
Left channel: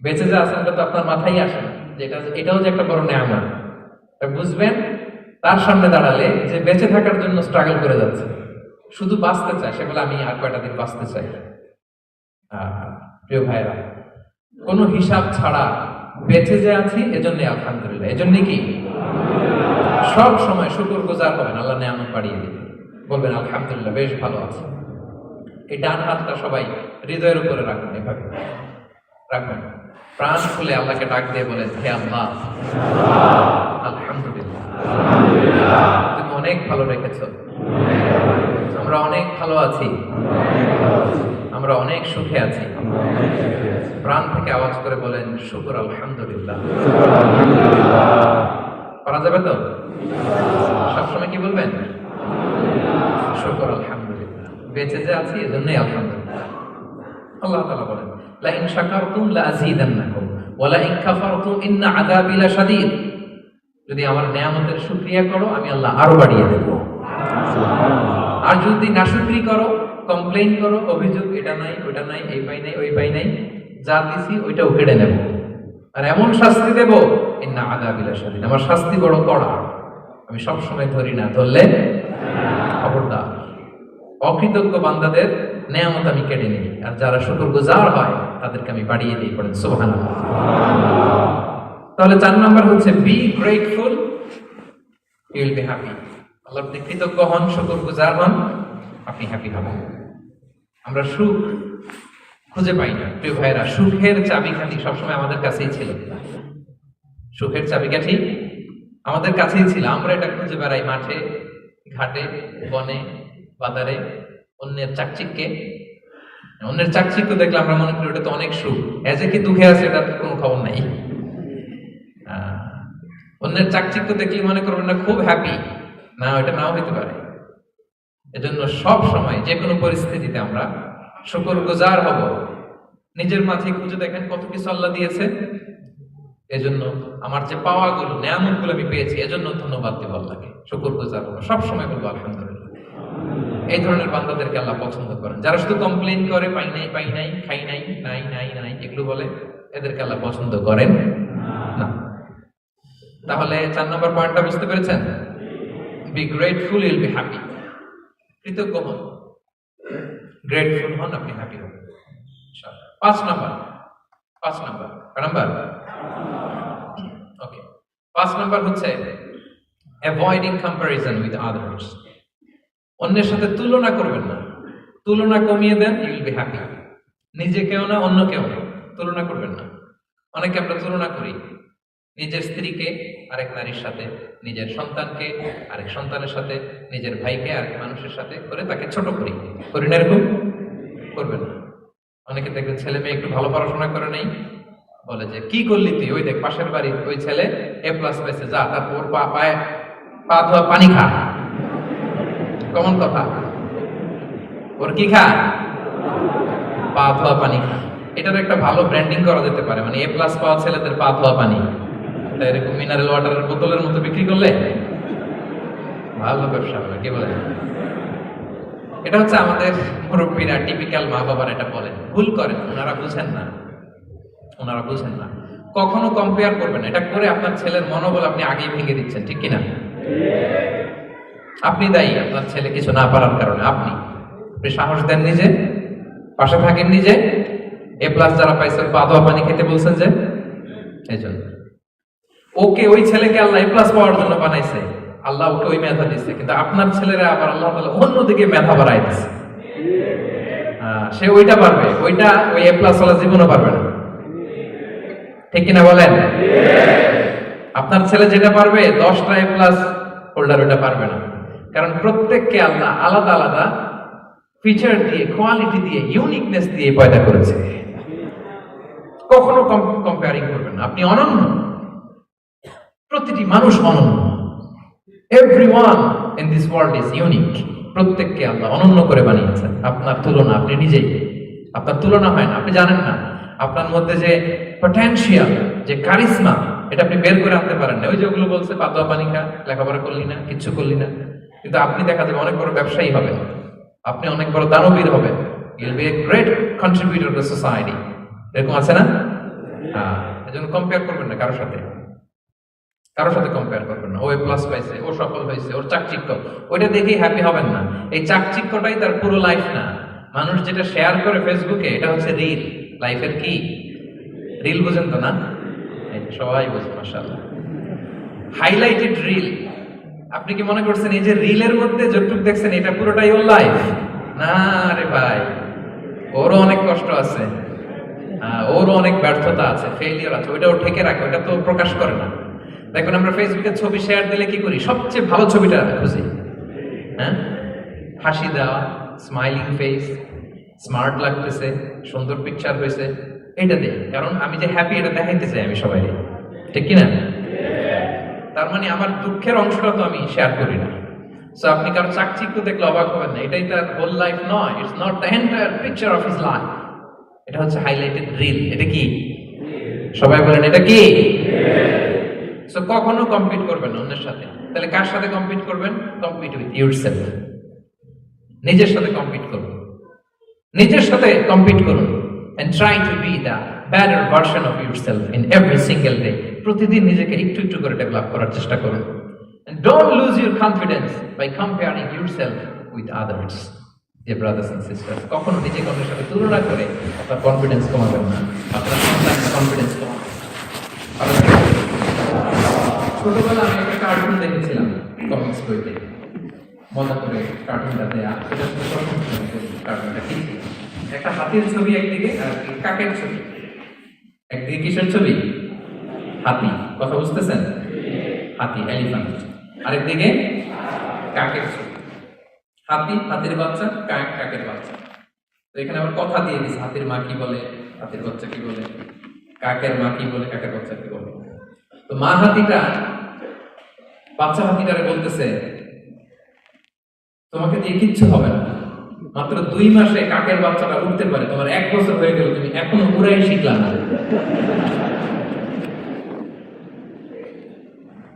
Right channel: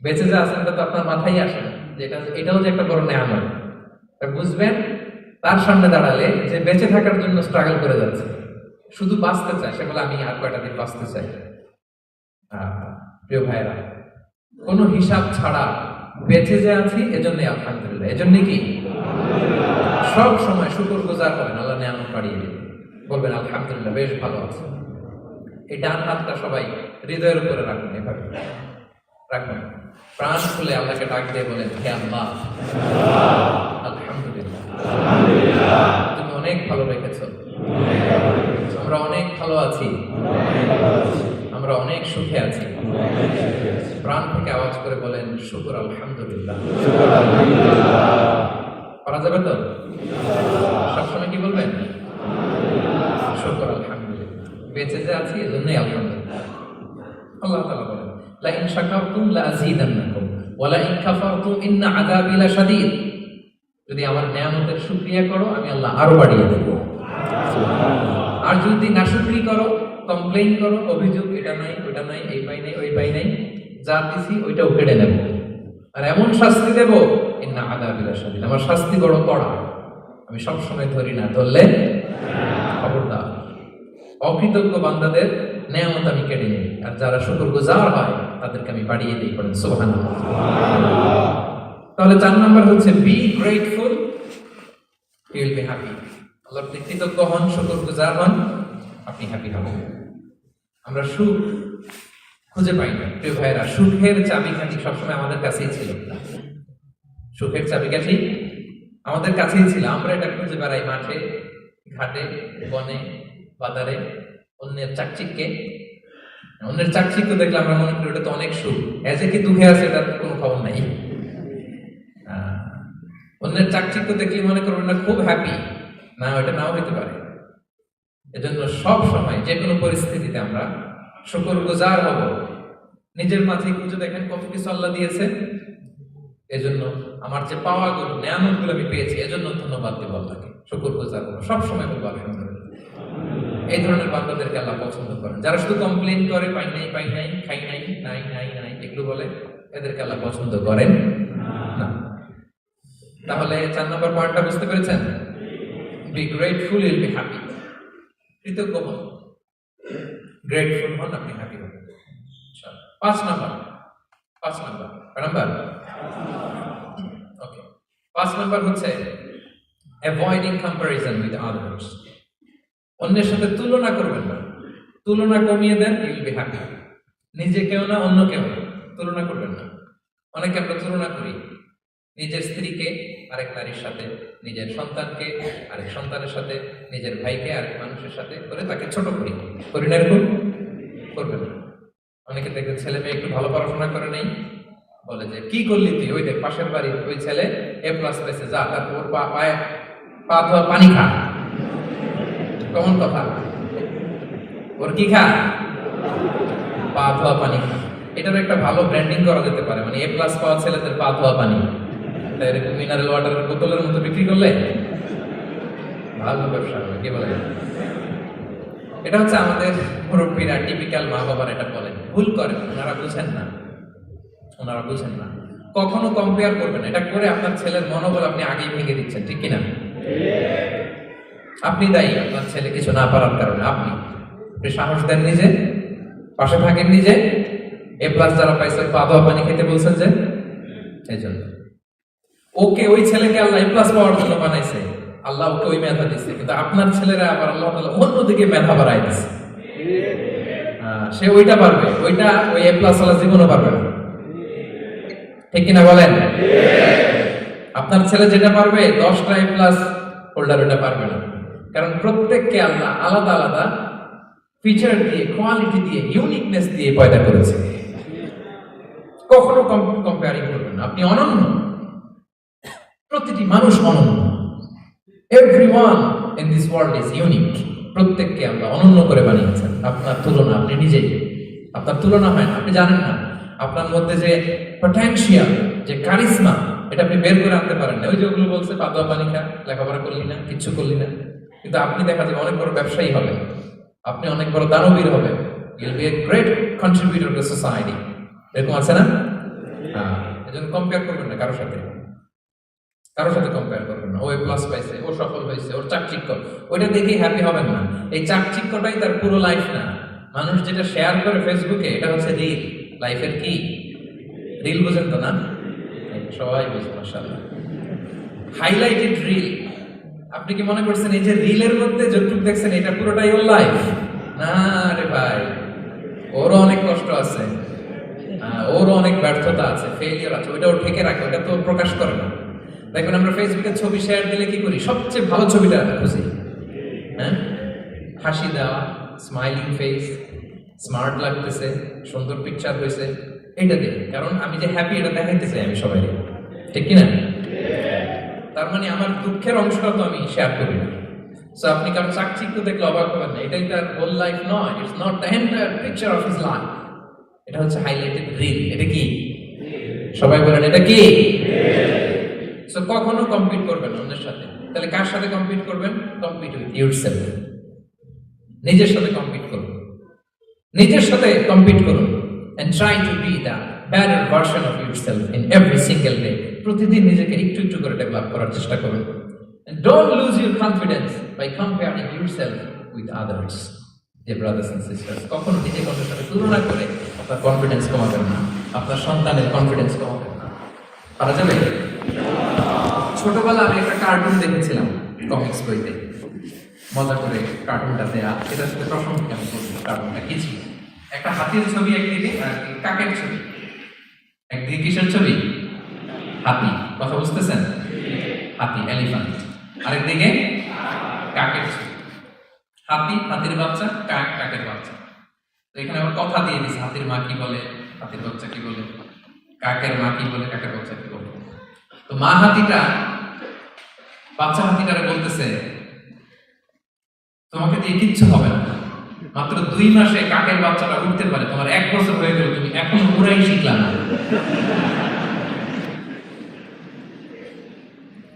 বেঁচে যা আছেন এটা তো আপনার মাথায় আসে না যে এটাও যে একটা বড় নেয়ামত। বুঝবেন তার সামনে দাঁড়ালে যে বেঁচে থাকার জন্য স্ট্রাগল করে যাচ্ছে, শুধু বাঁচতে চায়, সেগুলো আমি আর কয়টা দিন বাঁচতে চাই। প্রিয় ভাইরা, কোনো হিসাব ছাড়া বেঁচে যে আছি এজন্যই আলহামদুলিল্লাহ। এজন্যই কি সব সময় শুকর গুজার হবেন, আল্লাহ নেয়ামত বাড়িয়ে দিবেন, বলবেন আলহামদুলিল্লাহ বেশ ভালো আছে। এই ডান হাতটা সবাই হৃদয়ের উপরে রাখবেন, এভাবে রাখবেন, প্রাণ খুলে আল্লাহকে ডাক দিয়ে বলেন, হে আল্লাহ আলহামদুলিল্লাহ, তুমি অনেক ভালো রেখেছ, আমরা অনেক ভালো আছি, আমরা অনেক সুখে আছি। প্রাণ থেকে আওয়াজ করে বলেন, শুকর আলহামদুলিল্লাহ। পারা যাবে তো? সবসময় কি বলবেন? শুকর আলহামদুলিল্লাহ, বেঁচে যে আছি এজন্যই আলহামদুলিল্লাহ। আল্লাহ তাআলা বলেন, লা ইন শাকারতুম লা আযীদান্নাকুম ওয়া লা ইন কাফারতুম ইন্না আযাবি লাশাদীদ। যদি আমার নেয়ামতের শুকরিয়া করো আমি আল্লাহ আরো বাড়িয়ে দেব, আর যদি নাশুকরি করো, কমপ্লেইন করো, অভিযোগ এটা নাই, ওটা নাই, এই পাই নাই, ওই পাই নাই, যা দিছি ওইটাও কেড়ে নেব, আর এমন শাস্তি দেব, ইন্না আযাবি লাশাদীদ, আমার শাস্তি বড় কড়া, আমি সব সময় ধরি না, ধরলে খবরদার। অকৃতজ্ঞ বান্দাদের নেয়ামত আমি কেড়ে নিই, আর যারা শুকরগুজার হয় তাদেরকে আমি বাড়িয়ে দিই। পড়েন সুবহানাল্লাহ। তাহলে 4 নম্বর হচ্ছে be grateful, you will be happy. আল্লাহর প্রতি কৃতজ্ঞ হন, শুকরগুজার হন, আপনি হ্যাপি হবেন। আমরা সুখ খুঁজে পাই না প্রিয় ভাইরা, সুখের চাবিকাঠি সবসময় আমাদের কাছেই ছিল। সুখের চাবিকাঠি আমাদের কাছেই ছিল, আমরা এটা খুঁজে বেড়াই মাঠে, ঘাটে, বনে, বাজারে, অন্যের চাকচিক্য দেখলে আমরা মনে করি ওটা তো অনেক সুখ, এজে কি দুঃখে আছে এটার কোনো খবর নাই। অন্যের চাকচিক্য দেখলে মনে করবেন না খুব হ্যাপি, না, ওটা নাও হইতে পারে। এজন্য সব সময় যে কোনো পরিস্থিতিতে আমরা শুকরগুজার হব। নিজের মাঝে খুঁজে দেখেন কত কিছু আল্লাহ দিয়েছে, এজন্য আমার যে পাওয়াগুলো, নেয়ামতগুলো আমি পেয়েছি, এজন্য ধন্যবাদ দেব আল্লাহকে, শুকরগুজার হব, সব সময় বলবো আলহামদুলিল্লাহ। এই ধরনের বান্দাদেরকে আল্লাহ পছন্দ করেন। যারা শুধু কমপ্লেইন করে, পাই নাই, খাই নাই, নাই এগুলো বলে, এদেরকে আল্লাহ পছন্দ করেন না। তাহলে 4 নম্বর পয়েন্টটা বুঝতে পেরেছেন? Be grateful, you'll be happy. কৃতজ্ঞ হন, গ্রেটফুল হন, আপনি হ্যাপি হবেন। 5 নম্বর ওকে, 5 নম্বর হচ্ছে অ্যাভয়েডিং কম্প্যারিজন উইথ আদার্স। অন্যের সাথে তুলনা করবেন না, তুলনা কমিয়ে দেন, ইউ উইল বি হ্যাপি। নিজে কেউ না, অন্য কেউ না, তুলনা করবেন না। অনেকে আমরা তুলনা করি, নিজের স্ত্রীকে আরেক নারীর সাথে, নিজের সন্তানকে আরেক সন্তানের সাথে, নিজের ভাইকে আরেক মানুষের সাথে করে তাকে ছোট করি না, এরকম করবেন না। অনেকে দেখবেন ছেলে মেয়ে একটু ভালো পড়াশোনা করে নেই, বলে যে কি করলি তুই, ওই দেখ পাশের বাড়ির ওই ছেলে A+ পেয়েছে, যা তারপর পায়ে পা ধোয়া পানি খা। কেমন কথা, ওর কি খা? পা ধোয়া পানি খা। এটার একটা ভালো ব্র্যান্ডিং করা যেতে পারে, মানে এ প্লাস পাওয়া ছেলেদের পা ধোয়া পানি, তাই এরকম মিনারেল ওয়াটারের বোতলের মতো বিক্রি করলে ভালো ব্যবসা হবে, কি বলে? এটা হচ্ছে আমাদের মুরব্বীরা টিপিক্যাল মা বাবার এটা বলেন, ভুল করেন, ওনারা বুঝেন না, ওনারা বুঝেন না। কখনো কম্পেয়ার করবেন, এটা করে আপনার ছেলের মনোবল আপনি আগেই ভেঙে দিচ্ছেন, ঠিক কিনা? আপনি দায়ী আপনার ছেলে কিছু না পারার কারণে। আপনি সাহস দেন নিজে, পাশে থাকেন নিজে, এ প্লাস যারা পাইছে পা ধোয়া পানি খেতে বলছেন যে, এই জন্য ওকে, ওই ছেলেকে আল্লাহ এ প্লাস পাওয়ার জন্য বানাইছে, আল্লাহ ওকে ওই মেধা দিচ্ছে, কিন্তু আপনার ছেলেরা আবার আল্লাহ তাআলা অন্যদিকে মেধা বাড়াই দিচ্ছে। সে ওইটা পারবে, ওইটা ওই এ প্লাস ওয়ালা জীবনও পারবে না, ঠিক কিনা বলেন? আপনার ছেলে যেটা পারবে 10টা এ প্লাস হোল্ডার ওটা পারবে না, কারণ প্রত্যেককে আল্লাহ আলাদা আলাদা ফিচার দিয়ে, কোয়ালিটি দিয়ে, ইউনিকনেস দিয়ে পয়দা করেছে। কখনো কম্পেয়ারিং করবেন না, আপনি অনন্য, প্রতিটি মানুষ অনন্য। Everyone in this world is unique. প্রত্যেককে আল্লাহ অনন্য করে বানিয়েছেন। আপনার তুলনা, আপনি নিজেই আপনার তুলনা হয় না, আপনি জানেন না আপনার মধ্যে যে পটেনশিয়াল, যে কারিশমা, এটা আপনি বের করে আনতে পারেন না। ওই যে ওগুলো বলছে পাতোয়া পানি খা, লেখাপড়া করলি না, কিচ্ছু করলি না, কিন্তু আপনি দেখা যাবে অনেক বড় ব্যবসায়ী হবে, আপনি অনেক বড় দানবীর হবে, you'll B a great contributor two society. এরকম আছে না? এজন্য কম্পেয়ার করবেন না কারোর সাথে, কারোর সাথে কম্পেয়ার করবেন না। ও এ প্লাস পাইছে, ও সফল হয়েছে, ওর চাকচিক্য, ওইটা দেখেই হ্যাপি হবেন না। এই চাকচিক্যটাই তার পুরো লাইফ না। মানুষ যেটা শেয়ার করে ফেসবুকে, এটা হচ্ছে রিল। লাইফের কি রিল? বুঝেন তো না? সবাই বুঝে, মাশাআল্লাহ। Highlighted reel. আপনি কি মনে করছেন এই যে রিলের মধ্যে যতটুকু দেখছেন এটা পুরোটাই ওর লাইফ? না রে ভাই, ওরও অনেক কষ্ট আছে, ওরও অনেক ব্যর্থতা আছে, ফেলিয়ার আছে, ওইটা ও ঠেকে রাখে, ওটা তো প্রকাশ করে না। দেখবেন আমরা ফেসবুকে ছবি শেয়ার দিলে কি করি? সবচেয়ে ভালো ছবিটা খুঁজি, হ্যাঁ? হাসি দেওয়া, স্মাইলিং ফেস, স্মার্ট লাগতেছে, সুন্দর পিকচার হয়েছে, এটা দেখি, কারণ আমি যে হ্যাপি এটা দেখাইতে চাই আমি সবাই, ঠিক কিনা? তার মানে আমার দুঃখের অংশটা তো আমি শেয়ার করি না। সো আপনি কারো চাকচিক্য দেখলে অবাক হবেন না, এটাই তার হোল লাইফ নয়। It's not the entire picture of his life. এটা হচ্ছে হাইলাইটেড রিল। এটা কি? সবাই বলেন এটা কি? সো কখনো কম্পিট করবেন না অন্যের সাথে। তাহলে কার সাথে কম্পিট করবেন? Compete with yourself. নিজের সাথে কম্পিট করুন, নিজের সাথে কম্পিট করুন, and try to be the better version of yourself in every single day. প্রতিদিন নিজেকে একটু একটু করে ডেভেলপ করার চেষ্টা করুন। And don't lose your confidence by comparing yourself with others. Dear brothers and sisters, কখনো নিজেকে অন্যের সাথে তুলনা করে আপনার কনফিডেন্স কমাবেন না, আপনার সন্তানের কনফিডেন্স কমাবেন। ছোটবেলা আমি একটা কার্টুন দেখেছিলাম কমিক্স বইতে, মজা করে কার্টুনটা দেয়া, সেটার সাথে সবসময় কার্টুনটা কি ছিল? একটা হাতির ছবি একদিকে, আর কাকের ছবি একদিকে। কিসের ছবি? হাতি। কথা বুঝতেছেন? হাতি, এলিফ্যান্ট। আরেকদিকে কাকের ছবি। হাতি, হাতির বাচ্চা, কাক, কাকের বাচ্চা। তো এখানে আবার কথা দিয়ে দিচ্ছে, হাতির মা কি বলে, হাতির বাচ্চা কি বলে, কাকের মা কি বলে, কাকের বাচ্চা কি বলে। তো মা হাতিটা বাচ্চা হাতিটারে বলতেছে, তোমাকে দিয়ে কিচ্ছু হবে না, মাত্র 2 মাসে কাকের বাচ্চাটা উঠতে পারে, তোমার 1 বছর হয়ে গেল, তুমি এখন উড়াই শিখলা না।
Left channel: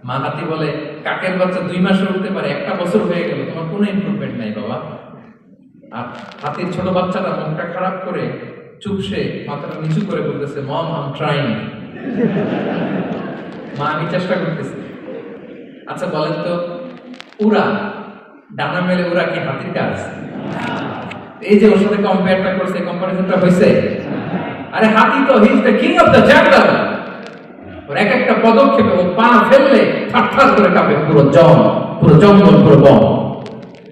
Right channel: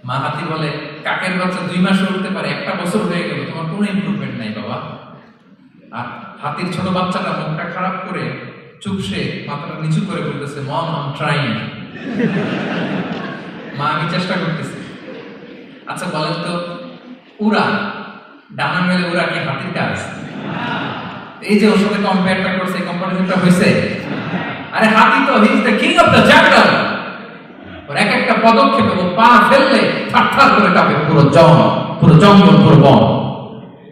মা হাতি বলে, কাকের বাচ্চা 2 মাসে উঠতে পারে, 1 বছর হয়ে গেল, তোমার কোনো ইমপ্রুভমেন্ট নাই বাবা। আর হাতির ছোট বাচ্চাটা মুখটা খারাপ করে চুপসে মাথাটা নিচু করে বলতেছে, মম আই এম ট্রাইং। মা, আমি চেষ্টা করতেছি। আচ্ছা বলেন তো, উড়া, ডানা মেলে উড়া কি হাতির কাজ? এই যে ওর সাথে কম্পেয়ারটা করছে, কম্পারিজনটা হয়েছে? আরে হাতি তো he is the king of the jungle. ওর এক একটা পদক্ষেপে ও পা ফেললে থারথার করে কাঁপে পুরো জঙ্গল, পুরো বন।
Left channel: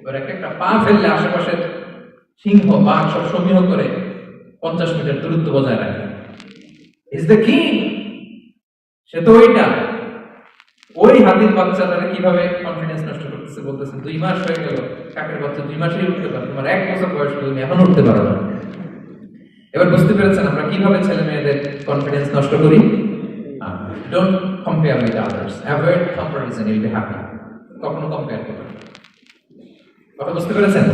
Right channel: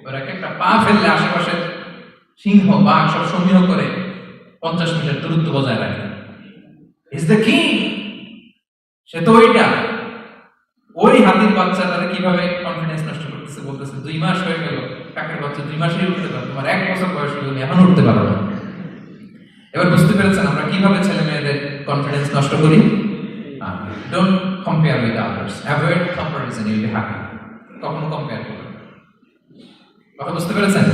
ওর এক একটা পা ফেললে আশেপাশে সিংহ, বাঘ সব সমীহ করে 50 মিটার দূরত্ব বজায় রাখে। Is the king. সে তো ওইটা। ওই হাতির বাচ্চা তারা কিভাবে কনফিডেন্স নষ্ট করতেছে, বলতেছে 2 মাস হয়ে গেল, কাকের বাচ্চা 2 মাসেই উঠতে পারে, তোমার 1 বছর বয়স হলো, তুমি এখন উঠতে পারো না। এবার বুঝতে পেরেছেন আমরা কিভাবে ছেলে মেয়েদের কনফিডেন্স নষ্ট করি? Don't compare with others, avoid comparison, you'll be happy. কখনো কম্পেয়ার করবেন না। কথা বুঝতে পেরেছেন?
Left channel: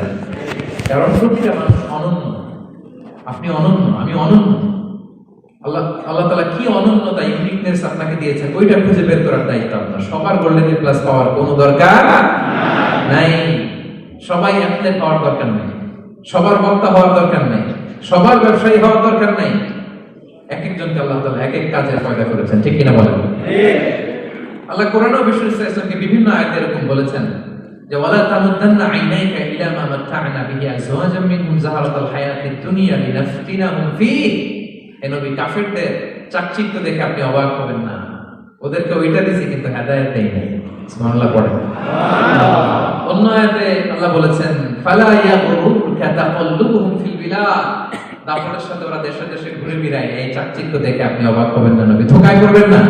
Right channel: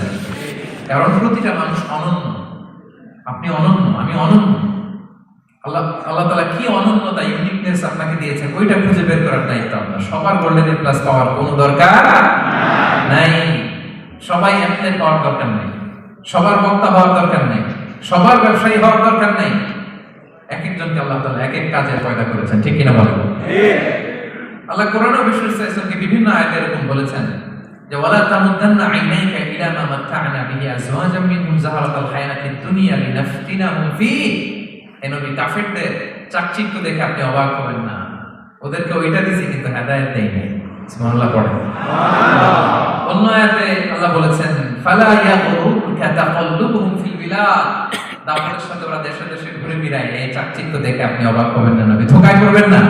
কারণ প্রতিটা মানুষ অনন্য। আপনি অনন্য, আমি অনন্য। আল্লাহ আল্লাহ তাআলা কি অনন্যতা ইউনিকনেস আপনাকে দিয়েছেন ওইটা খুঁজে বের করার দায়িত্ব আপনার। সবার গোল্ডেন এ প্লাস পাওয়ার কোনো দরকার নাই, সবাই অ্যাথলেট হওয়ার দরকার নেই, সবার বক্তা হওয়ার দরকার নেই, সবার ব্যবসায়ী হওয়ার দরকার নেই। এক একজনকে আল্লাহ তাআলা এক এক কাজে পয়দা করেছেন, ঠিক কিনা বলেন? আল্লাহ কোরআনে বিষ্ণু সাল্লাল্লাহু বিভিন্ন আয়াতে এরকম বলেছেন যে ওয়ালা তামুদ্দান্না আইনাইকা ইলা মা মাত্তা'না বিহি আজওয়াজাম মিনহুম যাহারাতাল হায়াতিদ দুনিয়া লিনাফতিনাহুম ফীহি। এই নবী কাফিরদের চাকচিক্য দেখে আপনি অবাক হবেন না, ওদেরকে ওইটা দিয়েছি কিন্তু হেদায়েত দেই নাই। সুবহানাল্লাহ পড়েন। অন্য আয়াতে আল্লাহ বলেছেন ফালা ইয়াগরুরকা তাকাল্লুবুহুম ফিল বিলাদ। দাপটের সাথে ওরা দেশে দেশে ঘুরে বেড়ায়, এই চাকচিক্য দেখে আপনি অবাক হবেন না, নবী ধোঁকায় পড়বেন না।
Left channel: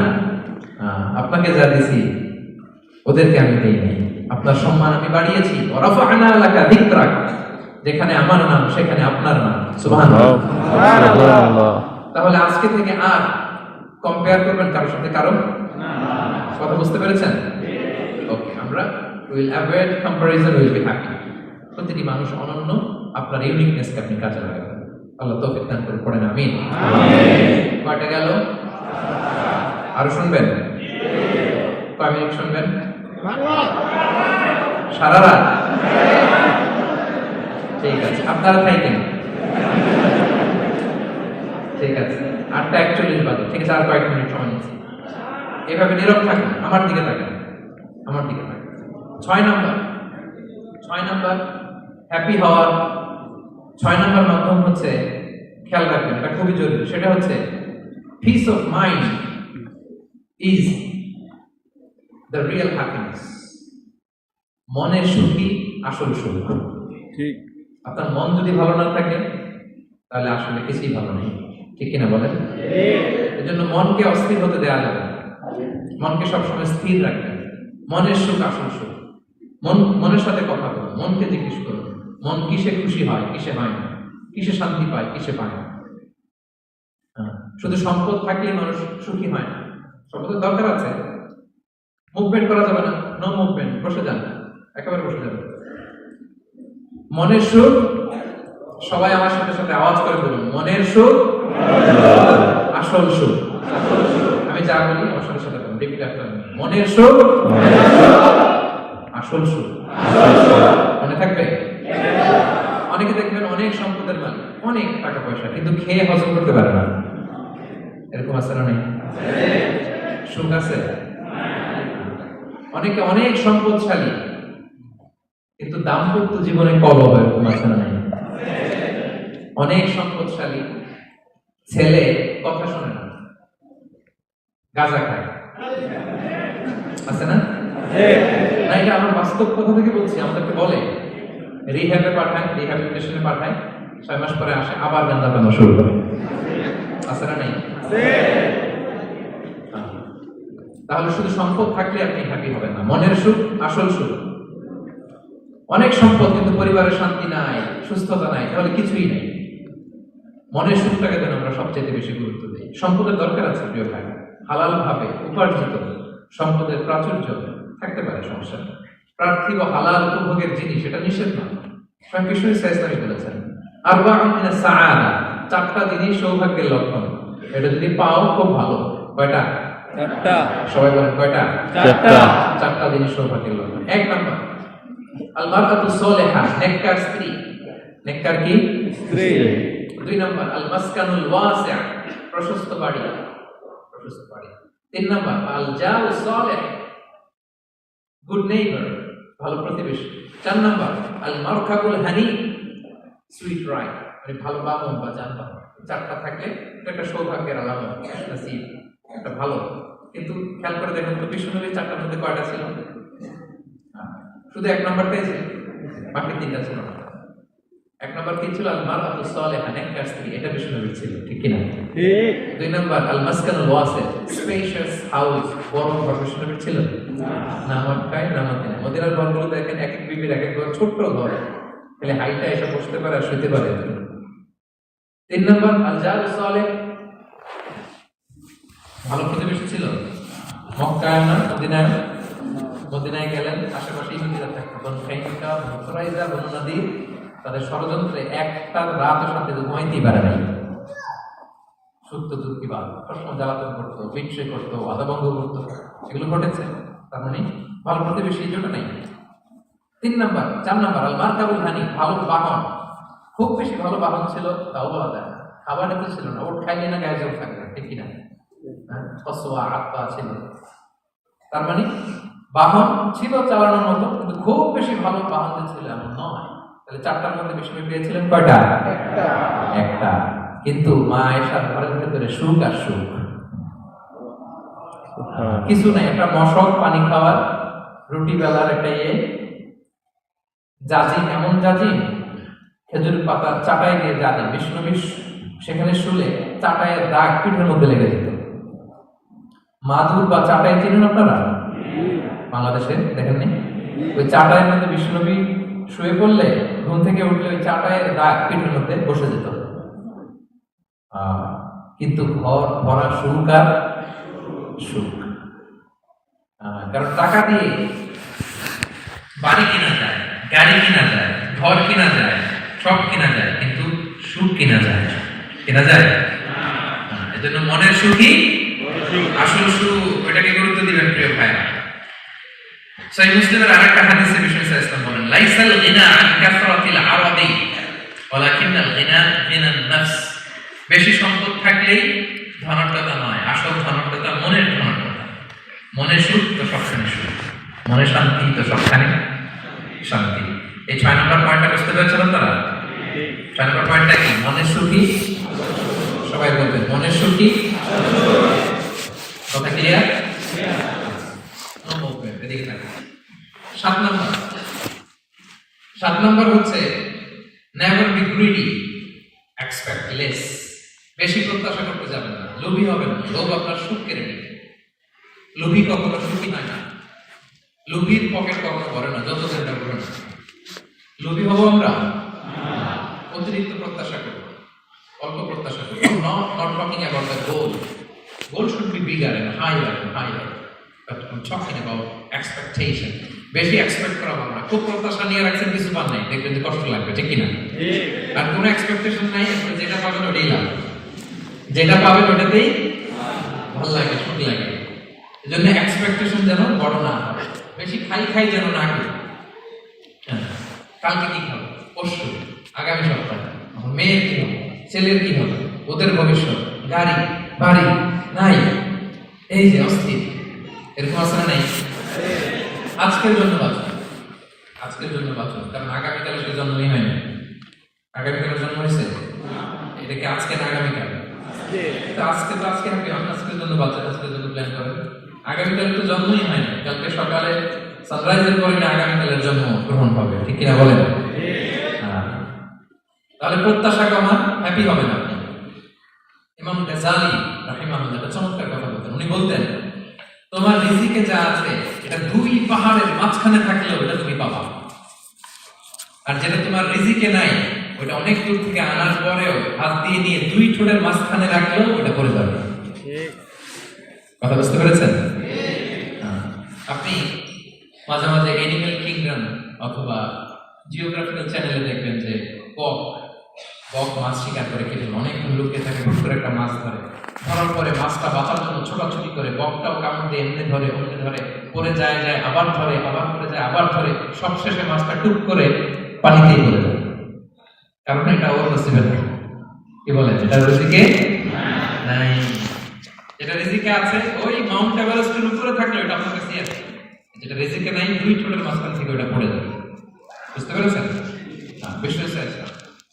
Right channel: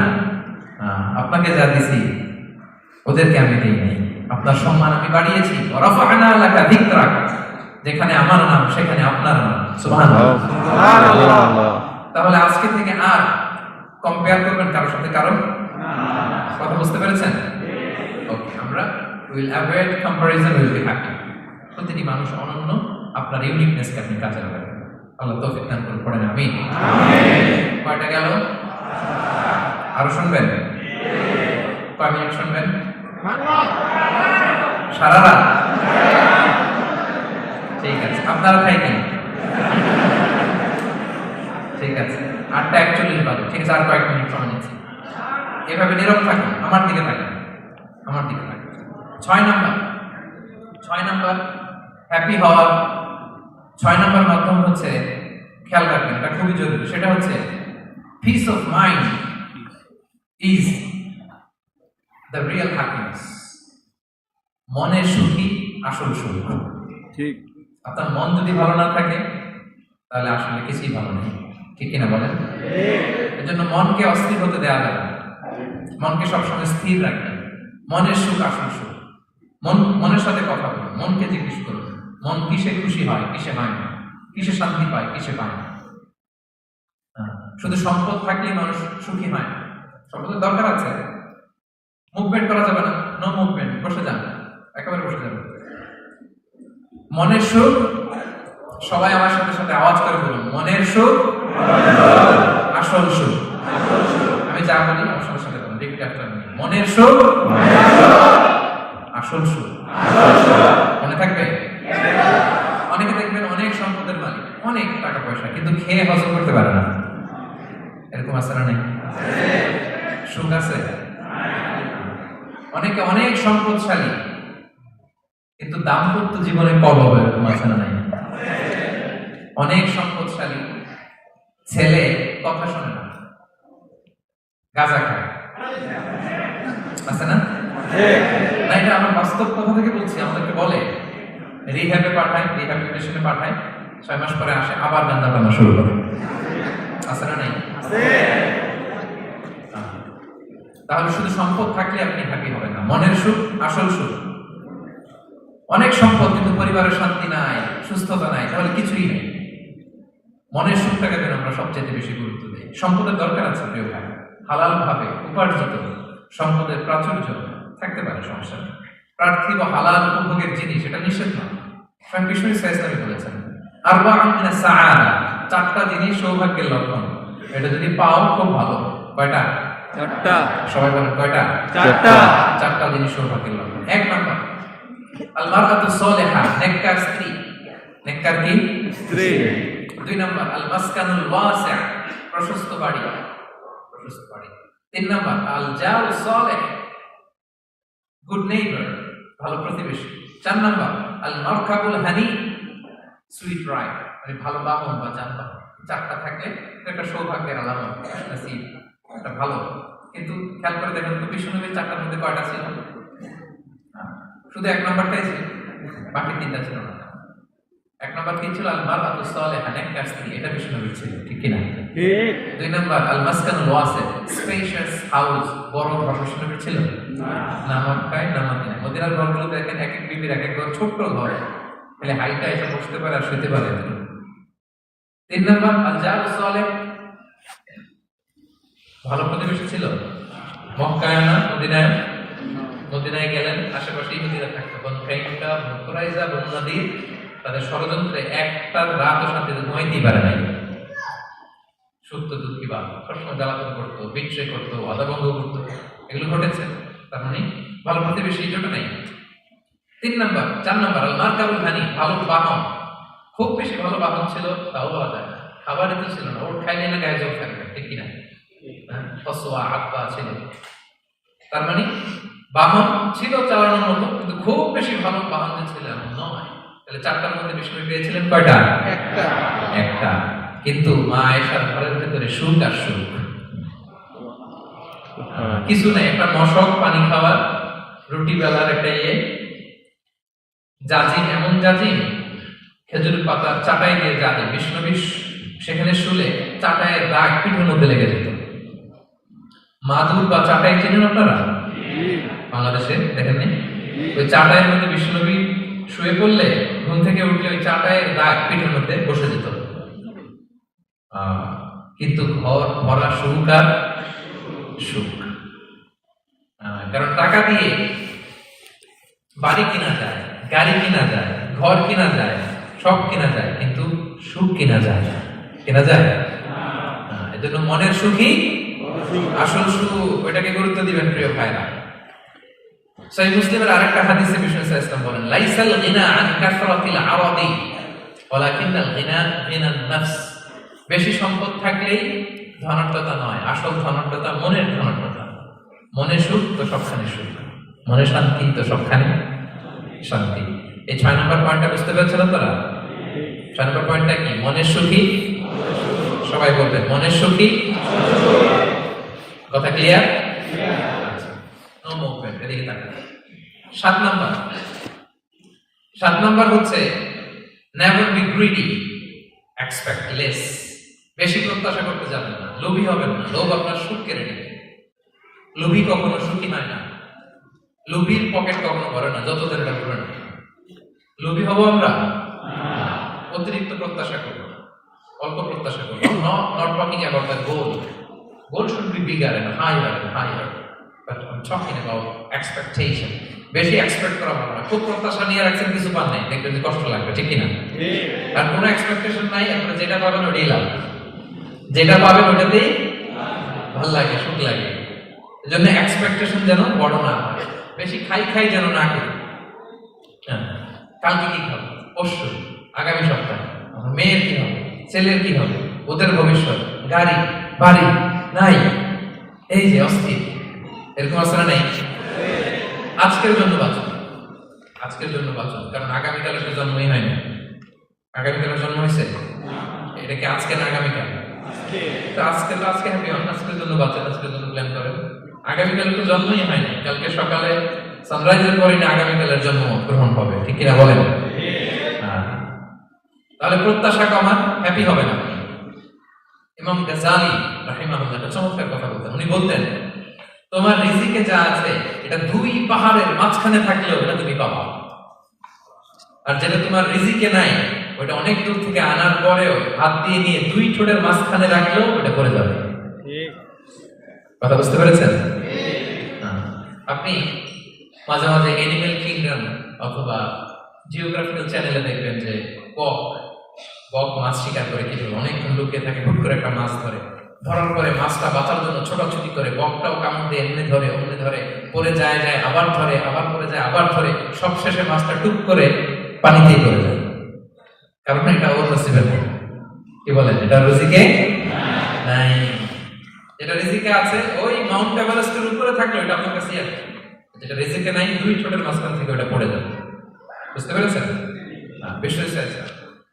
আপনাকে যা দিছি ওদেরকে আমি দেই নাই। আপনার সম্মান আমি বাড়িয়েছি। ওয়ারাফা'না লাকা যিকরাক, যেখানে আমার নাম সেখানে আপনার নাম। সুবহানাল্লাহ। তাহলে আজকে থেকে আর কম্পেয়ার করবেন কারোর সাথে কারো না। কথা বুঝতে পেরেছেন? ওকে, আমরা will avoid comparison, will be happy. প্রতিটি মানুষ অনন্য, আপনার ইউনিকনেসকে আপনি কাজে লাগাবেন। আল্লাহ তৌফিক দান করুন, পড়েন আমিন। কয়টা গেল? আরো শুনবেন? কয় মিনিট শুনবেন? সারা রাত? ঠিক আছে, আপনারা থাকেন। ঠিক আছে, 8:41 বাজে। ঠিক আছে, আর কয়েক মিনিট সময় নিচ্ছি। এভাবে নীরব থাকুন, আমার দিকে থাকুন, আমার দিকে থাকুন। 6 নাম্বার হ্যাপি হওয়ার 6 নাম্বার মাধ্যম হচ্ছে, খেয়াল রাখবেন, এটা খুবই জরুরি। সেটা হচ্ছে piece of mind is the real happiness. মনের সুখই আসল সুখ। ঠিক। আপনার মন যদি ভালো না থাকে তাহলে আসলে কিছুই ভালো নেই, ঠিক কিনা বলেন? এজন্য মনকে অস্থির হতে দেওয়া যাবে না, মনকে সবসময় স্থির রাখবেন। মনের সুখ আসল সুখ। মনের সাথে কথা বলুন, মনকে জিজ্ঞেস করুন মন কিসে খুশি হয়, কিসে হয় না, কিসে শান্তি পায়, কিসে পায় না। শুধু সম্পদ থাকলেই মানুষ সুখী হয় না, সম্পদের দরকার আছে। মুভমেন্ট করা যাবে না, নো মুভমেন্ট, বসে যান, একেবারে বসে যান। মনের সুখ, সবাই আমার সাথে সাথে আওয়াজ করে বলুন, মনের সুখ আসল সুখ। আমি যা বলি আমার সাথে সাথে বলুন, রিপিট আফটার মি। মনের সুখ আসল সুখ। মনে থাকবে? অনেকে দেখবেন অনেক সম্পদের মালিক, অনেক টাকা পয়সা, কিন্তু খেয়ে হজম করতে পারে না। এরকম আছে না? নাই? সুখ আছে? অনেকে অনেক সম্পদশালী কিন্তু দাম্পত্য জীবনে কলহ, এরকম আছে না? নাই? অনেক সম্পদশালী ছেলে কথা শোনে না, গাঁজা খায়, আছে না? না, এটা আমার বাস্তব কথা থেকে বলছি। আমাদেরকে বলে রিহ্যাবে পাঠায়, রিহ্যাবিলিটেশনে পাঠায়, 6 মাস পরে আসে আবার গাঁজা বানা শুরু করে, আছে না? নাই? তাহলে শুধু সম্পদ থাকলে আপনি হ্যাপি হবেন না। মনের সুখ আসল সুখ। অনেক সম্পদ কিন্তু পরিবারের শান্তি নাই, সুস্থতা নাই, তাহলে কিছুই নেই। মনের সুখটাকে যেন আমরা সবচেয়ে বেশি গুরুত্ব দিই। সম্পদের দরকার আছে প্রিয় ভাই, হালাল ভাবে উপার্জিত সম্পদের প্রাচুর্য থাকতে পারে, সমস্যা নেই। পার্থিব হালাল উপভোগের জিনিস, এটা নিষেধ নয়। স্বয়ং বিষ্ণু ইসলামী বলেছেন আরবাউন মিনাস সাআদা, 4টা জিনিস সৌভাগ্যের লক্ষণ। এটা যদি পাও খুব ভালো। কয়টা? 4টা। সবাই বলেন কয়টা? 4টা জিনিস সৌভাগ্যের লক্ষণ। 1 নাম্বার আল মারআতু সালিহা, নেককার স্ত্রী। নেককার কি? স্ত্রী। 2 নাম্বার আল মাসকানুল ওয়াসি', প্রশস্ত বাড়ি, প্রশস্ত বাড়ি। 3 নাম্বার আল জাউ সালিহ, গুড নেইবার, ভালো প্রতিবেশী। 4 নাম্বার আল মারকাবুল হানি, সুইট রাইড, মানে ভালো বাহন বা যানবাহন। 4টা থাকলে এটা একটা সৌভাগ্যের আলামত, নসিব, এটা ভালো। কিন্তু খেয়াল করে দেখুন তো বিষ্ণুনবী 4টার মধ্যে কয়টা ছিল? শুধু 1 নাম্বারটাই ছিল, বাকি 3টা ছিল না। 1 নাম্বার কি ছিল? আল মারআতু সালিহা, নেককার স্ত্রী, এটা বিষ্ণুনবীর ছিল, ঠিক কি না? ঠিক। 2 নাম্বার আল মাসকানুল ওয়াসি', স্পেশিয়াস হাউস, বড় ঘর, বিষ্ণুনবীর ছিল না। না মক্কায় না মদিনায়। মদিনার ঘরগুলো দেখেন এক এক বিবির এক এক ঘর, ছোট্ট ঘর, তাহলে হাইটা এসে বসতে পারে আর শুতে পারে। 3 নাম্বার আল জাউ সালিহ, ভালো প্রতিবেশী ছিল। মক্কায় না মদিনায়? মদিনায় গেলেন, আশেপাশে ইহুদিরা থাকতো, বনু কাইনুকা, বনু কুরাইজা, বনু নাদির। তাদের ষড়যন্ত্রে একটা রাতও শান্তিতে ঘুমাইতেই পারে নাই। সত্য দুধ কি বাদ সবসময় জ্বালাতন করতো, বিট্রে করতো, আদা বন্ধ করতো, এগুলো ঘটেছে। তার মানে ভালো প্রতিবেশী জোটে নাই। 4 নাম্বার আল মারকাবুল হানি, ভালো বাহন। খুব বেশি ভালো বাহন ছিল তাও বলা যায় না, খাবার এত ছিল না, ওর খাইলে না গায়ে জল থাকবে, ঠিক কিনা? ফসোয়া আব্বা ছিল। তার মানে বাহন ছিল চালানোর মতো, কিন্তু খুব বেশি ভালো বাহন যে ছিল এমন নয়। তাহলে 4টার মধ্যে বিষ্ণু পেয়েছিলেন কয়টা? একটা। কিন্তু মা আয়েশার ঘরের ভেতরে সুখ আর সুখ, কিছু নাই। একটা মশক, পানি খাওয়ার, রুটি বেলার একটা জাজিম, এমন জাজিম খেজুর পাতা চাটাই দিয়ে জাজে বিষ্ণু সেখানে শুলে চাটাইয়ের দাগ পিঠের মধ্যে লেগে যেত। মাদুর বা চাটাই চেনেন আপনারা? বাংলাদেশে দেখেননি? ওই চাটাইয়ের মধ্যে বিষ্ণুনবী শুয়ে পড়লে ঘুম থেকে উঠলে ওই চাটাইয়ের দাগ পিঠের মধ্যে বসে যেত। কিন্তু ঘর ভরা সুখ আর সুখ। কারণ টাকা দিয়ে বাড়ি কিনা যায়, গাড়ি কিনা যায়, ঘর কিনা যায়, সব কিনা যায়, কিন্তু সুখ কিনা যায় না। কিনা যায়? এজন্য মনের সুখই আসল সুখ, ওইটাকে গুরুত্ব দিবেন প্রিয় ভাইরা। সহিহ মুসলিমের আরেকটা হাদিসে বিষ্ণু সাল্লাল্লাহু আলাইহি ওয়াসাল্লাম বলেন, লাইসাল গিনা আন কাসরাতিল আরাদি ওয়ালাকিন্নাল গিনা গিনান নাফস। বেশি সম্পদ থাকলেই ধনাঢ্যতা নয়, আসল ধনাঢ্যতা মনের ধনাঢ্যতা। মনে সুখ তো সবখানে সুখ, মনে শান্তি তো সবখানে শান্তি। এই 6 নম্বর পয়েন্টটা বুঝতে পেরেছেন আপনারা? 6 নম্বর পয়েন্টটা কি? মনের সুখী। সবাই বলবেন মনের সুখী। কথা ক্লিয়ার? নো মুভমেন্ট, এদিকে তাকান। 7 নম্বর হচ্ছে never be greedy, expect less. বেশি প্রত্যাশা করতে যাবেন না, লোভী হবেন না। লোভ আপনার সুখ কেড়ে নেবে। লোভী কখনো সুখী হয় না, লোভীর পকেট কখনো ভরে না, যত চিন্তা করবেন। লোভী হবো আমরা? অতিরিক্ত প্রত্যাশা করবো, অল্প প্রত্যাশা করবো। not talking about the goal. Goal should be bigger and higher and higher. But I'm talking about expectation. বেশি এক্সপেক্ট করা ভালো না। খুব প্রত্যাশা নিয়ে রাখছেন, কিছু পান নাই, দেখবেন যে কষ্ট লাগবে, ঠিক কিনা? আর কোনো এক্সপেকটেশন নাই, আপনি যেটা পাবেন ওটাই লাভ। যেটা পাবেন ওটাতেই ভালো লাগে, সুখ লাগে। এজন্য এক্সপেকটেশন যেন বড় না হয়, বেশি খাই যেন না করি। কালকে কি হবে, পরশু, আগামী সপ্তাহে মেয়ের কি হবে, ছেলের কি হবে, ওদের ভবিষ্যৎ, গাড়ি বাড়ি নাই, এই যে অস্থির, এরকম আসলে নাই। আজকের জন্য বাঁচুন, আজকের জন্য বাঁচুন, কারণ আগামীকালের তো জন্মই হয় না। আগামীকালের জন্ম হয়েছে, এটা কি আজকে না আগামীকাল? আজকে হ্যাপি হন, আজকের জন্য বাঁচেন, আজকের জন্য প্ল্যান করেন। আগামীকালের তো জন্মই হয় না, কালকে সকালে সানরাইজের পরে না আগামীকালের জন্ম গ্রহণ হবে, ঠিক কিনা বলেন? তাহলে প্রত্যাশা কমান, হ্যাপি হবে না। ইমাম গাজ্জালি রাহিমাহুল্লাহ একটা চমৎকার কথা বলতেন। উনি বলতেন, তোমার রিজিকে যা আছে এটা 2 পাহাড়ের মাঝখানে থাকলেও ওটা তুমি পাবা, আর যেটা তোমার রিজিকে নাই ওটা অনেক দূর থেকে আনার পরেও হাত দিয়ে নিয়ে 2 ঠোঁটের মাঝখানে রাখলেও ওটা পড়ে যাবে। কথা বুঝতে পেরেছেন? আপনি মাঝে মাঝে এনিম্যাল কিংডম অথবা জিওগ্রাফিক্যাল চ্যানেলে দেখবেন যে বক মাছ শিকার করে, কিন্তু অনেকক্ষণ লুকিয়ে থাকে, হুট করে একটা মাছ ধরে, ধরার পরে মাছটা বাঁচার জন্য ছোটাছুটি করে, বকটাও কামড় দিয়ে এমনি ধরে পরে যায়, আবার ধরে, আবার পরে যায়, আবার ধরে, সবশেষে মাছটা টুক করে পানিতেই পড়ে যায়। কারণ এটা ওর নসিবে নেই। কি বলেন? এটা রিজিকে নাই। এটা রিজিকে আছে ওই মাউন্ট এভারেস্টের উপরে থাকলে ওটা আপনার কাছেই আছে। যেটা রিজিকে নাই 2 ঠোঁটের মাঝখান থেকে ওটা পড়ে যাবে। বুঝতে পেরেছেন? বিষয় আছে।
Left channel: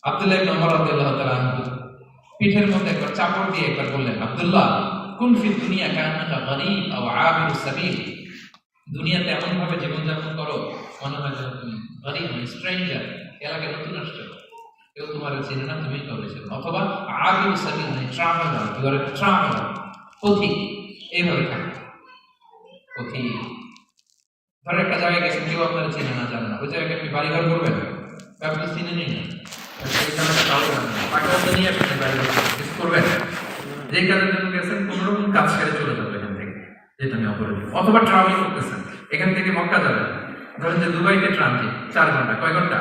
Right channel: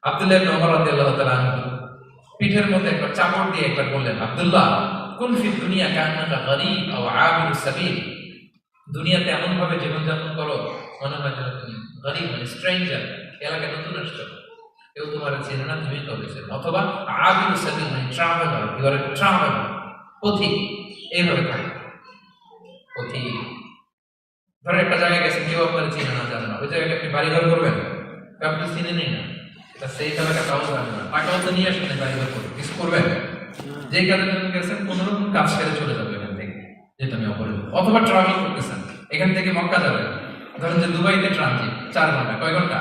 আব্দুল্লাহ ইবনে ওমর রাদিয়াল্লাহু তাআলা পিঠের মধ্যে একবার চাপড় দিয়ে একবার বললেন, আব্দুল্লাহ কুন ফি দুনিয়া কান্নাকা গরীব আও আবিরুস সাবিল। দুনিয়াতে এমন ভাবে জীবনযাপন করো মনে হয় যেন তুমি গরীব, মানে স্ট্রেঞ্জার, এলাকায় নতুন আসছো, কেউ তোমার চেনে না, তুমি কাউকে চেনো, অথবা আবিরুস সাবিল, মানে traveller, you are a traveller, পথিক। এইভাবে থাকে পথিক। ধরেন একটা জায়গায় গেছেন, কেউ আপনার চেনে না, জানে না, ওই জায়গায় আপনি বাড়িঘর করবেন, আপনি চিনে নেই না, সেই জায়গাটা কাউ জানে না, টাকাও তো নিয়ে আসবেন, বাড়িঘর কিছু করবেন, যেই কাজের জন্য গেছেন কোনো রকম কাজ সেরে চলে যাবে এখান থেকে, যেটা আমি অপরাধী। অথবা ট্রাভেল করতেছেন, এখান থেকে মক্কা যাবেন, ধরেন যে দুবাইতে ট্রানজিট 4 ঘন্টা, কয় ঘন্টা?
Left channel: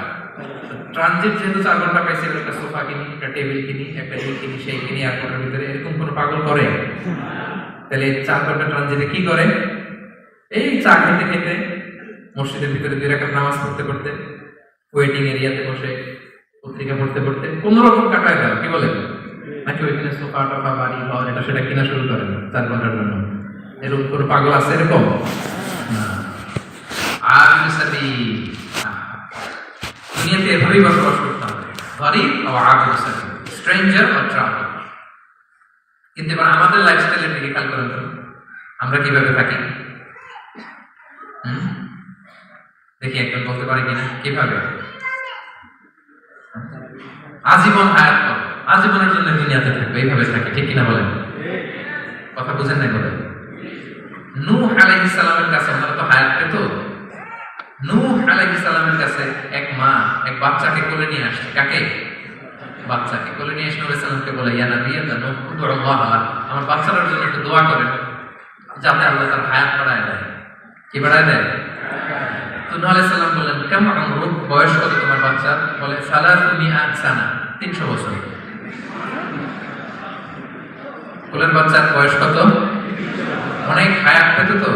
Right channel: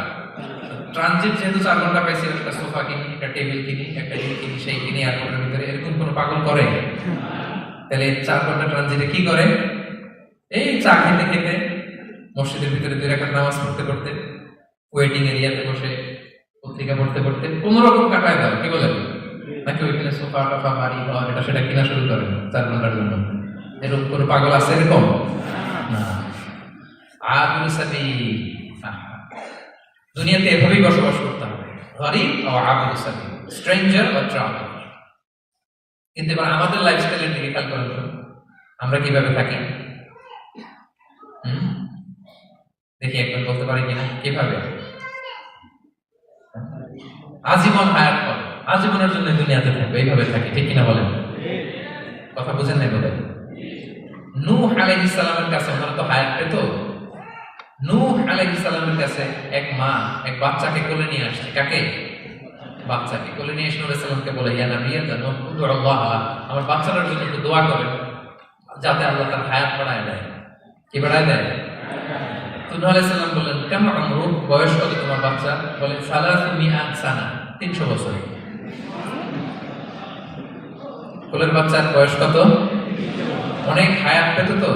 ট্রানজিট যেহেতু 4 ঘন্টা পাইছে, একটা সোফা কিনি, একটা টেবিল কিনি, একটা এই কিনি, সেই কিনি, এয়ারপোর্টের ভিতরে, এরকম কোনো পাগল করে? তাহলে 4 ঘন্টা ট্রানজিটে কি করে? এই চা খেতে খেতে, মসজিদের ভিতরে 2 রাকাত নামাজ পড়তে পড়তে, ওয়েটিং এরিয়াতে বসে পত্রিকা পড়তে পড়তে কোন রকম কাটায় দেয়, কি বলেন? নাকি ওইখানে সোফা টোফা বাড়ি ঘর এটা সেটা কিনা শুরু করেন 4 ঘন্টার জন্য? এরকম কোনো পাগল আছে এরকম? না। আবিরু সাবিল, দুনিয়াতে এভাবেই বসবাস করতে হবে, গরিব ও আবিরু সাবিল, স্ট্রেঞ্জার ও ট্রাভেলার। কিন্তু এবার আমাদের লাইফস্টাইলের দিকে খেয়াল করেন তো, আমরা কিভাবে থাকি? দেখি একজন বলতে পারি কিনা কিভাবে? আজীবন হায়াত পাবো, আজীবনের জন্য দুনিয়াতে থাকবে, এইভাবে থাকে, ঠিক কিনা বলেন? কথা বুঝেন না বলেন? নূহ আলাইহিস সালামের কাছে আমরা তো হায়াত পেত। নূহ আলাইহিস সালামের কাছে এক মা এক বাচ্চাকে কোলে নিয়ে আসে। কাকে? বাচ্চাকে কোলে নিয়ে এসে নূহ আলাইহিস সালামকে বলে, ইয়া নবী আল্লাহ, উদুল্লাহ, আমার বাচ্চাটার জন্য একটু দোয়া করেন যাতে আল্লাহ তার হায়াত বাড়ায় দেয়। কি বাড়ায় দেয়? তো নূহ আলাইহিস সালাম বললেন, কেমন আমরুক, বয়স কত তোমার বাচ্চার? বলে 300 সানা, 300 বছর। কোলের বাচ্চার বয়স কত? অনেক হায়াত পেত তো।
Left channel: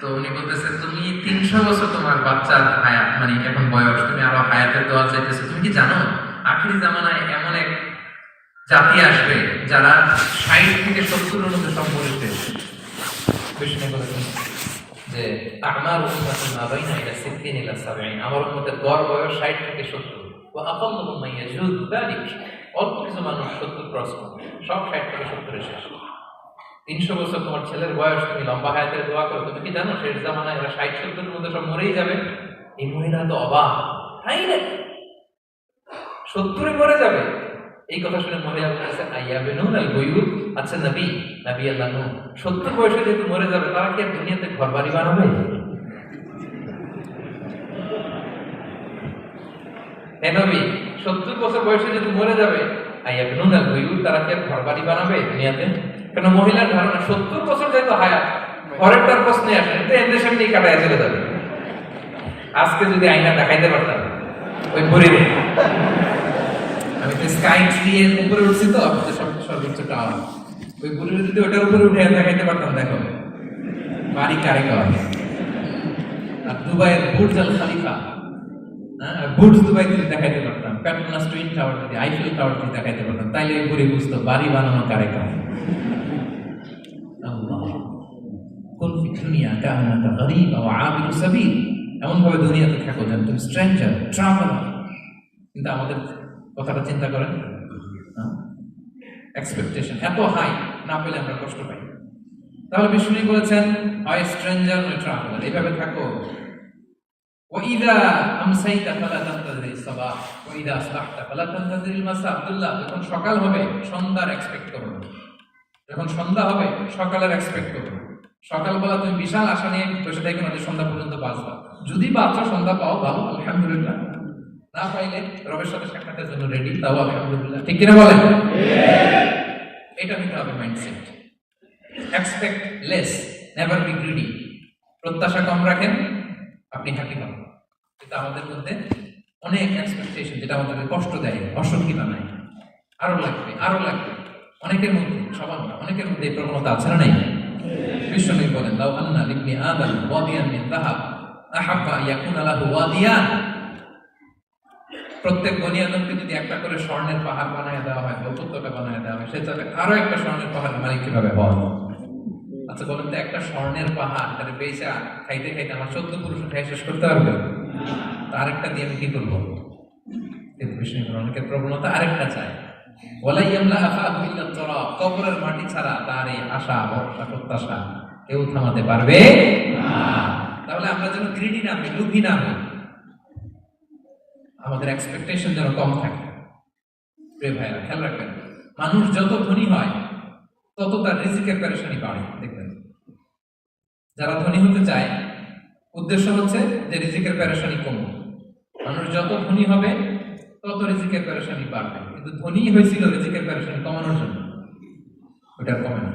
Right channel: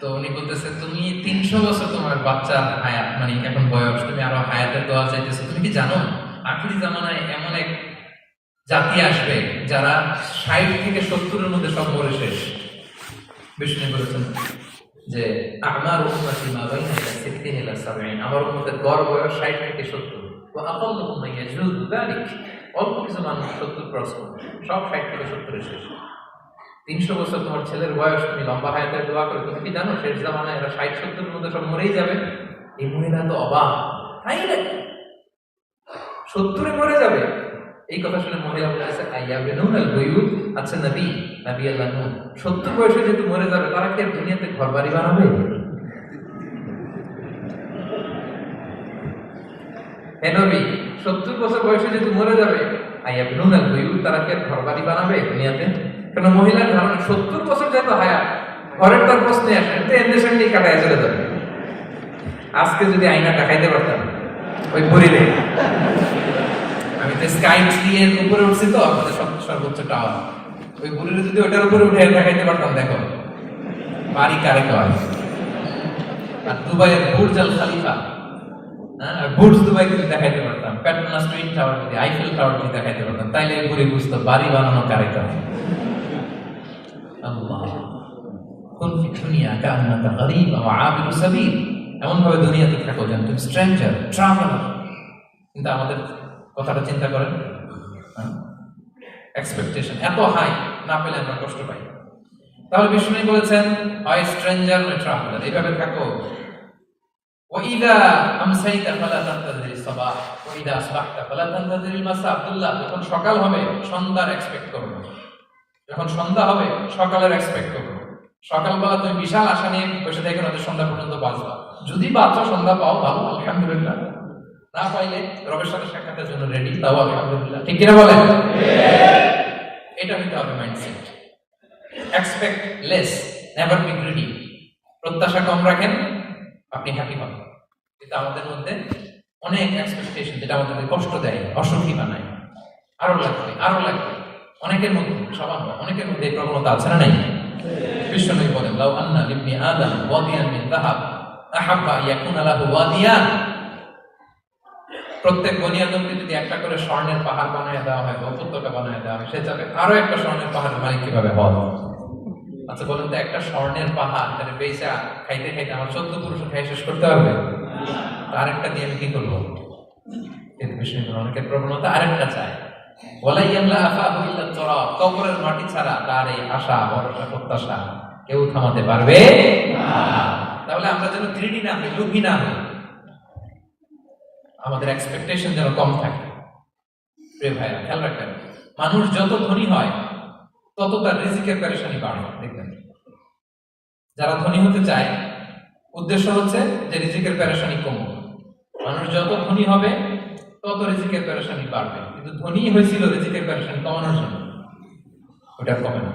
তো উনি বলতেছে, তুমি 300 বছর তোমার বাচ্চার হায়াত, মানে এখন বয়স, তুমি আরো হায়াতের দোয়া চাইতেছো। তুমি কি জানো আখিরি জামানায় এমন এক জাতি আসবে যারা 60 থেকে 70-এর মধ্যে সব মরে শেষ। বিষ্ণু বলেছেন যে আমার উম্মতি মা বাইনা ইলা 60 ইলা 70, আমার উম্মতের গড় বয়স 60 থেকে 70। ওয়া আকাল্লুহুম মান ইয়াজুযু যালিক, অল্প কিছু মানুষ 70 ক্রস করে, সব 60 থেকে 70-এ শেষ। 300 বছর তোমার ছেলের বয়স, তুমি লম্বা হায়াতের দোয়া করো। তুমি কি জানো শেষ জামানায় এরা 60-70-এর মধ্যে সব মরেই যাবে? এই মহিলা তো অবাক, তাই নাকি 70-এ মরে যাবে? এই কথা শুনে মহিলা বলতেছে, আইয়া বেনুন আল বুয়ুত, আচ্ছা নবী, নবী আল্লাহ নূহ 70 বয়সে যেহেতু মরে যাবে, তারা কি আর দুনিয়াতে ঘর বাড়ি বানাবে? হে নবী, 70 বছর বয়সে যেহেতু মরে যাবে, আইয়া বেনুন আল বুয়ুত, তারা কি আর ঘর বাড়ি বানাবে দুনিয়াতে? কেন মহিলার ধারণা 70 বছর যেহেতু হায়াত, ঘরের তার প্রশ্নে আসে, তো এদের সামনে কাটায় চলে যাবে। আজকে যদি আয়না দেখাইতে পারতাম ওই বুড়িরে, আমি তো স্কাই ট্রি এর উপরে উঠছি, তো আপনাদের সর্বোচ্চ টাওয়ার, ওই বুড়িরে যদি ওটার উপরে উঠে দেখাইতে পারতাম, দেখো বাড়ি কারে কয়। আর দুবাইয়ের বুর্জ আল খলিফা, বুর্জ দুবাই যদি দেখাইতে পারতাম, পেট্রোনাস টুইন টাওয়ার যদি, আইফেল টাওয়ার যদি দেখাইতে পারতাম, তাইলে ওই বুড়ি বুঝতো বাড়ি বানানো কারে কয়। আল্লাহ, কুন ফি দুনিয়া কান্নাকা গরীব ওয়া আবিরু সাবিল, এমন ভাবে দুনিয়াতে থাকো যেন তুমি স্ট্রেঞ্জার, ট্রাভেলার। কিন্তু আমাদের কথাটা চিন্তা করেন, এক্সপেকটেশন এত হাই, না পেলে আমরা কষ্ট পাই। তাহলে বিষ্ণু বলেছেন, হয় স্ট্রেঞ্জার নয় ট্রাভেলার, এইভাবে থাকো। ওয়াইদা আমসাইতা ফালা তানতাযির সাবাহ ওয়াইদা আসবাহতা ফালা তানতাযির মাসা। আব্দুল্লাহ, যখন সকাল হবে সন্ধ্যার এক্সপেক্ট করো না, যখন সন্ধ্যা হবে সকালের এক্সপেক্ট করো। সকালবেলা তুমি বিশাল আশা নিয়ে বসে থাকো না যে সন্ধ্যা পর্যন্ত বাঁচবা। যদি বাঁচো, সন্ধ্যা পাও, ভালো, আলহামদুলিল্লাহ। না পাইলে রবের সাথে সাক্ষাতের জন্য রেডি, তাও আলহামদুলিল্লাহ। ঠিক কিনা বলেন? এটা হইতে হবে mindset. Expect less, never be greedy. প্রত্যাশা কম রাখেন, আপনি হ্যাপি পাবেন। কিন্তু আমাদের মধ্যে অনেক এক্সপেকটেশন, যেটা আমাদের কষ্ট দেয়, অসুখী বানায়। আরো লাগবে, আরো লাগবে। অনেকের মধ্যে, সবার না, অনেকের মধ্যে এই প্রবণতা আছে না নাই? বিশ্বনবী বলেন, লাউ আন্না লিবনি আদম ওয়াদিয়ান মিন যাহাব আহাব্বা ইয়াকুনা লাহু ওয়াদিয়ান। প্রত্যেক বনি আদমকে যদি একটা করে স্বর্ণের পাহাড় বানায় দেওয়া হয় বা উপত্যকা বানায় দেওয়া হয়, সে চাবে আরো একটা স্বর্ণের পাহাড়ের মালিক কিভাবে হওয়া। আচ্ছা বলেন তো, একটা স্বর্ণের পাহাড় তাহলে বেচা খাইতে খাইতে আমার 14 পুরুষ খাই শেষ করতে পারবে? আরেকটা দিয়ে আমি কি করবো? কিন্তু বিষ্ণু অনেকের প্রবণতা আরেকটা চায়। কবরের মাটি ছাড়া তার এই আশা, ভরসা, প্রত্যাশা কেউ থামাতে পারবে না। তাহলে আমরা যেন গ্রিডি না হই, লোভী না হই, আমাদের এক্সপেকটেশন যেন কম থাকে। প্রিয় ভাইরা, খেয়াল রাখবেন, মানুষ যত ধনী হয় তত তার রিজিকের পেরেশানি বাড়ে। দেখবেন, যারা ধনী হতে চায় উদ্দেশ্য হচ্ছে যে রিজিকের পেরেশানি কমুক। মানুষ যত ধনী হবে তত রিজিকের পেরেশানি বাড়বে। কিন্তু ধনী হয়েছিল রিজিকের পেরেশানি কমানোর জন্য, ওটা কমে না।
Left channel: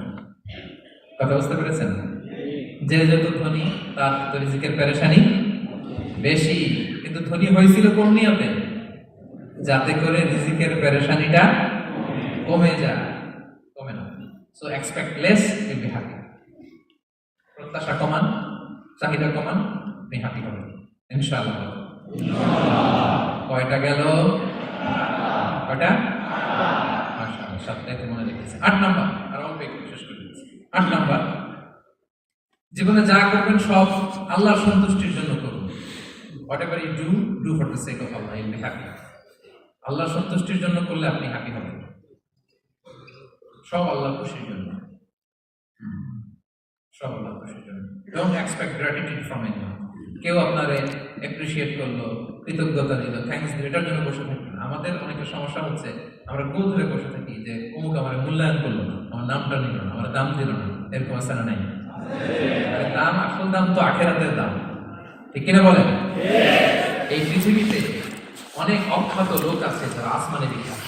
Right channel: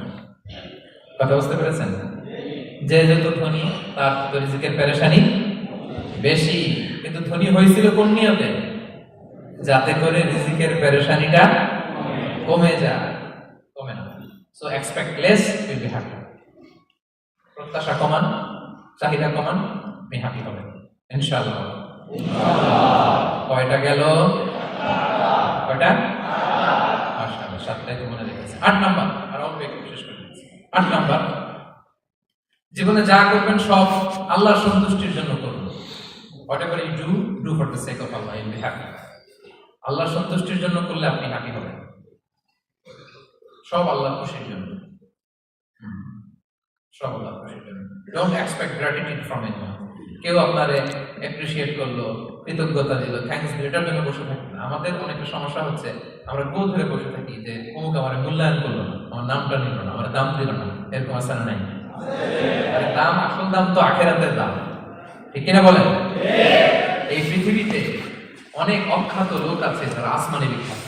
কথা বুঝতে পেরেছেন? যে যত ধনী তার রিজিকের পেরেশানি বেশি। কিন্তু ধনী হয়েছিল কোন নিয়তে? যাতে করে রিজিকের পেরেশানিটা কমে যায়, কমে না। So expect less, will be happy. প্রত্যাশা কমান, চাহিদা কমান, আপনি হ্যাপি হবেন ইনশাআল্লাহ। কয়টা গেল? কয়টা? মাশাআল্লাহ, 7টাই তো মনে রেখেছে। 8 নাম্বার, আর অল্প একটু শেষ করে দিচ্ছি। 8 নাম্বার, জীবনে যা করবেন সব আল্লাহর সন্তুষ্টির জন্য করুন। Whatever you do, do for the sake of Allah, you'll be happy. আল্লাহর সন্তুষ্টির জন্য করলে আপনি হ্যাপি হবেন। সব আল্লাহর খুশির জন্য, সব আল্লাহর খুশির জন্য। Don't expect gratitude from anyone. কেউ আপনারে অ্যাপ্রিশিয়েট করলো, কৃতজ্ঞতা দিল, থ্যাঙ্কস দিল, এটার জন্য বসে থাকি না। আমাদের অনেকের সমস্যা হচ্ছে, আমরা গোল ধরে বসে থাকি যে অমুক আমার মূল্যায়ন করলো না, আমার নামটা নিল না, আমার দাম দিল না, এরকম আছে না নাই? আরে দাম, আসল দাম তো আখিরাতের দাম, ঠিক কিনা বলেন? এই পৃথিবীতে অনেক অখ্যাত লোক আছে যারা আসমানে বিখ্যাত,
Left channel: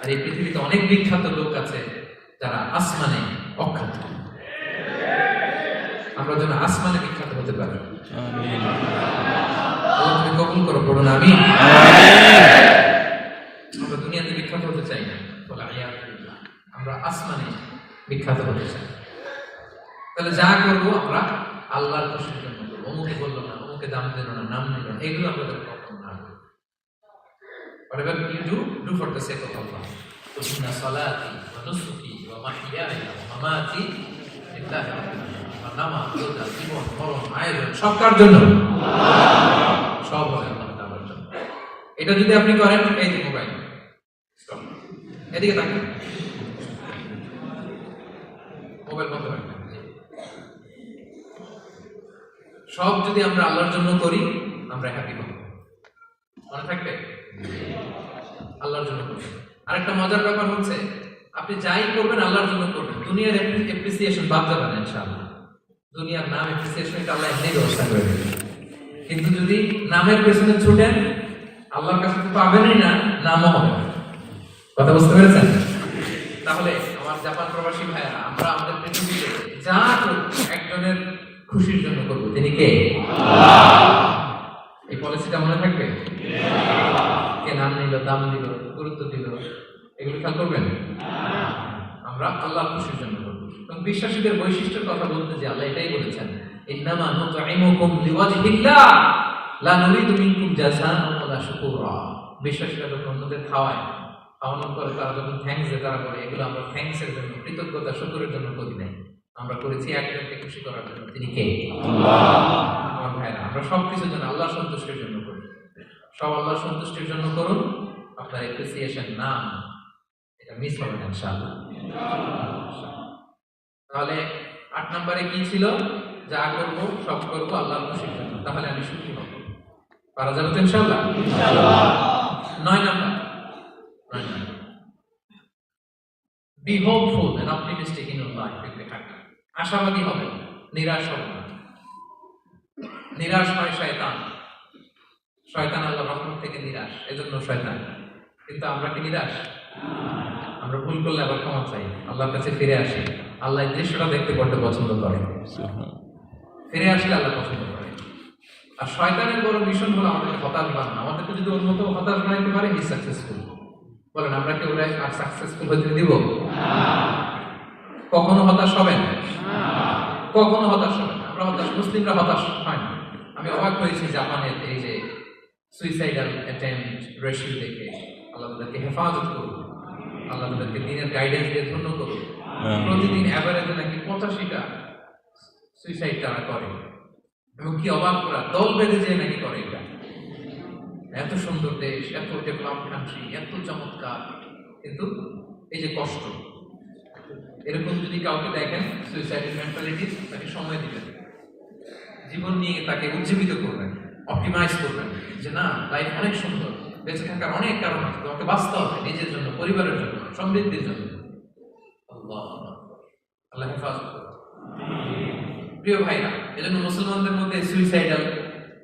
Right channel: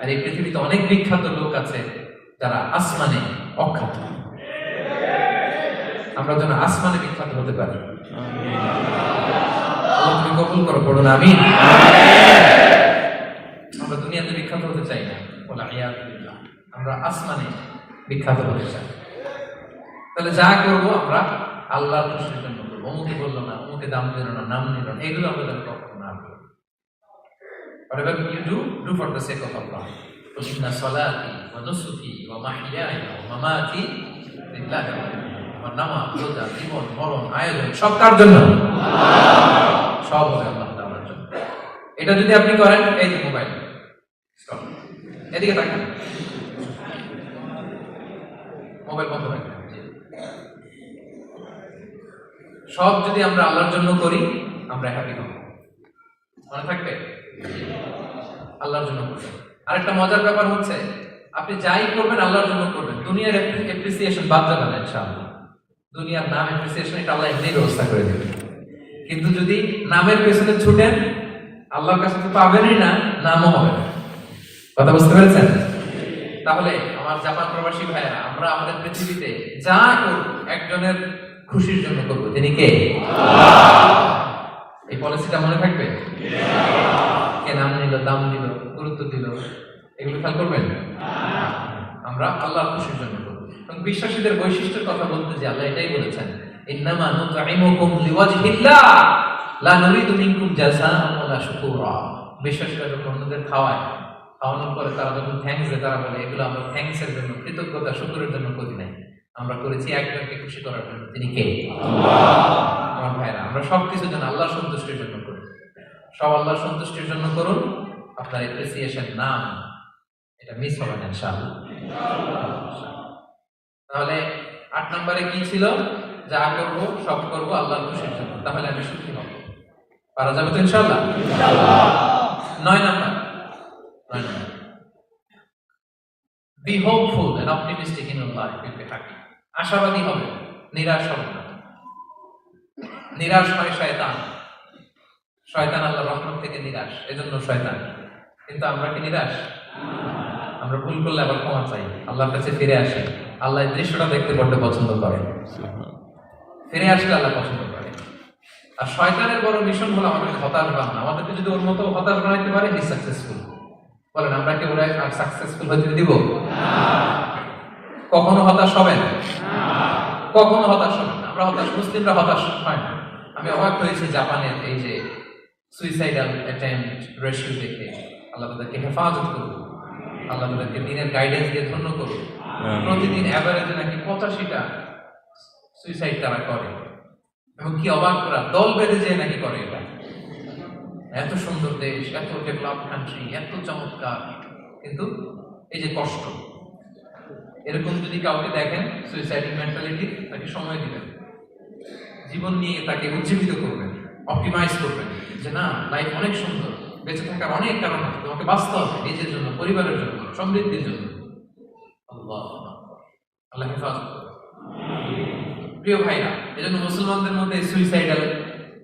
আর এই পৃথিবীতে অনেক বিখ্যাত লোক আছে যারা আসমানে অখ্যাত। আমরা যেন আসমানে বিখ্যাত হতে পারি। তুমি কবুল করো, পড়ুন আমিন। আমরা দুনিয়াতে বিখ্যাত হতে চাই না, বলে আয়াতুল্লাহ, আমরা আসমানে বিখ্যাত হতে চাই। তাহলে যা করবো আমরা আল্লাহর খুশির জন্য করবো। অমুকে বললো না, অমুকে দাম দিল না, নাম নিল না, এগুলো আমরা যেন কখনো না করি। Whatever you do, do for the sake of Allah. Inna salati wa nusuki wa mahyaya wa mamati lillahi rabbil alamin. আমার নামাজ, রোজা, জীবন, মরণ, আয়োজন সব কার জন্য? সব আল্লাহ তাআলার জন্য। এটা যদি আপনি করেন, এই যে মোবাইল, স্টপ, এদিকে তাকান, মোবাইল বন্ধ করে দেন। সব যদি আমরা আল্লাহর জন্য করি, আমরা হ্যাপি হব। মনে থাকবে? আল্লাহর জন্য করবেন। আরেকটা মজার ব্যাপার হচ্ছে, আপনি যাই করবেন আল্লাহর জন্য করবেন। দুনিয়ার অ্যাপ্রিসিয়েশন বাদ যাবেন ইনশাআল্লাহ। দুনিয়ার নাম অ্যাপ্রিসিয়েশন এটা আল্লাহ এমনি ব্যবস্থা করে দেবে। কিন্তু যদি নামের পেছনে ছুটেন, আল্লাহর কাছে তো পাবেনই না, নামও হবে না। কথা বুঝতে পেরেছেন? তাহলে আমার জাপান প্রবাসী ভাইয়েরা, আমরা আমাদের পৃথিবীতে যা করব একজনের খুশির জন্য করবো। তিনি কে? এই পলিসিটা মনে থাকবে? কে নাম নিল, দাম দিল, গুরুত্ব দিল, এগুলো খেয়াল করবেন? আমরা আল্লাহর খুশির জন্য করবো। এবং বিশ্বাসীদের বৈশিষ্ট্যের কথা বলতে যে আল্লাহ এটাই বলেছেন, ইন্নামা নুতঈমুকুম লিওয়াজহিল্লাহ লা নুরিদু মিনকুম জাযাআন ওয়ালা শুকুরা। বিশ্বাসীরা যখন অন্যদের খাওয়ানোর পরে তারা যখন থ্যাঙ্কস দেয়, তারা বলে এগুলো আমরা থ্যাঙ্কসের জন্য, কৃতজ্ঞতা, শুকরের জন্য করি নাই, আমরা করেছি একজনকে খুশি করার জন্য। তিনি কে? আমার ভাইরা, আমরা সবকিছু যেন আল্লাহর সন্তুষ্টির জন্য করি। সব আল্লাহর সন্তুষ্টির জন্য করুন। আপনার অ্যাপ্রিসিয়েশন নাম এটা মিস হবে না ইনশাআল্লাহ। তাহলে 8 নম্বরে কি ছিল? যা করবো সব করবো আল্লাহর খুশির জন্য, তাহলে আমি সুখী হব। পারা যাবে তো ইনশাআল্লাহ? 9 নম্বর, be hopeful and optimistic in your life, you'll be happy. আশাবাদী হবে, নিরাশ হবে না। নিরাশ হয় শয়তান। শয়তান আল্লাহর রহমত থেকে নিরাশ, এজন্য শয়তান। কিন্তু আমরা কি নিরাশ? আমরা ভুল করলে আবার ক্ষমা চাই, আল্লাহর কাছে ফিরে আসি। আল্লাহ এই দৃশ্যটা দেখতে বড্ড পছন্দ করে, ফিরে আসলে আল্লাহ পছন্দ করে। আর শয়তানের বড় মিশন হলো আমাদের হতাশ বানানো। আমাদেরকে যদি ওর মতো হতাশ বানাইতে পারে, হি সাকসেসফুল। বলেন, আমরা কি ওরা সাকসেসফুল হতে দিব? কখনো হতাশ হবেন? কখনো হতাশ হবেন? আমরা হতাশ, মুসলিমরা হতাশ হয় না। আমি অবাক হয়েছি জাপানের এই যে সুইসাইডাল অ্যাটেম্পট রেশিও দেখে। আল্লাহ তাদেরকে হেফাজত করুন, আল্লাহ তাদেরকে দিনের গাইডেন্স দিয়ে ধন্য করুন। প্রতিদিন অ্যাভারেজে নাকি 85টা সুইসাইড তারা করে, এবং কি অবাক করা, দল বেঁধে যেয়ে নাকি করে। এটা এত সুন্দর দেশ, এত ডেভেলপ কান্ট্রি, এত চমৎকার, কিন্তু এই যে কষ্ট। এরকম যদি কাউকে দেখেন সুইসাইডাল মেন্টালিটি, তাকে সময় দিবেন, জীবন নিয়ে তাকে উজ্জীবিত করবেন, অপটিমাইজ করবেন যে না, লাইফ অনেক সুন্দর, বেঁচে থাকার অনেক কারণ আছে, তোমাকে বাঁচতে হবে নিজের জন্য, পরিবারের জন্য, সমৃদ্ধির জন্য। আল্লাহ আল্লাহ হেফাজত করুন। প্রিয় ভাইরা, এজন্য মুসলমানদের মধ্যে সুইসাইডাল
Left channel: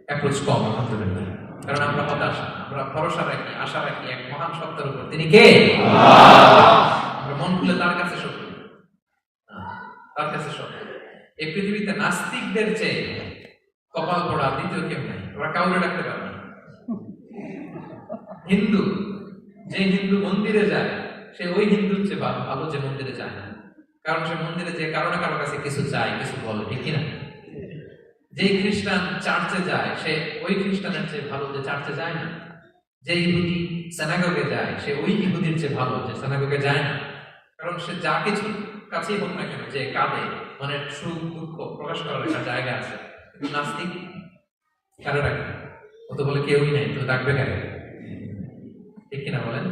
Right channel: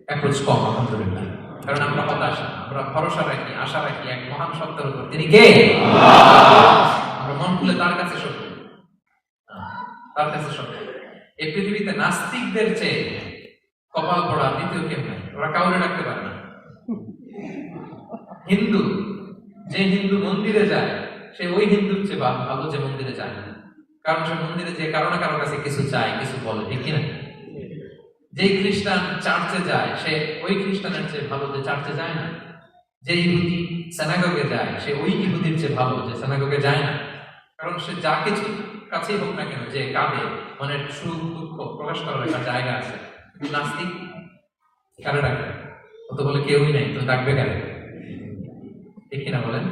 অ্যাপ্রোচ কম, আলহামদুলিল্লাহ। কারণ আমরা হতাশ, আমরা ভরসা রাখি, আশা রাখি এক মহান সত্তার উপর। তিনি কে? আমরা মন খুলে তার কাছে সত্য, তার কাছে সত্য। এই পৃথিবীতে নাস্তিকদের চেয়ে কপাল পড়া দ্বিতীয় কেউ নেই। ওরা কাউরে ডাকতে পারে না। হিন্দু, যে হিন্দু মন্দিরে যায় সে ওই হিন্দুর চেয়ে ভালো যে মন্দিরে যায় না, কারণ সে মন্দিরে যে কারো না কারো কাছে কিছু চায়, কিছু বলে, ঠিক কিনা? যে খ্রিস্টান চার্চে যায় সে ওই খ্রিস্টানের চেয়ে ভালো যে চার্চে যায় না। যে ইহুদি সিনাগোগে যায় সে ওই ইহুদির চেয়ে ভালো যে সিনাগোগে যায় না, কারণ সে যা কিছু কাছেই হোক না কেন, যে কাঁদে, মনের সুখ দুঃখ প্রকাশ করার একটা জায়গা আছে। কিন্তু নাস্তিক কারে ডাকে? ও তো বলে কেউই নাই, তো ডাকবে কেন? ঠিক কিনা বলেন?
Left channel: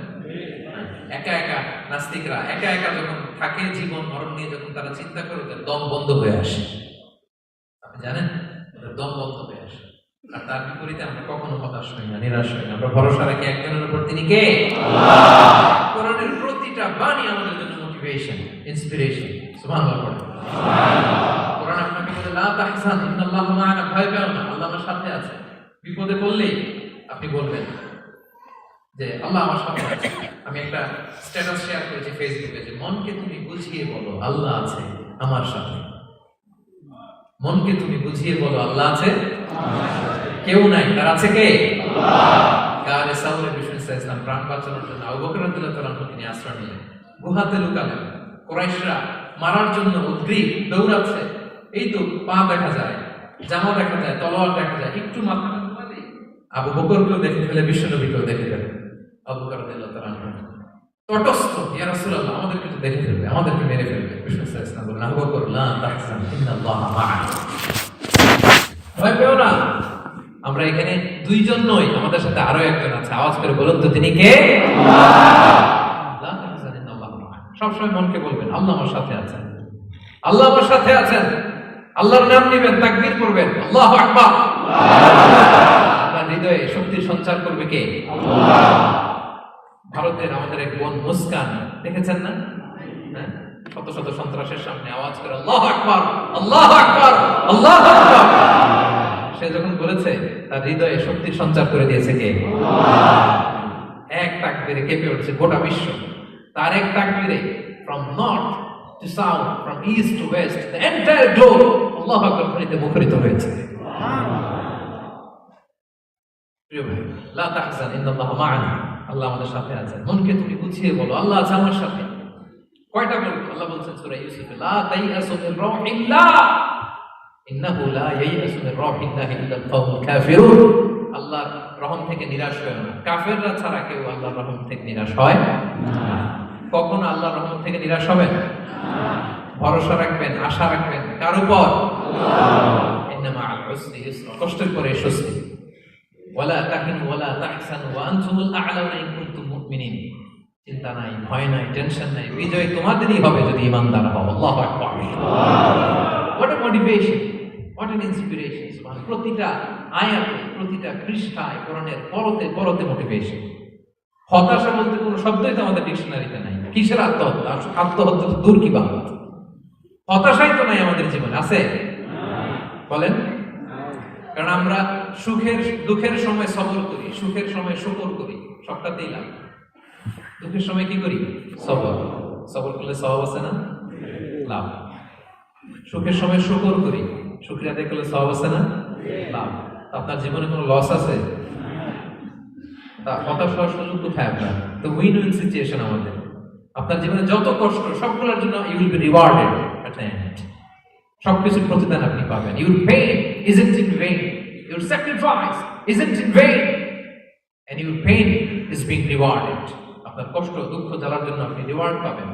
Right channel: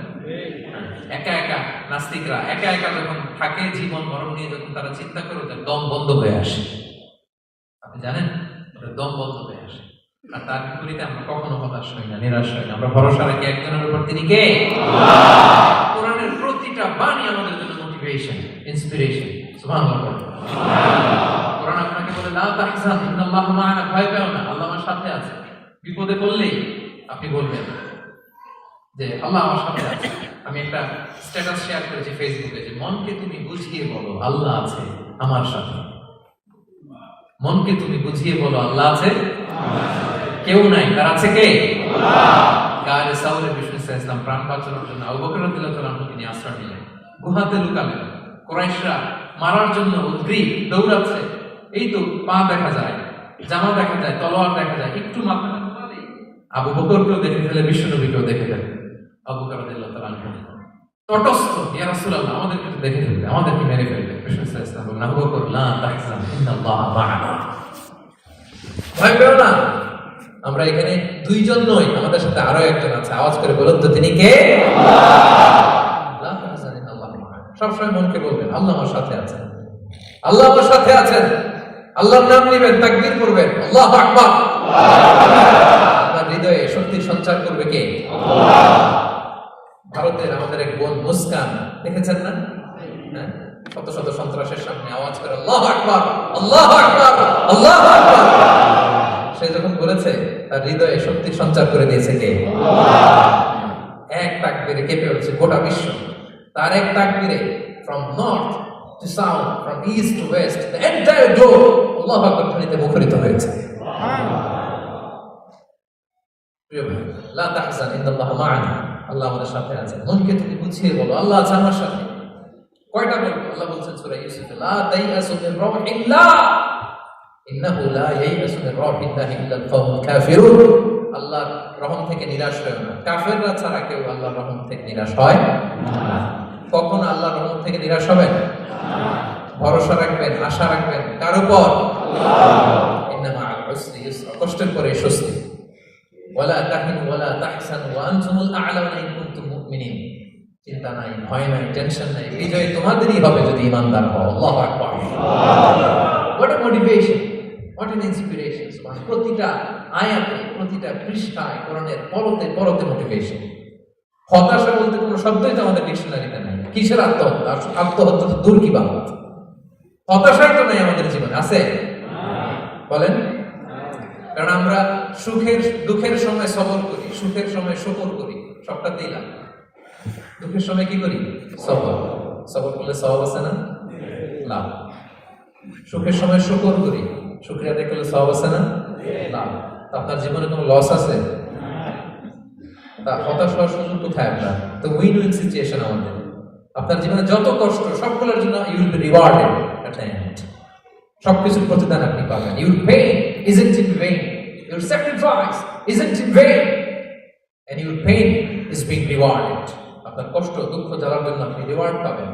একা একা নাস্তিকরা একা একা যখন থাকে, জীবন মরণ নিয়ে যখন তারা চিন্তা করে, ওদের দম বন্ধ হয়ে আসে। আপনি জানেন, ওদের দম বন্ধ হয়ে আসে। আর তার বিপরীতে আমরা কখনো হতাশ হই না, নিরাশ হই না। আমরা ভরসা রাখি একজনের উপর, তিনি কে? কোরআনের প্রতিটা বাণী আমাদের জন্য মোটিভেশন, ইন্সপিরেশন। সুবহানাল্লাহ। কোরআন আপনাকে বলে লা তাহজান ইন্নাল্লাহা মা'ানা, ভয় পেও না, আল্লাহ আমার সাথে আছে। বিপদে পড়লেই আপনি বলবেন যে আল্লাহ আমার সাথে আছে। আমি একটা স্ট্যাটাস শেয়ার করেছি ফেসবুকে যে মনকে তুমি বুঝিয়ে বলো আল্লাহ আছে আমার সাথে। মনকে তুমি বুঝিয়ে বলো আল্লাহ আছে, কেউ নাই, তার আছে কে? গারে সাউরে বিষ্ণু ইসলাম প্রাণ বাঁচানোর জন্য আবু বকর রাদিয়াল্লাহু তাআলা তিনি আশ্রয় নিলেন, গুহাতে লুকালেন। কুরাইশরা মারার জন্য উদ্গ্রীব, দৌড়াচ্ছে। এই তো পা দেখা যায়, জামা দেখা যায়, তলোয়ার দেখা যায়, একটু মাথাটা ঘুরালেই আবু বকরকেও দেখে ফেলে, বিশ্ব নবীকেও দেখে ফেলে। আবু বকর রাদিয়াল্লাহু তাআলা তটস্থ, ইয়া রাসূলুল্লাহ আমাদেরকে তো দেখে ফেলবে, আমাদেরকে মেরে ফেলবে। বিষ্ণু ইসলাম বললেন আবু বকর লা তাহজান ইন্নাল্লাহা মা'ানা, ভয় পেও না, আমরা এখানে দুইজন নই, আমাদের সাথে আরো একজন আছে। আওয়াজ করে বলুন তো, তিনি কে? সবসময় মনকে বলবেন আল্লাহ আমার সাথে আছেন, আল্লাহ আমার সাথে আছেন। আল্লাহর নাম নিবেন, তাকবীর করবেন, আল্লাহু আকবার। আপনার হৃদয়ে শক্তির সঞ্চার করবে কে? ভারতের আমাদের এক বোন মুস্কান, দেখেছেন না? শত শত সন্ত্রাসের সামনে আওয়াজ করে আল্লাহু আকবার, আল্লাহু আকবার, আল্লাহু আকবার। সে যখন বলেছে, তার হৃদয়ে শক্তির সঞ্চার করে দিয়েছে কে? এক তাকবীরে কেঁপে উঠছে গোটা বিশ্ব। তার এক তাকবীরে from north to south, from east to west, the entire globe আল্লাহু আকবার ধ্বনিতে মুখরিত হয়েছে। লা তাহজান ইন্নাল্লাহা মা'ানা, আল্লাহ আমাদের সাথে আছেন। মনকে তুমি বুঝিয়ে বলো আল্লাহ আছে আমার সাথে। কয়টা বলবো? আল্লাহ বলছেন সূরা ইউসুফে লা তাইয়াসু মির রাহিল্লাহ ইন্নাহু লা ইয়াইয়াসু মির রাহিল্লাহি ইল্লাল কওমুল কাফিরুন। আল্লাহর রহম থেকে নিরাশ হয় না, কাফেররা ছাড়া কেউ আল্লাহর রহম থেকে নিরাশ হয় না। কখনো আল্লাহর রহম থেকে নিরাশ হবেন না। ভরসা রাখবেন, আশা রাখবেন কার উপর? আল্লাহ। ইন্নামা আল উসরি ইউসরা, কষ্টের পরে স্বস্তি। ওয়ালা তাহিনু ওয়ালা তাহসানু ওয়া আনতুমুল আ'লাউনা ইন কুনতুম মুমিনিন। চিন্তা নাই, ভয় নাই, টেনশন নাই, বিজয় তোমাদেরই হবে যদি ঈমানদার হও। আল্লাহু আকবার। What a motivation, what an inspiration. প্রতিটা আয়াতে, প্রতিটা পৃষ্ঠায় কোরআনের পরতে পরতে মোটিভেশন। হতাশা বলতে কোনো শব্দই তো আমাদের ডিকশনারিতে নাই। কিসের আত্মহত্যা? আত্মহত্যা তো দূর কি বাত, হতাশাই তো নাই আমাদের জীবনে, আছে? বলেন। কারণ আমরা সুখের দুঃখের সময় সবর করি, সুখের সময় শুকর করি, সবটাতেই লাভ। দুঃখের সময় কি করি? সবর। সবর করলে সওয়াব আছে না? লাভ। সুখের সময় শুকর করি, শুকরিয়া আদায় করলে সওয়াব আছে না? লাভ। আপনার জীবনে কোনো লস আছে? তা হতাশ হওয়ার সুযোগ কোথায় আপনার? তো উইন উইন সিচুয়েশন আমাদের। আপনার জীবনে যত কষ্ট, সবগুলোর জন্য you will be rewarded at the end. সবকিছুর প্রতিদান আপনি পাবেন। Your pain isn't in vain, your sacrifice isn't in vain, and your pain is being rewarded. আপনার কষ্ট, দুঃখ জ্বালার জন্য আপনি রিওয়ার্ড পাবেন।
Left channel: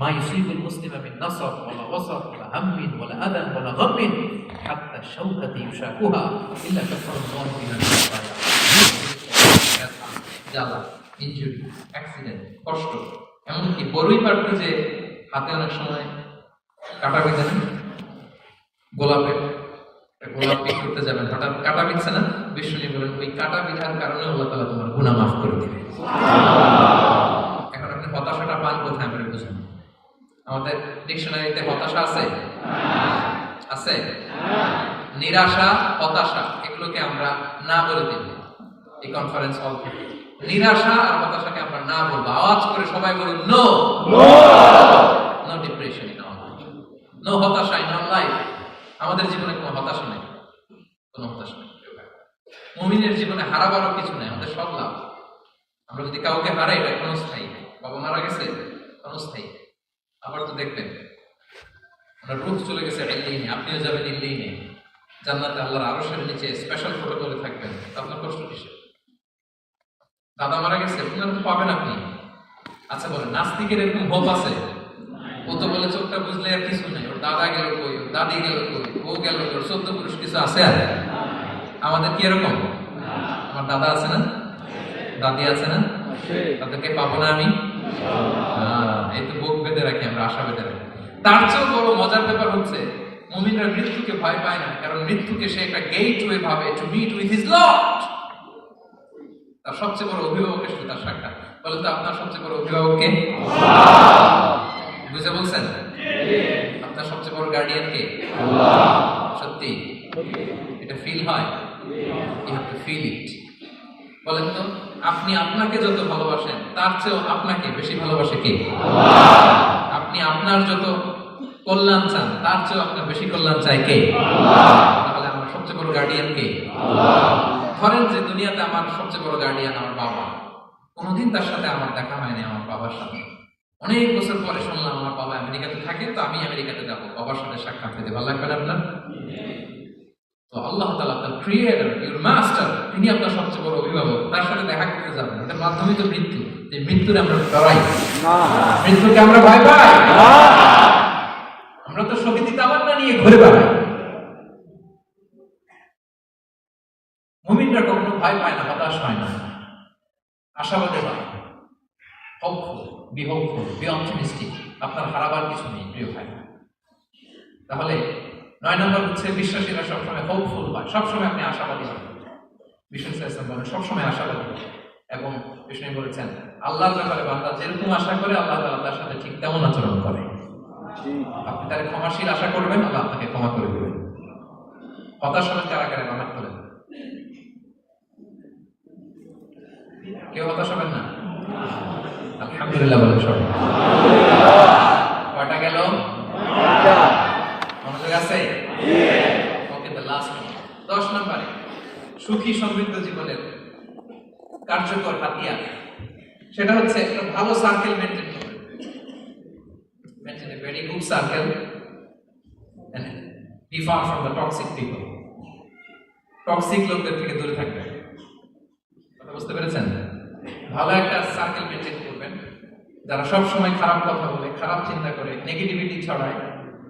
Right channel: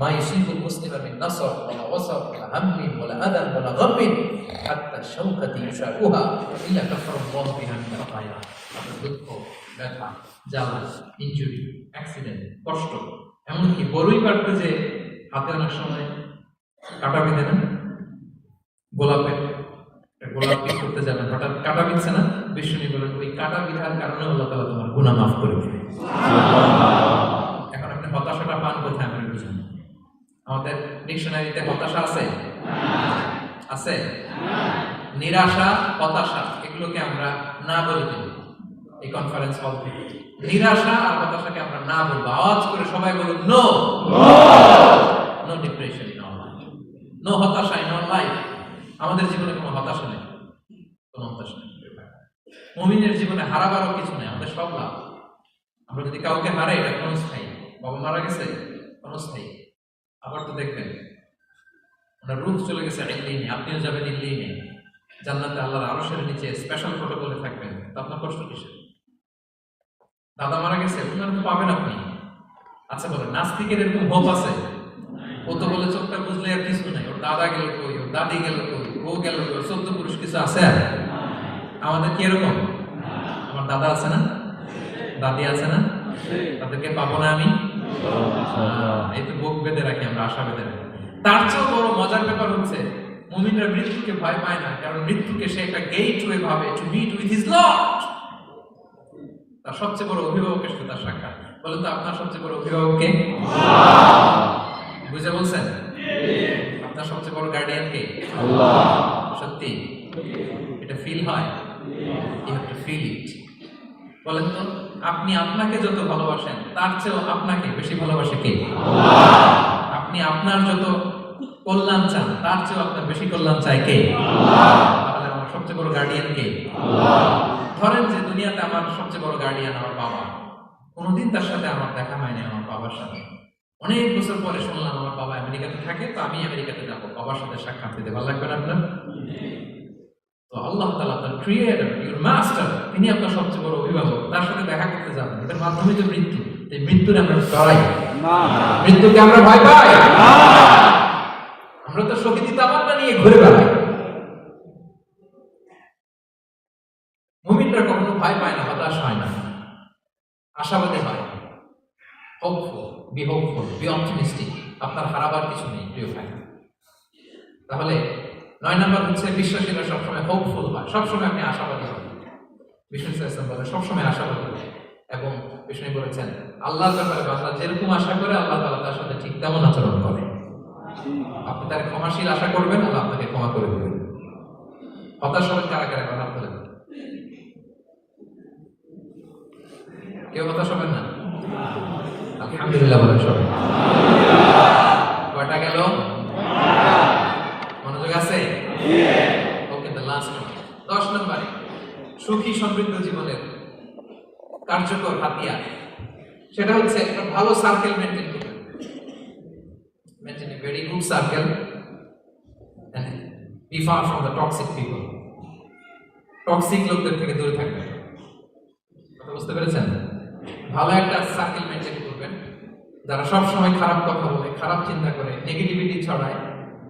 মা ইউসিবুল মুসলিমা মিন নাসব ওয়ালা ওয়াসাব ওয়ালা হাম্মিন ওয়ালা আদান ওয়ালা গাম্মিন হাত্তা শাওকাতি ইউশাকুহা ইল্লা কাফারাল্লাহু বিহা মিন ব্যথা, জ্বালা, ইনজুরি, অ্যাক্সিডেন্ট, কষ্ট, এমনকি বড়ই পারতে যে হাতে অনেক সময় কাটা বিঁধে না, গোলাপের গোলাপ পিক করতে যাবেন, হঠাৎ কাটা বিঁধছে না, বিষ্ণু বলেন ওই কাটা বিধার কারণে আল্লাহ তাআলা তোমার গুনাহ মাফ করে দিবে। এখন আপনি হতাশাটা পান কোথায় আমরা বুঝুন। আমাদের ডিকশনারিতে হতাশা আছে? আছে? নিরাশা, হতাশা এগুলোকে আমরা না বলে দিব এই কনফারেন্স হল থেকে। নিরাশা আর হতাশাকে আমরা না বলবো। আওয়াজ করে সবাই বলুন no, no depression in our life, no হতাশা ইন আওয়ার লাইফ। আমাদের জীবনে কোনো হতাশা নেই, কোনো হতাশা নেই। মুমিনের জীবনে হারাবারও কিছু নাই, আমাদের সব লাভ। আমরা যদি কাউকে হারাই এটা ক্ষণস্থায়ী, বাবা মারা গেছে ক্ষণস্থায়ী, আবার তো দেখবেন আপনার রূহ চলে গেছে ইল্লিনে, আপনিও যাবেন ইল্লিনে, জান্নাতে আল্লাহর আরশের নিচে স্পেশাল প্রোটোকলে থাকবেন, আপনার কষ্ট কিসের? দাদা মারা গেছে ওনারা তো পাবেন আপনি। আচ্ছা বলেন, নাস্তিকের এরকম হোপ আছে? ও তো বলে চোখটা বুঝলে আর কিছু নাই, ওর দাদা গেল কই, ওর দাদি গেল কই, ও গেল কই, 14 পুরুষ কিছু আছে আর? আমাদের কি এরকম? আমার দাদা আছে না, দাদি আছে না, তাদেরকে পাবো না আমি? এই তো বুক বেঁধে রাখি আমরা, আশা বেঁধে রাখি। তার চেয়েও বড় মজার ব্যাপার হচ্ছে মুমিনরা মৃত্যুকে ভয় পায় না, কারণ মৃত্যুকে সে একটা গেটওয়ে ভাবে to meet with his lord. তার সবচেয়ে বড় অভিভাবকের সাথে তার সাক্ষাৎ। বলেন তো আপনার সবচেয়ে বড় অভিভাবক কে? বুঝে বলছেন? আপনার সবচেয়ে বড় গার্ডিয়ান কে? আল্লাহ। সত্যি এটা ফিল হয়? You have to feel it. বলেন তো, আপনি আপনাকে যত ভালোবাসেন তার চেয়েও আপনাকে বেশি ভালোবাসে কে? আল্লাহ। আপনি আপনার যত কল্যাণ চান তার চেয়েও আপনার বেশি কল্যাণ চায় কে? আল্লাহ। তাহলে আমার সবচেয়ে বড় গার্ডিয়ান কে? আল্লাহ। ধরেন যে দুনিয়াতে আমার সবচেয়ে বড় গার্ডিয়ান আমার বাবা, কোনোদিন তার সাথে আমার দেখা হয়নি, আমার বাবার সাথে অনেক বছর পরে শুনলাম আমার বাবা আমেরিকাতে থাকে, তো আমি আমেরিকাতে যাবো, বাবার সাথে সাক্ষাৎ দিতে ভালো লাগবে না আপনার? তো আল্লাহ তাআলা আপনার ক্রিয়েটর, ইউর মাস্টার, তিনি আপনার সবচেয়ে বড় অভিভাবক, তার সাথে দেখা করতে যাবেন, এটার মাধ্যমে তো মৃত্যু। এই মৃত্যুর আমরা ডরাই না, মৃত্যুকে আমরা ভয় পাই না, আমরা তো শহীদি তামান্না নিয়ে ঘুরে বেড়াই। মুমিনরা কখনো ভয় পায় না, হতাশ হয় না, আশাবাদী হয়। Hopeful, B hopeful, B optimistic. আপনার হারাবার কিছু নেই প্রিয় ভাই। তাহলে 9 নম্বর হচ্ছে বিশ্বাসীরা সবসময় হোপফুল হয়, সবসময় আপনি আশাবাদী হন। বিষ্ণু ইসলাম বলেন সবসময় আশাবাদী হয়, এবং বিষ্ণু বলেছেন আল্লাহর ব্যাপারে বান্দা যেরকম আশা করে আল্লাহ তাআলা তার সাথে ঠিক তেমন আচরণ করে। আপনি তার ক্ষমাশীল আশা করবেন, আল্লাহ আপনাকে ক্ষমা করে দেবেন। হতাশ হবেন কারা কারা হাত তোলেন? কেউ হতাশ হবেন না? আলহামদুলিল্লাহ বলেন সবাই। কয়টা গেল? মনোযোগ আছে? ওকে, দ্য লাস্ট 10 নম্বরে সুখী সমৃদ্ধ জীবনের কার্যকর হাতিয়ার, সেটা হচ্ছে একটা ভালো সার্কেল মেনটেন করবেন। Maintain a very good circle and be far from the toxic people. Toxic লোকদের থেকে দূরে থাকবেন। কথা বুঝতে পেরেছেন? ভালো একটা সার্কেল মেনটেন করবেন, যারা সব সময় খারাপ কথা বলে, খারাপ চিন্তা করে, নেগেটিভিটি ছড়ায়,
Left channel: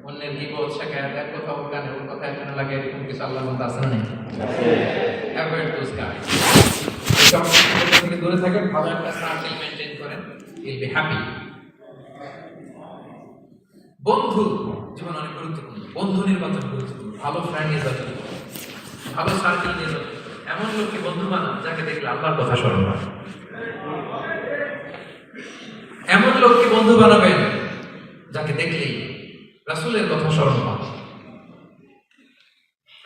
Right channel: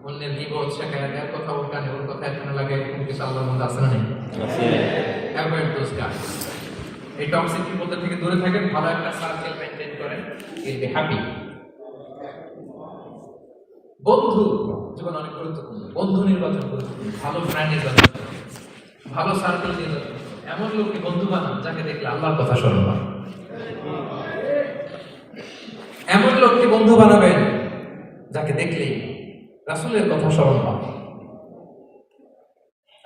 অন্যের গীবত শেখায়, এক কথা বলতেন ওর কথা এখানে লাগে, এরকম কিছু আল্লাহর মধ্যে আছে না? নেই? Avoid those guys. টক্সিক লোকদের থেকে দূরে থাকেন, ভালো একটা সার্কেল মেনটেন করেন, ইউল বি হ্যাপি। বন্ধু জীবন অনেক গুরুত্বপূর্ণ, বন্ধু নির্বাচন গুরুত্বপূর্ণ। ভালো ফ্রেন্ড নির্বাচন করুন, ভালো সার্কেল নির্বাচন করুন, এমন লোককে বন্ধু বানান যাকে দেখলে আল্লাহর কথা স্মরণ হয়। এমন লোককে বন্ধু বানাবেন যাকে দেখলেই রাসূলের কথা স্মরণ হয়,